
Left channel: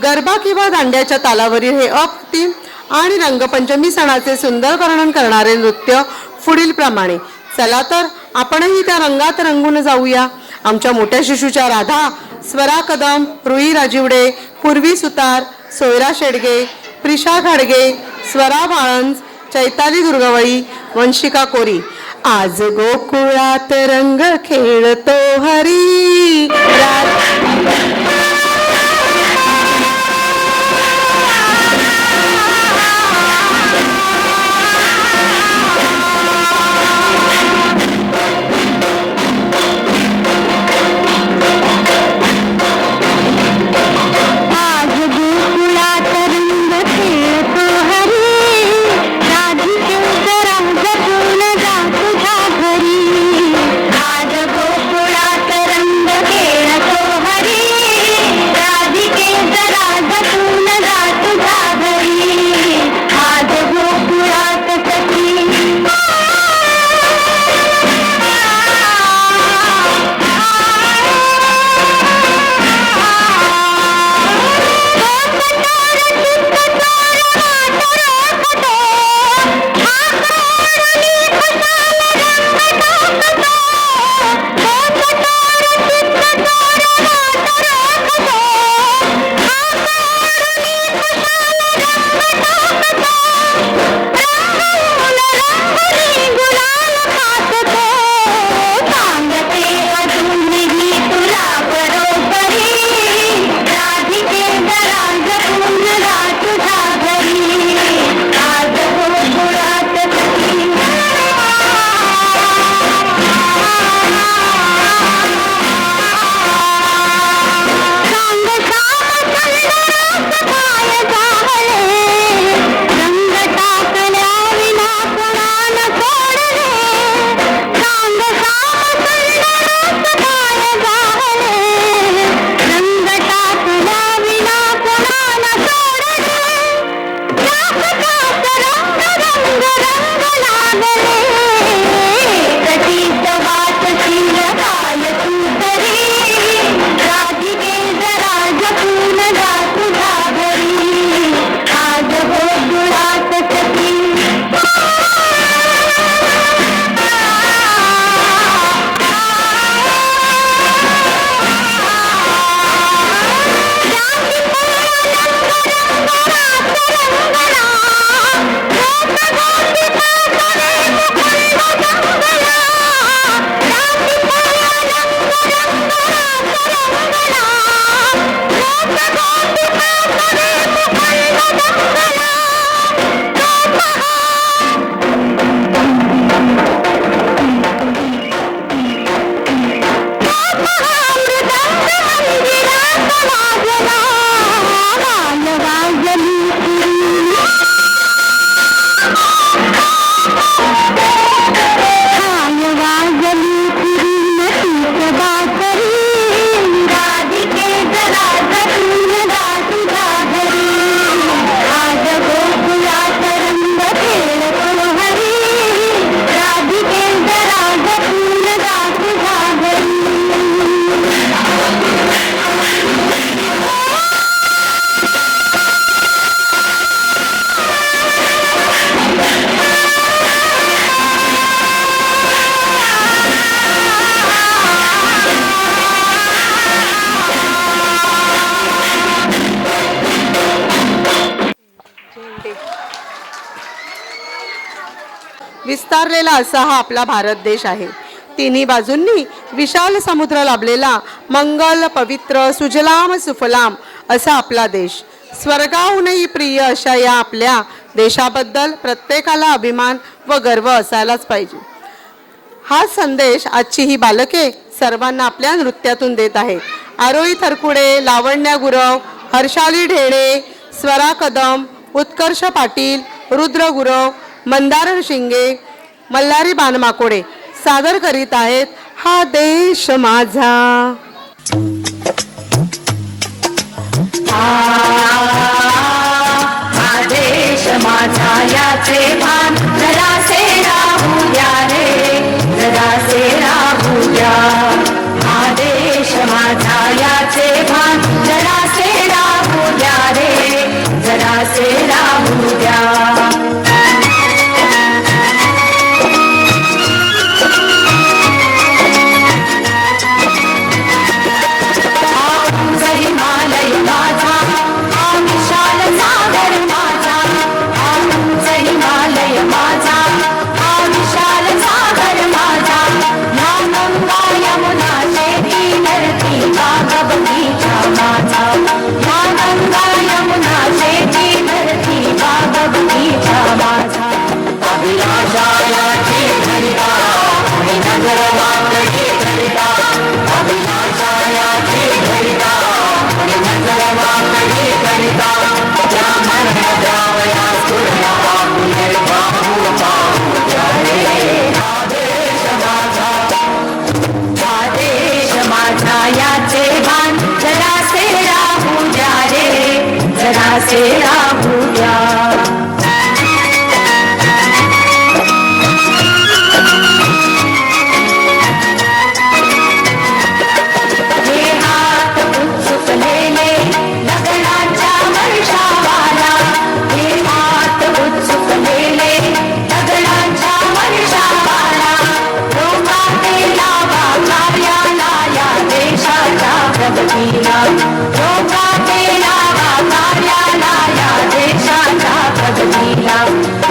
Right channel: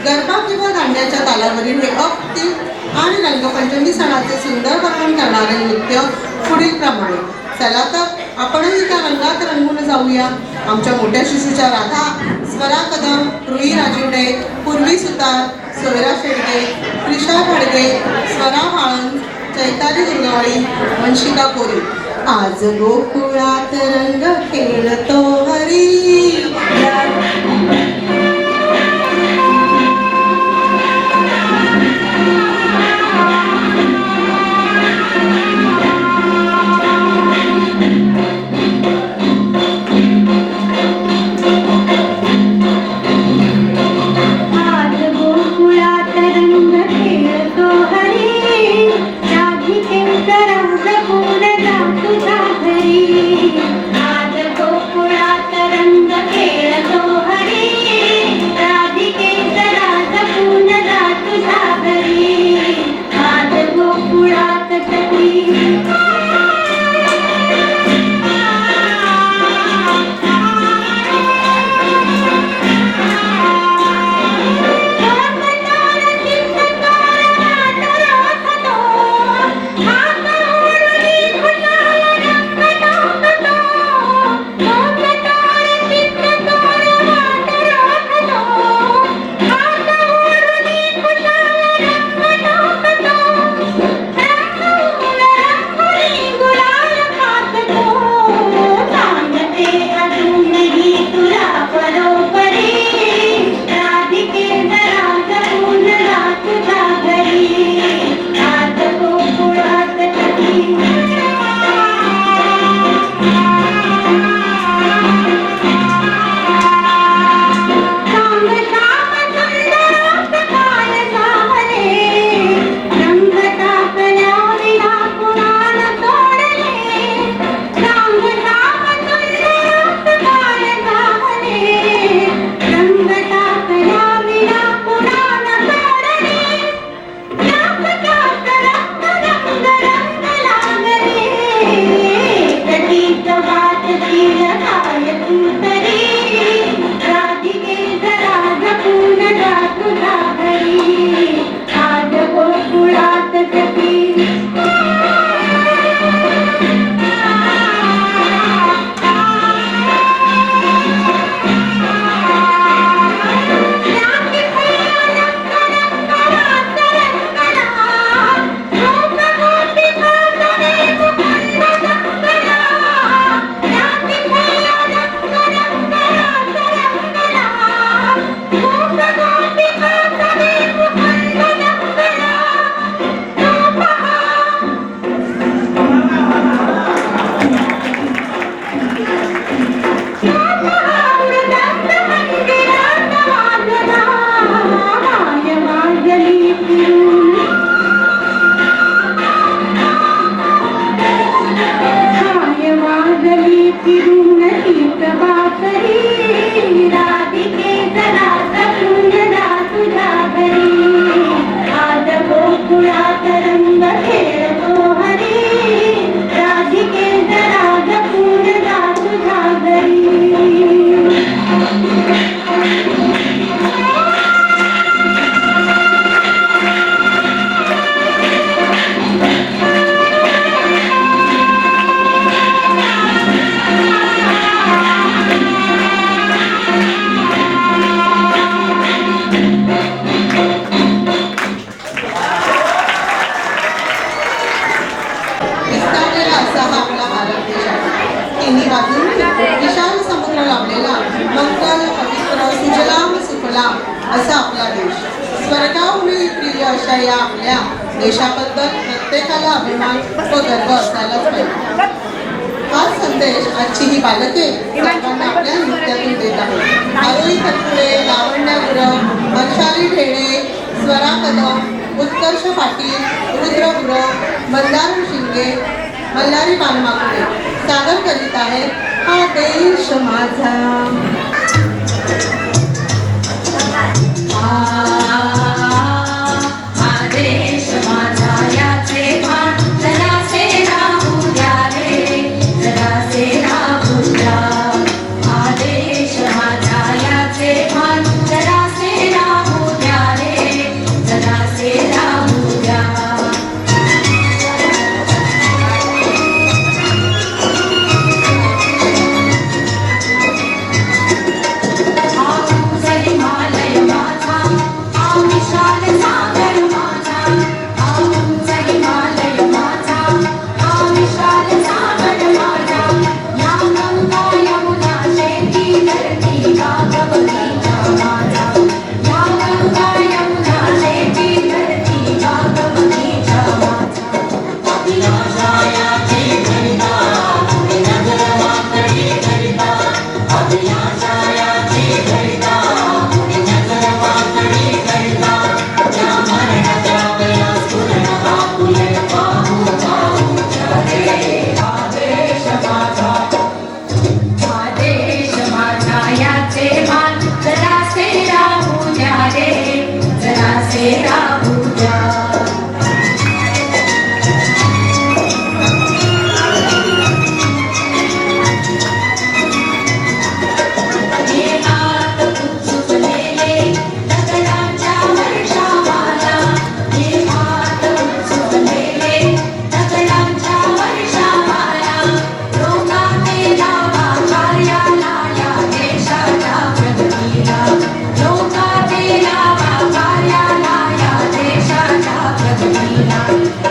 गरबा किंवा दांड्याच्या तालावरील हे अप्रतिम आणि रंगपंचमी सणाचे सुंदर वर्णन करणारे नृत्य पुढील प्रमाणे. चला तर आपणही त्या रंगात रंगून जाऊया. आमच्या मोठ्या शिशूच्या राधा, स्वरा कदम, रुई राजिवडे, पूर्वी सुतार, सोयरा शेडगे, प्रिशा घाडगे, स्वरा बाळंज, चैताली दुर्गवळी, वंशिका कोरी. आज गोकुळात रंग खेळतो हरी. आज गोकुळात रंग खेळतो भारत देश आहे. तिन्ही बाजूंनी विशाल समुद्र लाभलेला मंगल पवित्र सुजलाम सुफलाम असा आपला देश. स्वर्गाहूनही प्रिय अशा या आपल्या देशाबद्दल प्रत्येकाला अभिमान व गर्व असायलाच पाहिजे. हा संदेश आजची ही बालके सर्वांना आपल्या नृत्यातून देत आहे. आरोही थरपुडे, लावण्या गुरव, हर्षाली ढेणे, स्वरा कदम, उत्कर्ष पाटील, रुद्र गुरव, मंदार शिंगे, मल्हारी बानमाकोडे सादर करीत आहेत हा देश माझा. आदेश माझा याचे भान जरासे राहू द्या रे, जरासे राहू द्या. आदेश माझा याचे भान जरासे राहू द्या रे, जरासे राहू द्या. हिमालय माझा हा विशाल सागर माझा, हिमालय माझा हा विशाल सागर माझा. या गंगा यमुना शेती धरती बाग बगीचा माझा, या गंगा यमुना शेती धरती बाग बगीचा माझा. अभिलाषायाची घरिता आणि नगर वाकडी घरिता, अभिलाषायाची घरिता आणि नगर वाकडी घरिता. त्या मरण द्यावया सूर्या बापुले बापू बापू रे. आदेश माझा, आदेश माझा याचे भान जरासे राहू द्या रे, जरासे राहू द्या. हे हात उत्सुकलेले दगडांच्या वर्षावाला, हे हात उत्सुकलेले दगडांच्या वर्षावाला. लोकांनी लावा कार्याला या देशाच्या प्रगतीला, लोकांनी लावा कार्याला या देशाच्या प्रगतीला.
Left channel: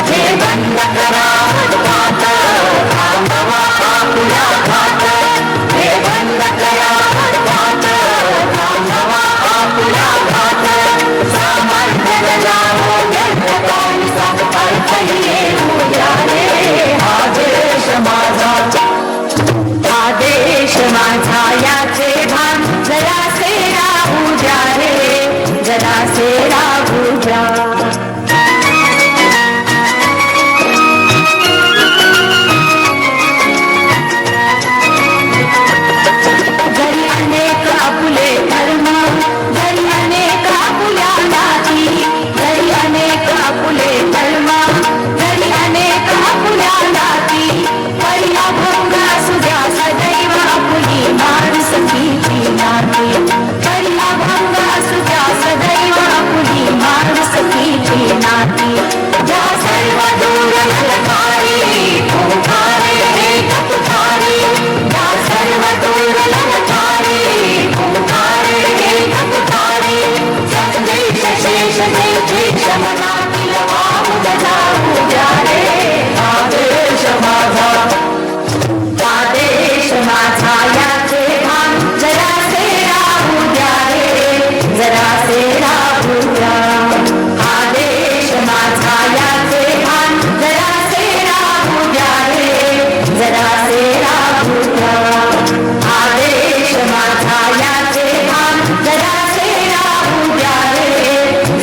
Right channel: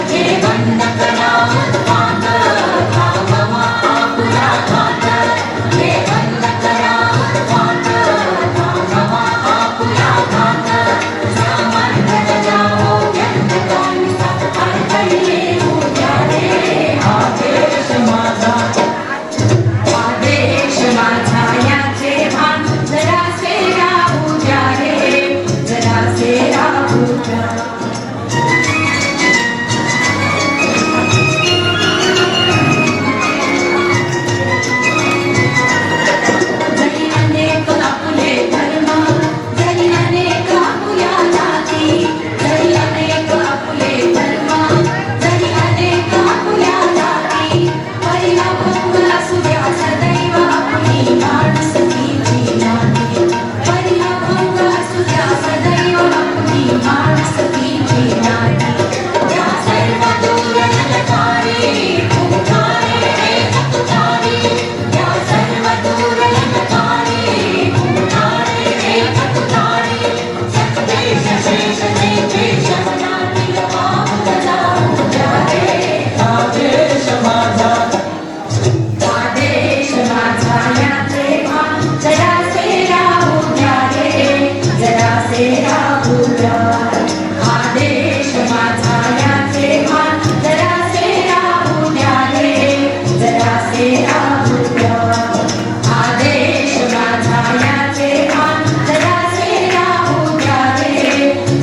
हे बंद करा हात, थांबवा आपल्या हात, हे बंद करा हात, थांबवा आपल्या हात. सामर्थ्य जगावो त्यांना कोणी साथ पाय येऊ द्या रे. आदेश माझा, आदेश माझा याचे भान जरासे राहू द्या रे, जरासे राहू द्या. जरी अनेक आपुले धर्म, जरी अनेक आपुल्या जाती, जरी अनेक आपुले धर्म, जरी अनेक आपुल्या जाती. पहिला भंग असू द्या सदैव आपुली माणुसकीची नाती, पहिला भंग असू द्या सदैव आपुली माणुसकीची नाती. या सर्व दूर ललकारी ओंकारे एक तुकारी, या सर्व दूर ललकारी ओंकारे एक तुकारी. सतदेश शेष जैतेश मनातील वाहुदला उद्या रे. आदेश माझा, आदेश माझा याचे भान जरासे राहू द्या रे, जरासे राहू द्या. आदेश माझा याचे भान जरासे राहू द्या रे, जरासे राहू द्या. आदेश माझा याचे भान जरासे राहू द्या रे,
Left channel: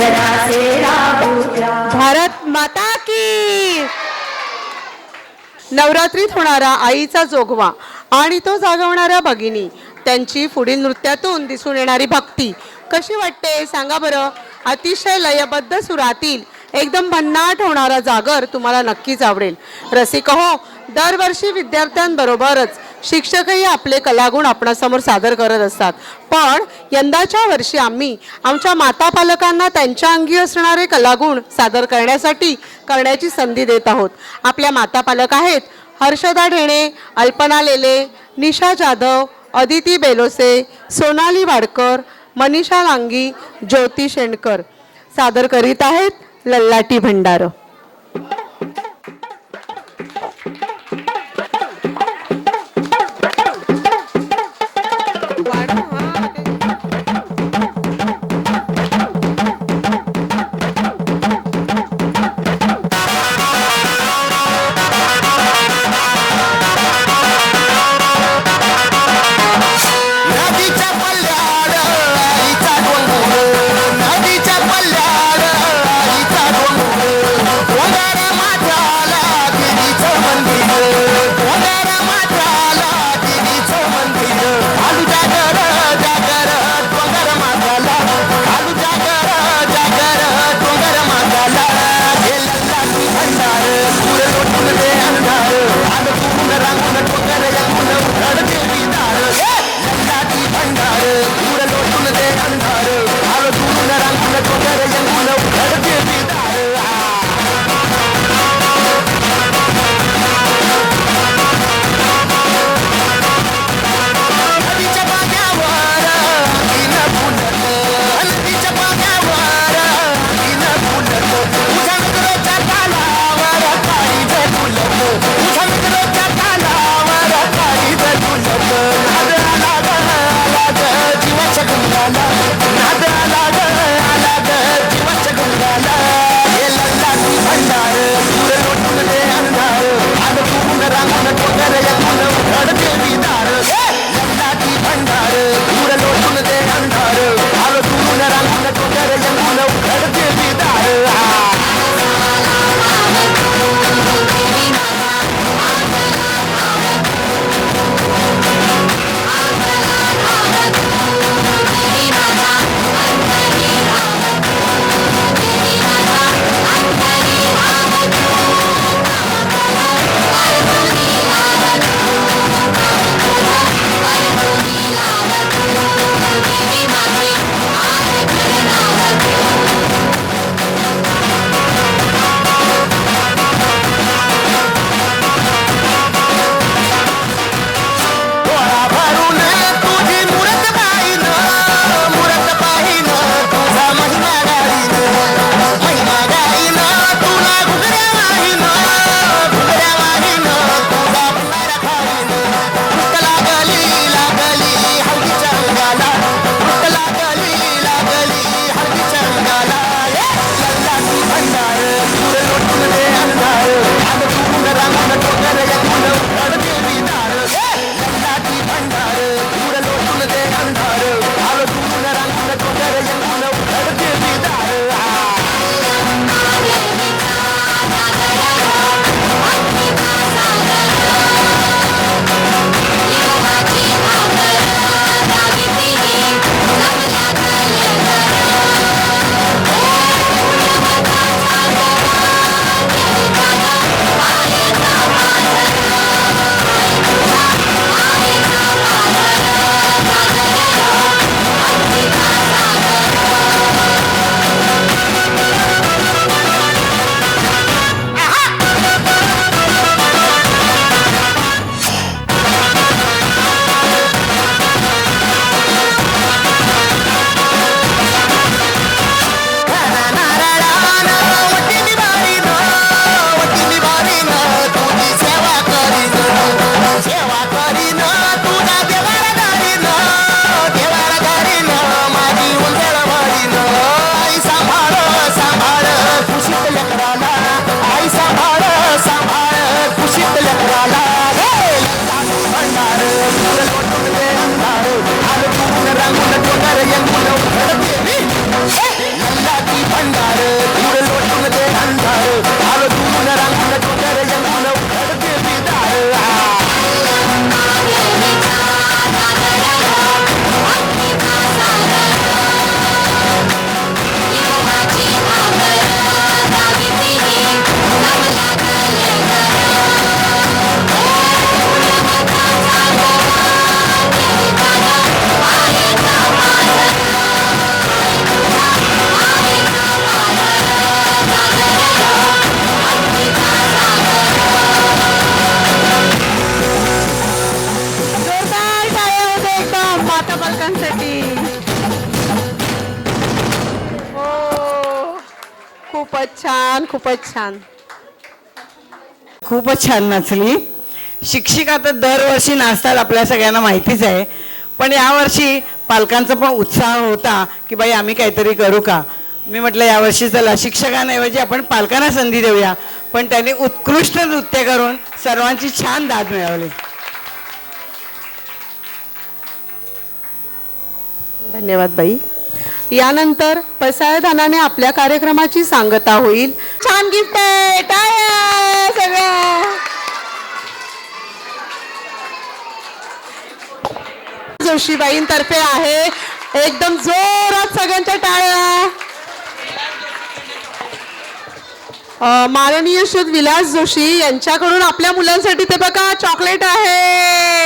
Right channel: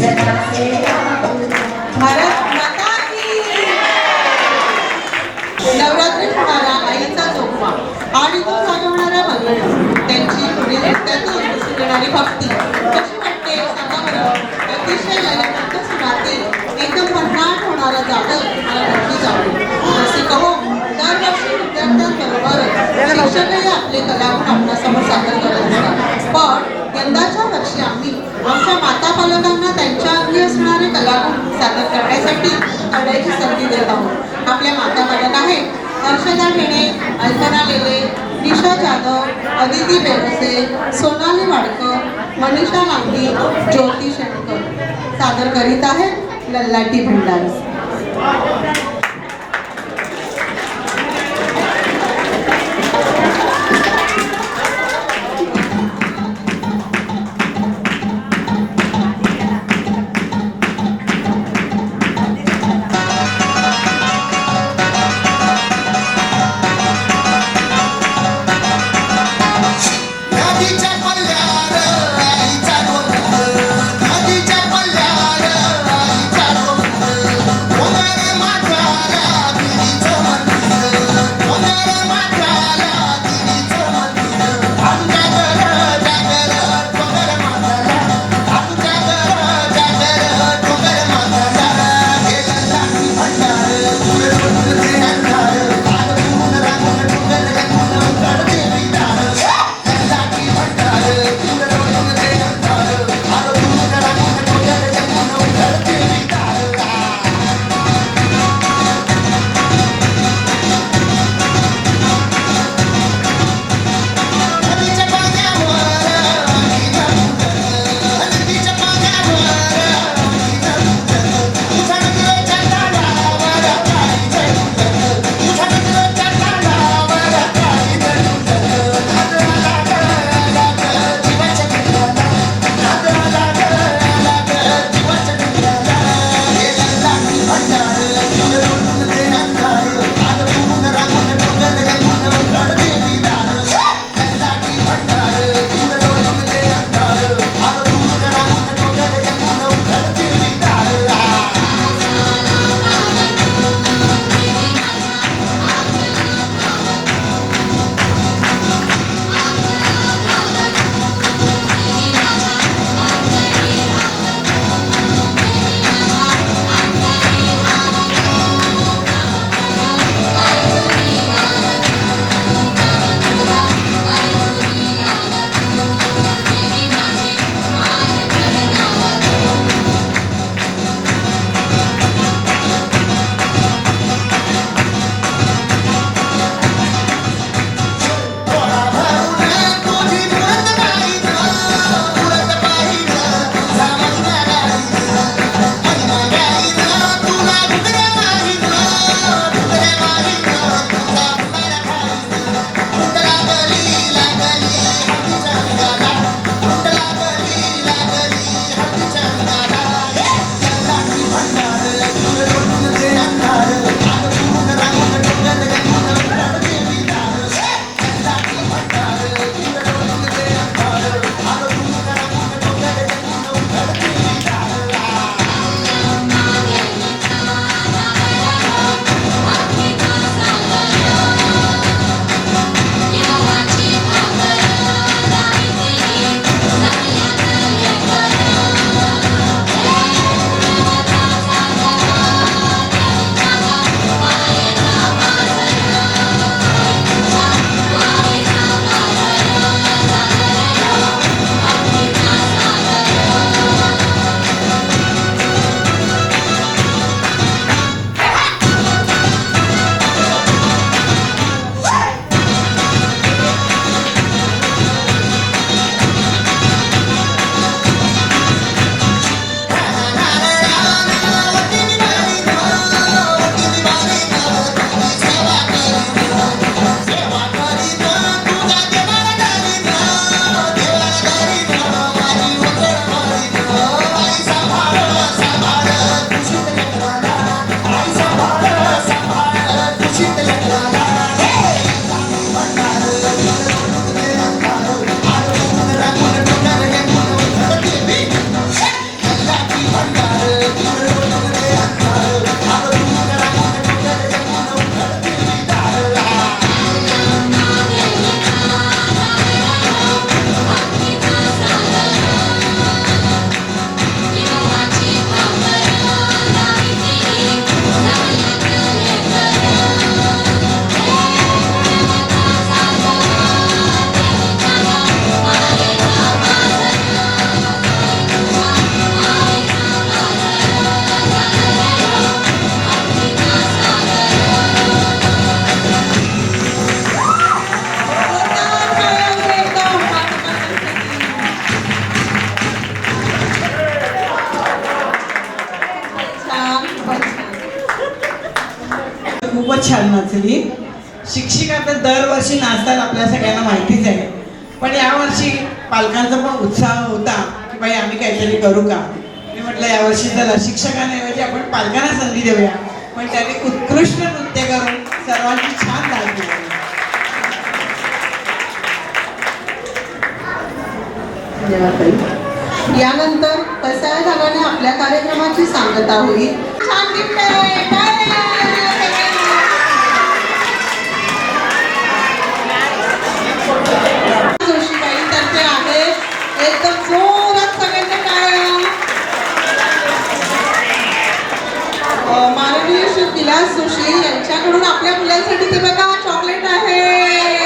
जरासे राहू द्या. भारत माता की. नवरात्रीत होणारा आईचा जोगवा आणि तो जागवणाऱ्या भगिनी, त्यांची पुढील नृत्यातून दिसून येणारी भक्ती कशी वाटते सांगा बरं. अतिशय लयबद्ध सुरातील एकदम भन्नाट होणारा जागर तुम्हाला नक्कीच आवडेल. रसिक हो, दरवर्षी विद्यार्थ्यांबरोबरच शिक्षकही आपले कलागुण आपणासमोर सादर करत असतात. पण यंदाच्या वर्षी आम्ही आमच्या माता पालकांना त्यांच्या अंगी असणारे कलागुण सादर करण्याची संधी देत आहोत. आपल्या माता पालक आहेत हर्षदा ढेणे, अल्पना लेले, निशा जाधव, अदिती बेलोसे, सोनाली वाडकर, मनीषा लांगी, ज्योती शेंडकर सादर करीत आहेत लल्लाटी भंडार. खूपच छान नाचली. शिक्षिका तर दरवर्षी नाचतात आपल्या सगळ्यांना माहितीच आहे, पण यावर्षी पालकांचा पण उत्साह होता की बाई आम्ही काहीतरी करू का. मी म्हटलं यावर्षी चला शिक्षकांऐवजी आपण पालकांना संधी देऊया. पण त्यांनी उत्कृष्ट नृत्य करून सर्वांची छान दाद मिळवली. धन्यवाद ताई. यानंतर पसायदानाने आपल्या कार्यक्रमाची सांगता होईल. छान गिफ्ट आहे, टाळ्या सगळ्या. जोशीबाईंतर्फे आहे, एकदम जोरात सगळ्यांच्या टाळ्या. माननीय श्री विलास जोशी यांच्याकडून आपल्या मुलांसाठी ते बघा चॉकलेट आहे.